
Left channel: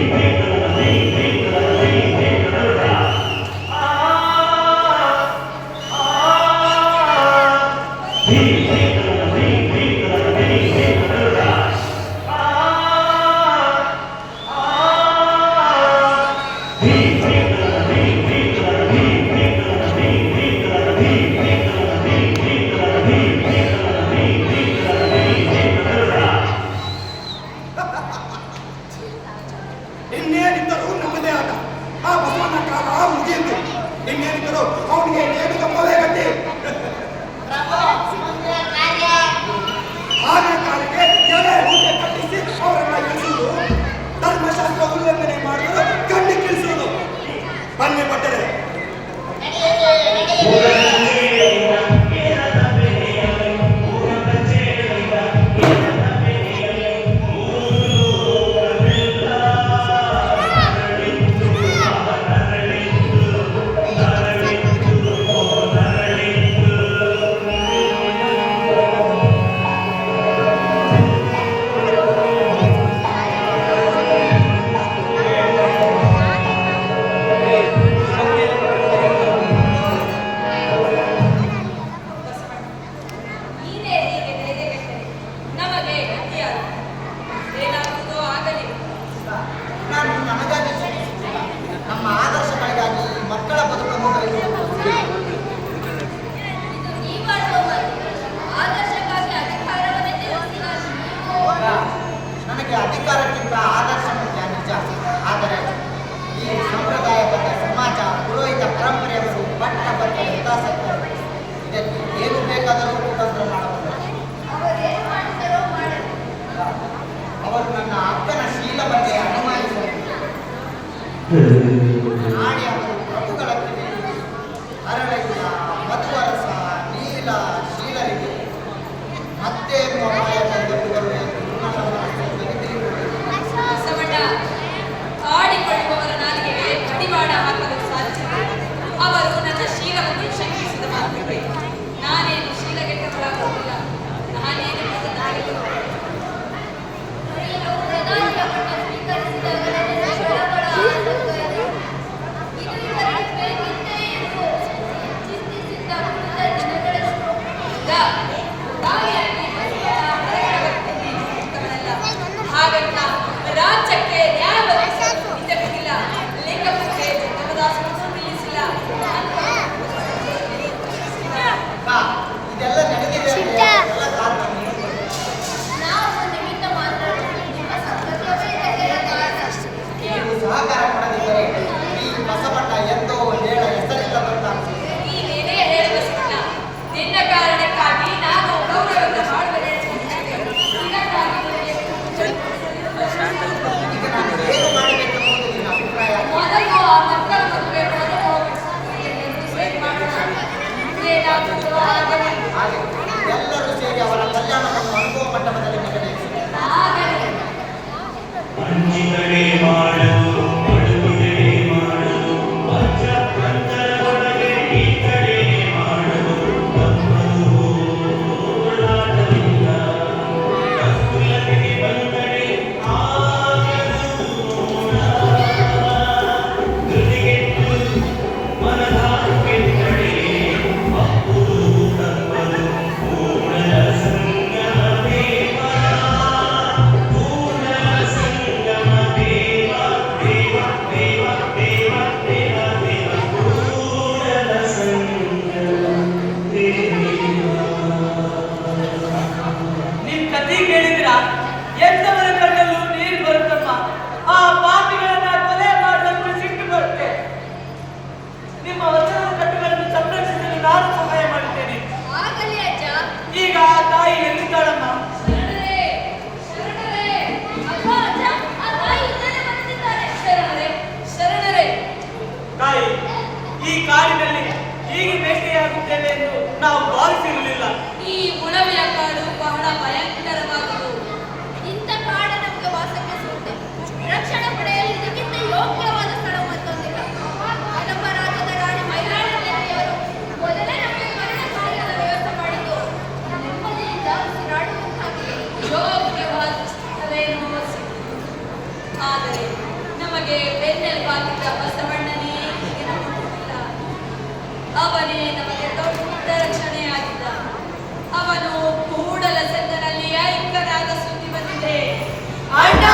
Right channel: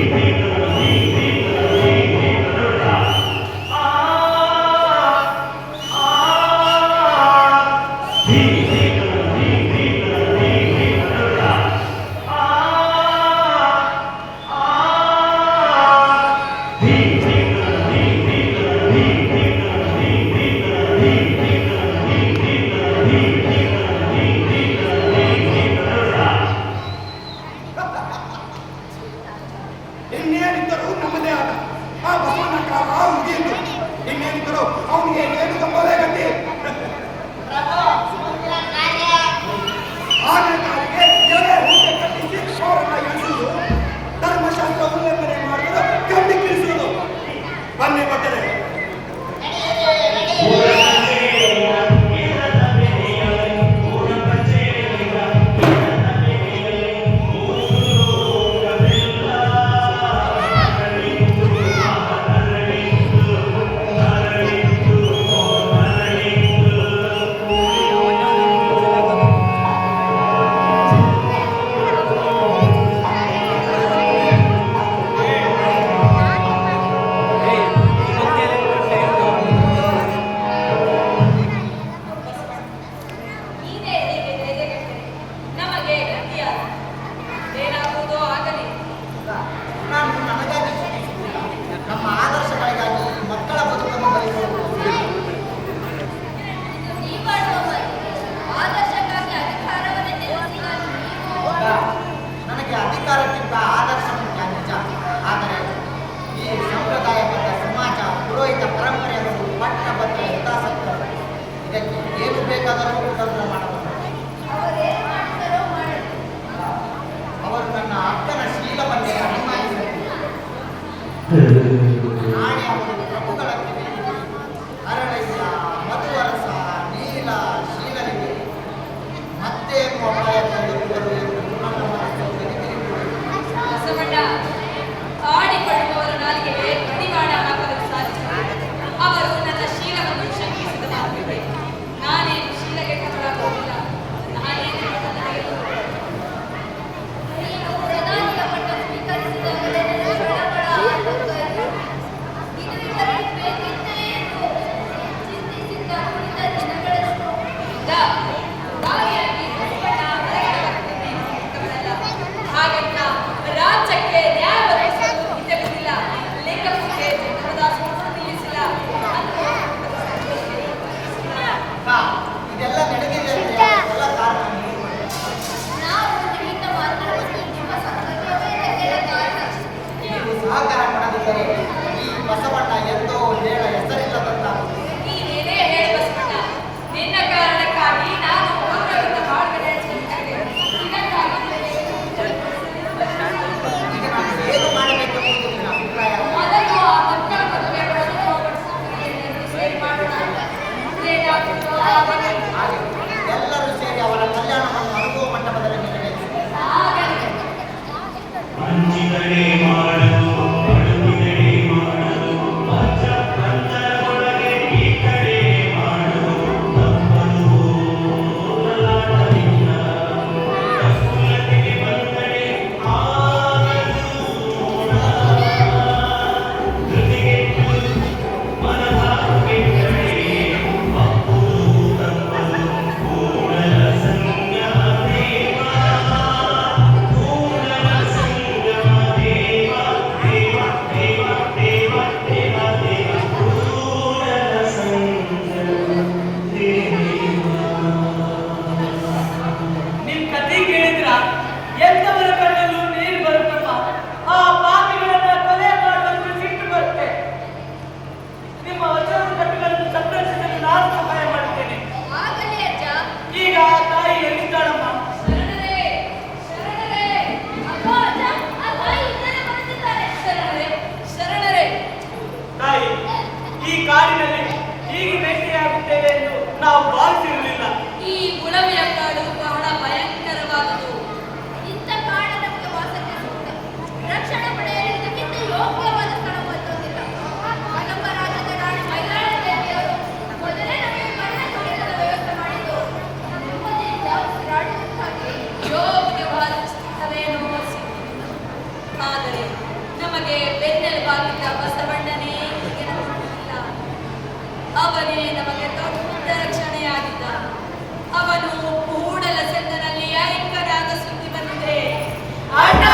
ಇನ್ನೇನಿದ್ದರೂ ನಮ್ಮದೇ ಆದ ಆ ಬಸವಣ್ಣ ಕಾಲ ಮುಗಿಯಿತು. ಇನ್ನೇನಿದ್ದರೂ ಅವನಿಗೆ ನೇಮಿ ಕಂಬವೇ ಗತಿ. ಆನೆ ಕಾಲಿಗೆ ಎಲೆ ಹೂಟೆ ಕಟ್ಟಿಸಿ ಅವರನ್ನ ಎಣಿಸುವುದು, ಧರ್ಮಶಾಸ್ತ್ರ ಉಲ್ಲಂಘನೆ ಮಾಡುವುದು, ಖಂಡಿಸುವುದು. ಬನ್ನಿ ಭಟ್ಟರೆ, ನೀನೇ ಹೀಗೆ ಧೈರ್ಯಗೆಟ್ಟರೆ ನಮಗೆ ಗತಿಯಾದ ಏನಾಗುವುದೋ ಆಗಲಿ. ನಾನು ನನಗಾಗಿ ಚಿಂತಿಸುತ್ತಿಲ್ಲ, ನಮ್ಮ ಆದರ್ಶಗಳಿಗಾಗಿ ಮಕ್ಕಳ ಬದುಕನ್ನು ಬರೆಯುವುದು. ಇದು ನೀವಾಡುವ ಮಾತು. ಆದರ್ಶಕ್ಕಾಗಿ ಅಧಿಕಾರವನ್ನೇ ತ್ಯಜಿಸಿದ ನೀವು ನನಗೆ ಅಧಿಕಾರಕ್ಕಿಂತ ಆದರ್ಶ ಮುಖ್ಯ ನಿಜ. ಆದರೆ ಈ ಸಂಪ್ರದಾಯಬದ್ಧ ಸಮಾಜ, ಪುರೋಹಿತ ಪರಂಪರೆಯವರು ಪಟ್ಟಬದ್ಧ ಹಿತಾಸಕ್ತರು. ಇದಕ್ಕೆ ಏನು ಬೇಕಾದರೂ ಕುತಂತ್ರ ಮಾಡಬಹುದು. ಅವರೇನು ಮಾಡುತ್ತಾರೋ ಮಾಡಲಿ. ಅವರು ನನ್ನ ಅಕ್ಕನ ಶೀಲವನ್ನೇ ಅನುಮಾನಿಸಬಹುದು. ನಾಳೆ ಅವರು ಪ್ರಭುಗಳ ಕಿವಿ ಹರಳಯ್ಯ, ಮಧುವರಸ, ನೀಲ, ಶೀಲರಿಗೆ ಮತ್ತೇನು ಅಪಾಯ ತಂದೊಡ್ಡುವರು ಎಂದು ನನ್ನ ಮನಸ್ಸು ಗಲಿಬಿಲಿಗೊಂಡಿದೆ. ಬಸವಣ್ಣ ಆಡಿಕೊಳ್ಳುವವರ ನಾಲಿಗೆಗೆ ಕಡಿವಾಣ ಹಾಕಲು ಸಾಧ್ಯವಿಲ್ಲ. ಅವರು ನನ್ನ ಶೀಲವನ್ನು ಶಂಕಿಸಿದ ಮಾತಿದೆ. ನಾನೇನು ಶೀಲಗೆಟ್ಟವಳಾಗುವುದಿಲ್ಲ. ನಾನೇನು ನೀವು ಪ್ರಧಾನಿಯ ಪಟ್ಟ ಸ್ವೀಕರಿಸಿದಾಗಲೇ ನನ್ನ ಬೆಳಗಳ ಆತಂಕ ಇತ್ತು. ಇದು ಇವರಿಗೆ ಬೇಕಿತ್ತೇ ಎಂದು ಚಿಂತಿಸಿದ್ದ ಉಳಿದ ದಿನಗಳೆಷ್ಟು. ಹಾಗಂತ ರಾಜ್ಯಕ್ಕೆ ನ್ಯಾಯ ಒದಗಿಸಲು ಇದ್ದಕ್ಕಿಲ್ಲ. ಲಿಂಗಪೂಜೆ ನಿಲ್ಲಿಸಿಲ್ಲ. ಇದೆಲ್ಲ ನಡೆದಿದೆ ಅಂದ್ರೆ ಎಲ್ಲ ಕಾರಣ ನೀವು. ನಾವು ನಿಮಿತ್ತ ಮಾತ್ರ, ನಿಮ್ಮ ಸಂಪರ್ಕವೇ ಇದಕ್ಕೆಲ್ಲ ಕಾರಣ. ನೀವು ಸಹಕಾರ ಕೊಡದಿದ್ದರೆ ಈ ಬಸವಣ್ಣ ಎಂದೋ ಹೇಳ ಹೆಸರಿಲ್ಲದಂತಾಗುತ್ತದೆ. ನೀನೇನೇ ಹೇಳಿ ಬಸವಣ್ಣ, ನಿನ್ನ ಕಾರಣಕ್ಕಾಗಿ ನಾನು ಗೌರವವನ್ನು ಮಾಡುತ್ತೇನೆ. ಈಗ ನಾನು ಏನು ಮಾಡಬೇಕೆಂಬುದು ನಿನ್ನ ಅಭಿಪ್ರಾಯ? ಮೊದಲು ಆ ಮಕ್ಕಳ ಮದುವೆ ಮಾಡೋಣ. ಏನಾಗುತ್ತೋ ಆಗಲಿ. ಹಾಗೆ ಎಲ್ಲರೂ ಸೇರಿ ಅವರ ಕಲ್ಯಾಣವನ್ನು ಅನುಭವ ಮಂಟಪದಲ್ಲಿ ನೆರವೇರಿಸಿದ್ದಾರೆ. ಆಗಲಿ. ಅಂಜಿದರೆ ಮಾಡಲು ಅಡುಗಿದರೆ ಮಾಡಲು ಪಂಚರೊಳಗೆ ಈ ಕಡೆ ಮಾಡಲು ತಪ್ಪಲು ಹೋರಾಟವಿಲ್ಲ. ತಪ್ಪುಲತೆಗೆ ಬಂದರೆ ಆಗದು ಧೃತಿಗೆಟ್ಟು ಮನದಾರು ಕೆಟ್ಟರೆ ಅಪ್ಪುದು ತಪ್ಪಲು ಕೂಡಲ ಸಂಗಮ ದೇವ, ಕೂಡಲ ಸಂಗಮ ದೇವ, ದೇವ ದೇವ ದೇವ ದೇವ ದೇವ, ಕೂಡಲ ಸಂಗಮ ದೇವ. ನಿನ್ ಕಥೆ ಕೇಳಿದ್ರ ಎಂತವರ ಕಣ್ಣಲ್ಲೂ ನೀರು ಬರುತ್ತಮ್ಮ. ಆ ಪಾಪಿಗಳನ್ನ ಕೊಲೆ ಮಾಡುವಂತ ಸಿಟ್ಟು ಬರುತ್ತೆ. ನಿಮ್ಮ ವಚನದ ಕಟ್ಟುಗಳನ್ನು ಸಂರಕ್ಷಿಸಲು ನಾನು ಸಹಾಯ ಮಾಡುತ್ತೇನೆ. ಆಗಲಿ ಅಜ್ಜ. ಈಗ ತಾಯಿ ಎಲ್ಲಿದ್ದಾಳಮ್ಮ? ಶರಣರೇ, ಶರಣರೇ, ಅಗೋ ಅಜ್ಜ, ಆ ತಾಯಿ ಇಲ್ಲೇ ಬಂದಿದ್ದಾರೆ. ಶರಣರೇ, ಶರಣರೇ. ತಾಯಿ, ಈ ಕಾಡಿನಲ್ಲಿ ಹೀಗೆ ಭೇಟಿಯಾಗುತ್ತೇವೆ ಎಂದು ನಾವು ಭಾವಿಸಿರಲಿಲ್ಲ. ಈ ಉಳವಿಯ ಕಾಡು ಬಹಳ ಭಯಂಕರವಾದುದು. ಇಂಥ ಕಾಡು ನಮಗೆ ವಾಸಕ್ಕೆ ಸೂಕ್ತ. ರಕ್ಷಣೆ ಪಡೆಯಲು ಇದಕ್ಕಿಂತ ಯೋಗ್ಯವಾದ ಸ್ಥಳ ಮತ್ತೊಂದಿಲ್ಲ. ಕದಂಬ ರಾಜ್ಯದ ರಾಣಿ ಮೈಲಾಳ ದೇವಿಯವರು ಮೊದಲೇ ನಮಗೆ ಮರಣದ ವ್ಯವಸ್ಥೆ ಮಾಡಿದ್ದು. ನೆಮ್ಮದಿಯಿಂದ ಉಸಿರಾಡುವುದಕ್ಕಾಗಿ ಯೋಗ್ಯವಾದ ಸ್ಥಳವೇ ನಮಗೆ ಸಿಕ್ಕಿತು. ಆದರೆ ನಮಗೆ ಬೆನ್ನೆಲುಬಾಗಿದ್ದ ಬಸವಣ್ಣನೇ ಇದನ್ನು ಮಾಡುತ್ತಿಲ್ಲ. ಅವನೇ ನಮಗೆ ದೊಡ್ಡ ರಕ್ಷಣೆಯಾಗಿದ್ದ. ಅವನು ಕೂಡಲ ಸಂಗನಲ್ಲಿ ಐಕ್ಯನಾದ ಸುದ್ದಿ ಬಂದಿದೆ. ಅಣ್ಣ,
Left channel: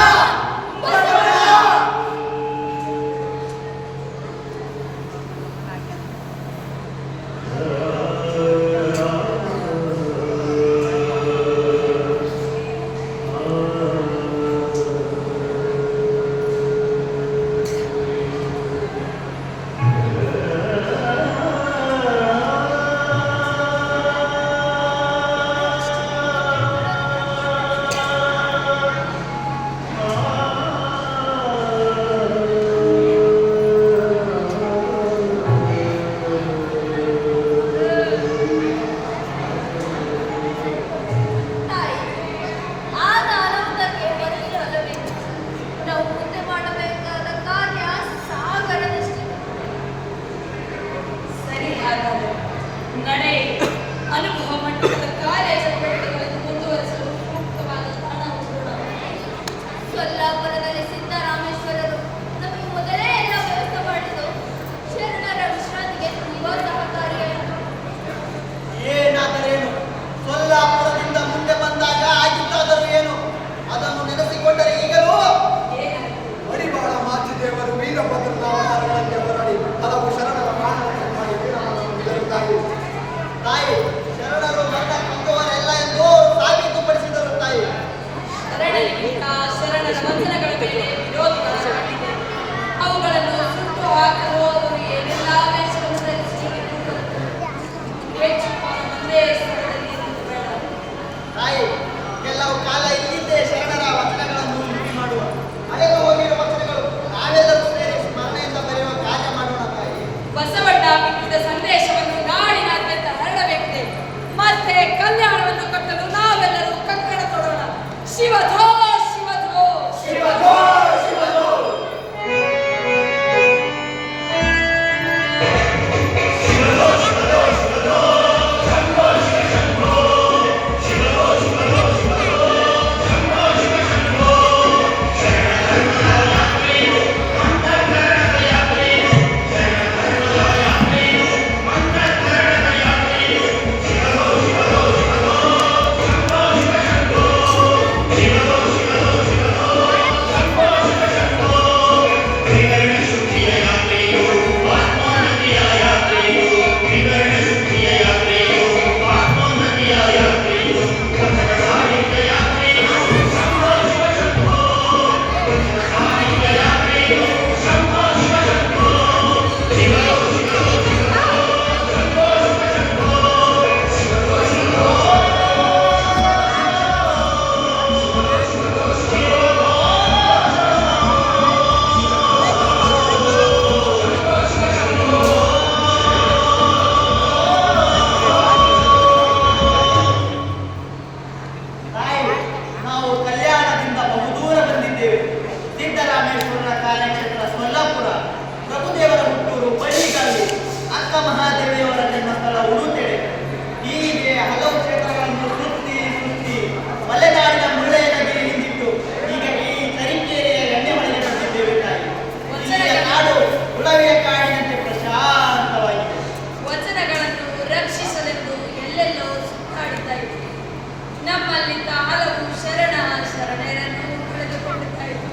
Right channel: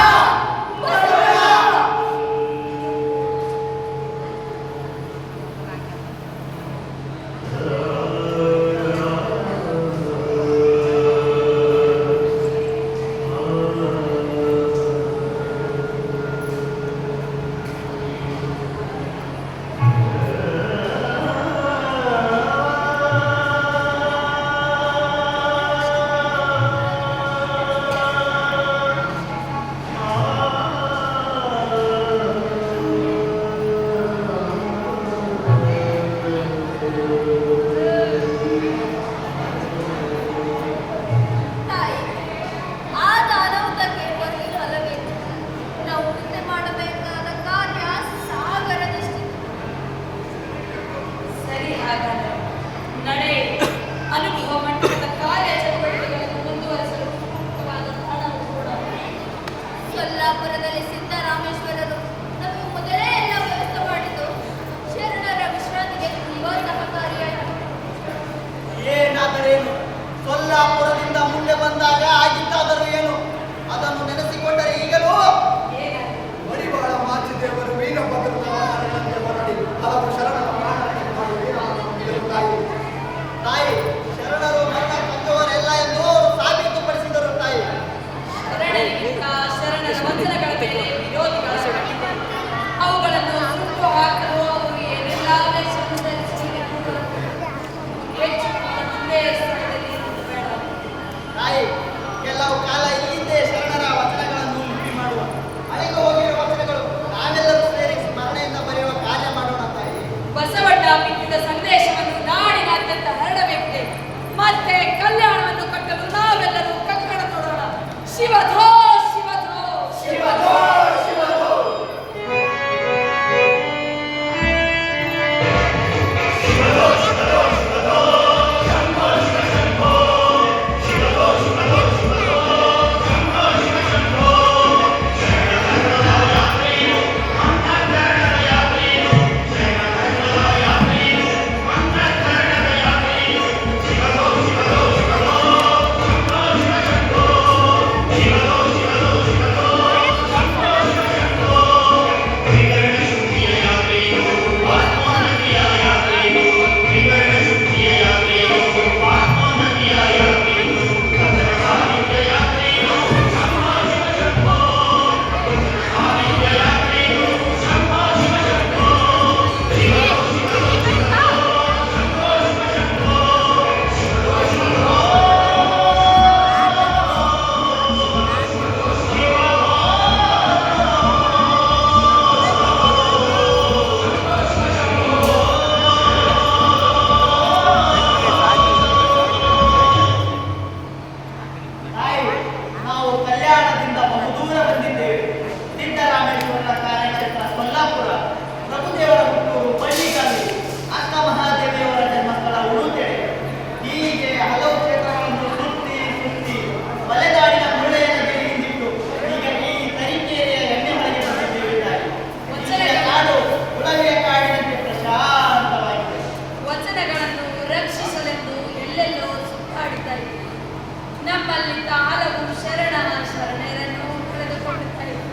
ನಮ್ಮಲ್ಲಿದ್ದ ಹಲವು ಶರಣೆಯರನ್ನು ಕಳೆದುಕೊಂಡಿದ್ದಾಯಿತು.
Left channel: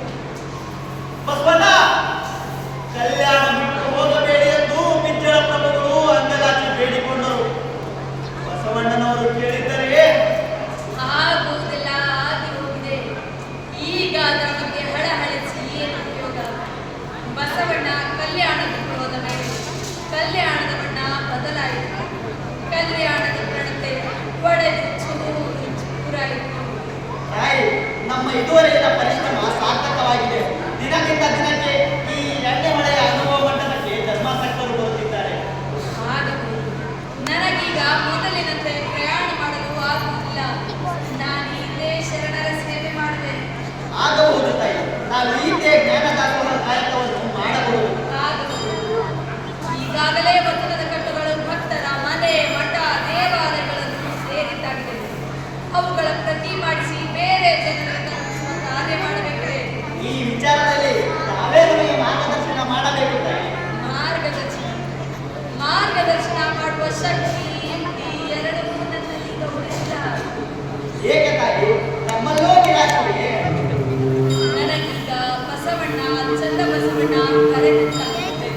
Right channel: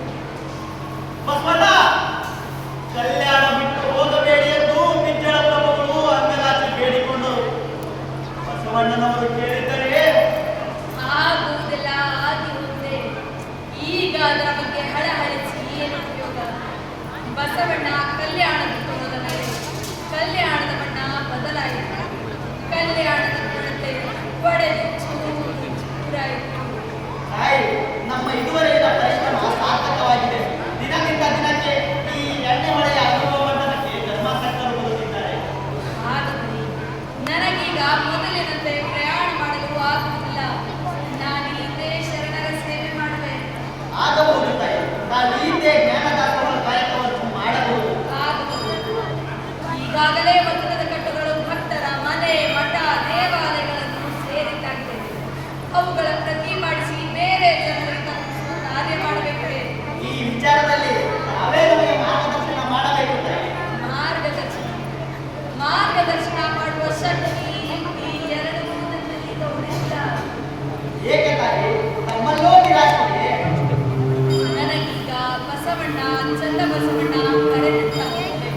ಬಸವಣ್ಣ ಕಲ್ಯಾಣ ಬಿಟ್ಟು ಹೋಗಬೇಡಿ ಎಂದು ಮಿತ್ರರ ಪ್ರಭುಗಳು ಅಂಗದಾಚಿ ಬೇಡಿಕೊಂಡರು. ಬಸವಣ್ಣನವರು ಕೇಳಿದ್ದರೆ ಆಗುವುದೆಲ್ಲ ಆಗಿ ಹೋಗಿದೆ. ಈಗ ಅದರ ಬಗ್ಗೆ ಹಳಹಳಿಸಿ ಏನು ಉಪಯೋಗ? ಬಸವಣ್ಣ ಕಲ್ಯಾಣ ಬಿಟ್ಟು ಹೋದ ಮೇಲೆ ಕಲ್ಯಾಣದ ಬಣ್ಣ ಬದಲಾಯಿತು. ಕಲ್ಯಾಣದ ಪ್ರಣತೆ ಒಡೆದು ಚೂರಾಯಿತು. ತಾಯಿ, ನಮ್ಮ ಇದುವರೆಗಿನ ಪರಿಶ್ರಮ ಸಾರ್ಥಕವಾಗಿದೆ. ದಿನದಿಂದ ದಿನಕ್ಕೆ ಈ ಎಣ್ಣೆ ಹೊಳೆಯ ಅನುಭವಕ್ಕೆ ಧರ್ಮಾಸಕ್ತರು ಬರುತ್ತಿದ್ದಾರೆ. ಆಗಬಹುದು. ನನಗೀಗ ಮೊದಲಿನಂತೆ ಪ್ರಯಾಣ ಮಾಡಲು ಆಗುವುದಿಲ್ಲ. ನಾನು ಇದೇ ಶರಣರ ಸೇವೆ ಮಾಡಿದೆ. ಆಗಬಹುದು ತಾಯಿ, ನಾವು ಹೀಗೆ ಜ್ಞಾನದಾಸಗಳ ಕಾಯಕವನ್ನು ಮಾಡಬಹುದು. ಆಗಬಹುದು. ಈಗಾಗಲೇ ವಚನದ ಕಟ್ಟುಗಳು ಭಕ್ತರ ಮನೆ ಮಠ ದೇವಾಲಯಗಳನ್ನು ಸೇರಿದ್ದಾಗಿದೆ. ಅವುಗಳ ಪ್ರತಿ ಮಾಡಿಸಿ ಬೇರೆ ಜನರಿಗೆ ತಲುಪಿಸುವ ಕಾರ್ಯ ಮಾಡಬೇಕೇ. ಈ ವಿಚಾರದಲ್ಲಿ ತಾವೇ ನಮಗೆ ಮಾರ್ಗದರ್ಶನ ಮಾಡಬೇಕು ತಾಯಿ. ಮಾರ್ಗದರ್ಶನ ಮಾಡುವ ಶಕ್ತಿ ಈ ಎರಡು ನನ್ನಲ್ಲಿ ಉಳಿದಿಲ್ಲ. ಏಕೆ ತಾಯಿ, ತಮ್ಮಲ್ಲೋ ನಿರಾಶೆ? ನನಗೀಗ ಬಸವಣ್ಣ ಚಂದ ಬಸವಣ್ಣ ಕರೆದಂತಾಗಿದೆ.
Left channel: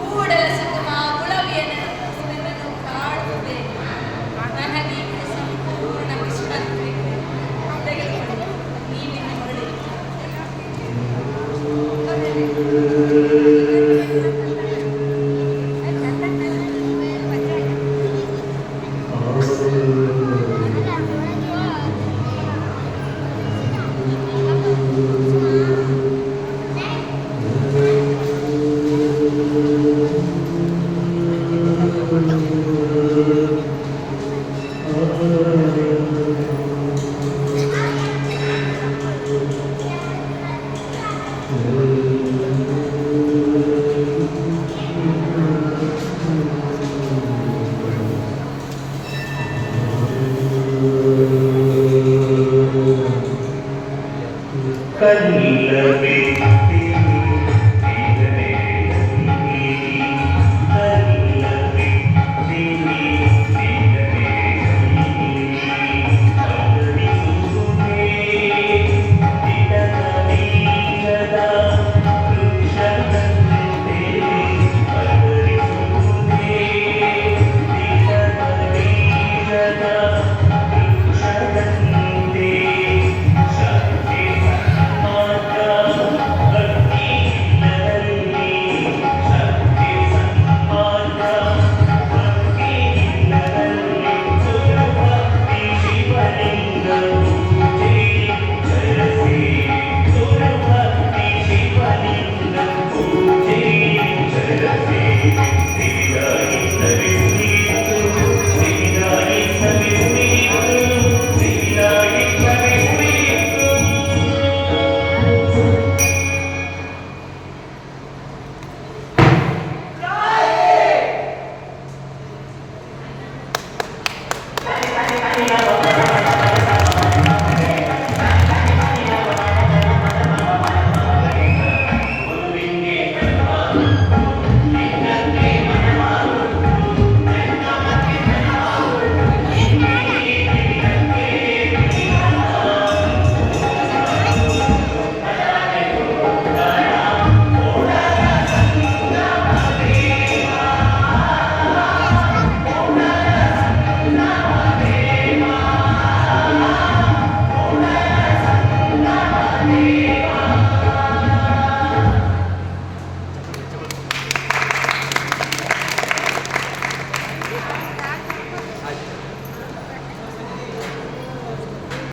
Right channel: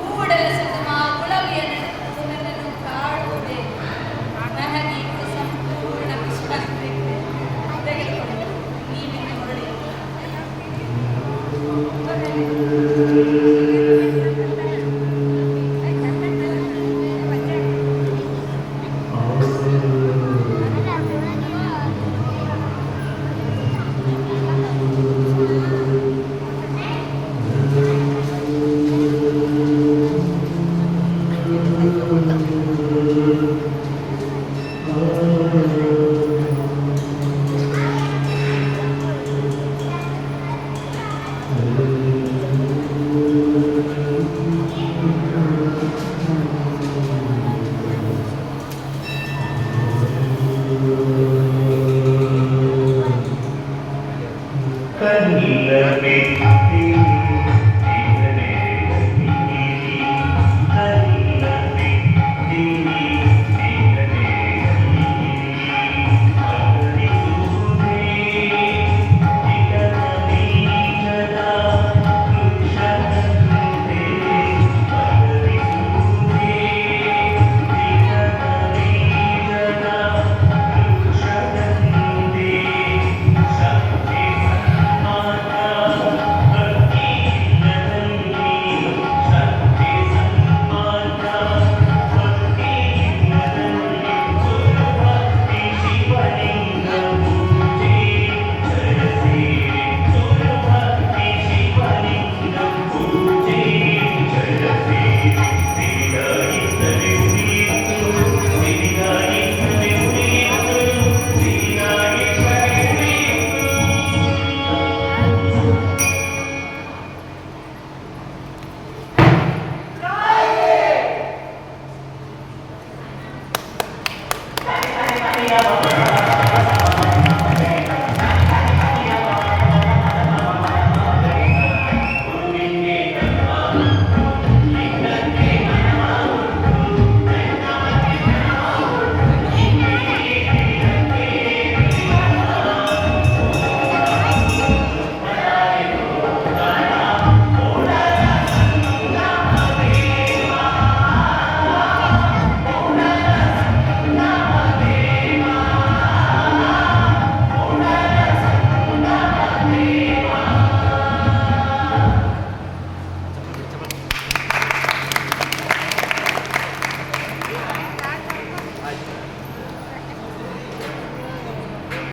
ಕೂಡಲ ಸಂಗಮ ಉಳವಿಯ ನೆನಪು ನನ್ನನ್ನು ಕಾಡುತ್ತದೆ. ನನಗೀಗ ಸಂಪೂರ್ಣ ವಿಶ್ವಾಸ ತೆಗೆದುಕೊಂಡು ನೀವಿನ ಹೊರಡಿ. Amen.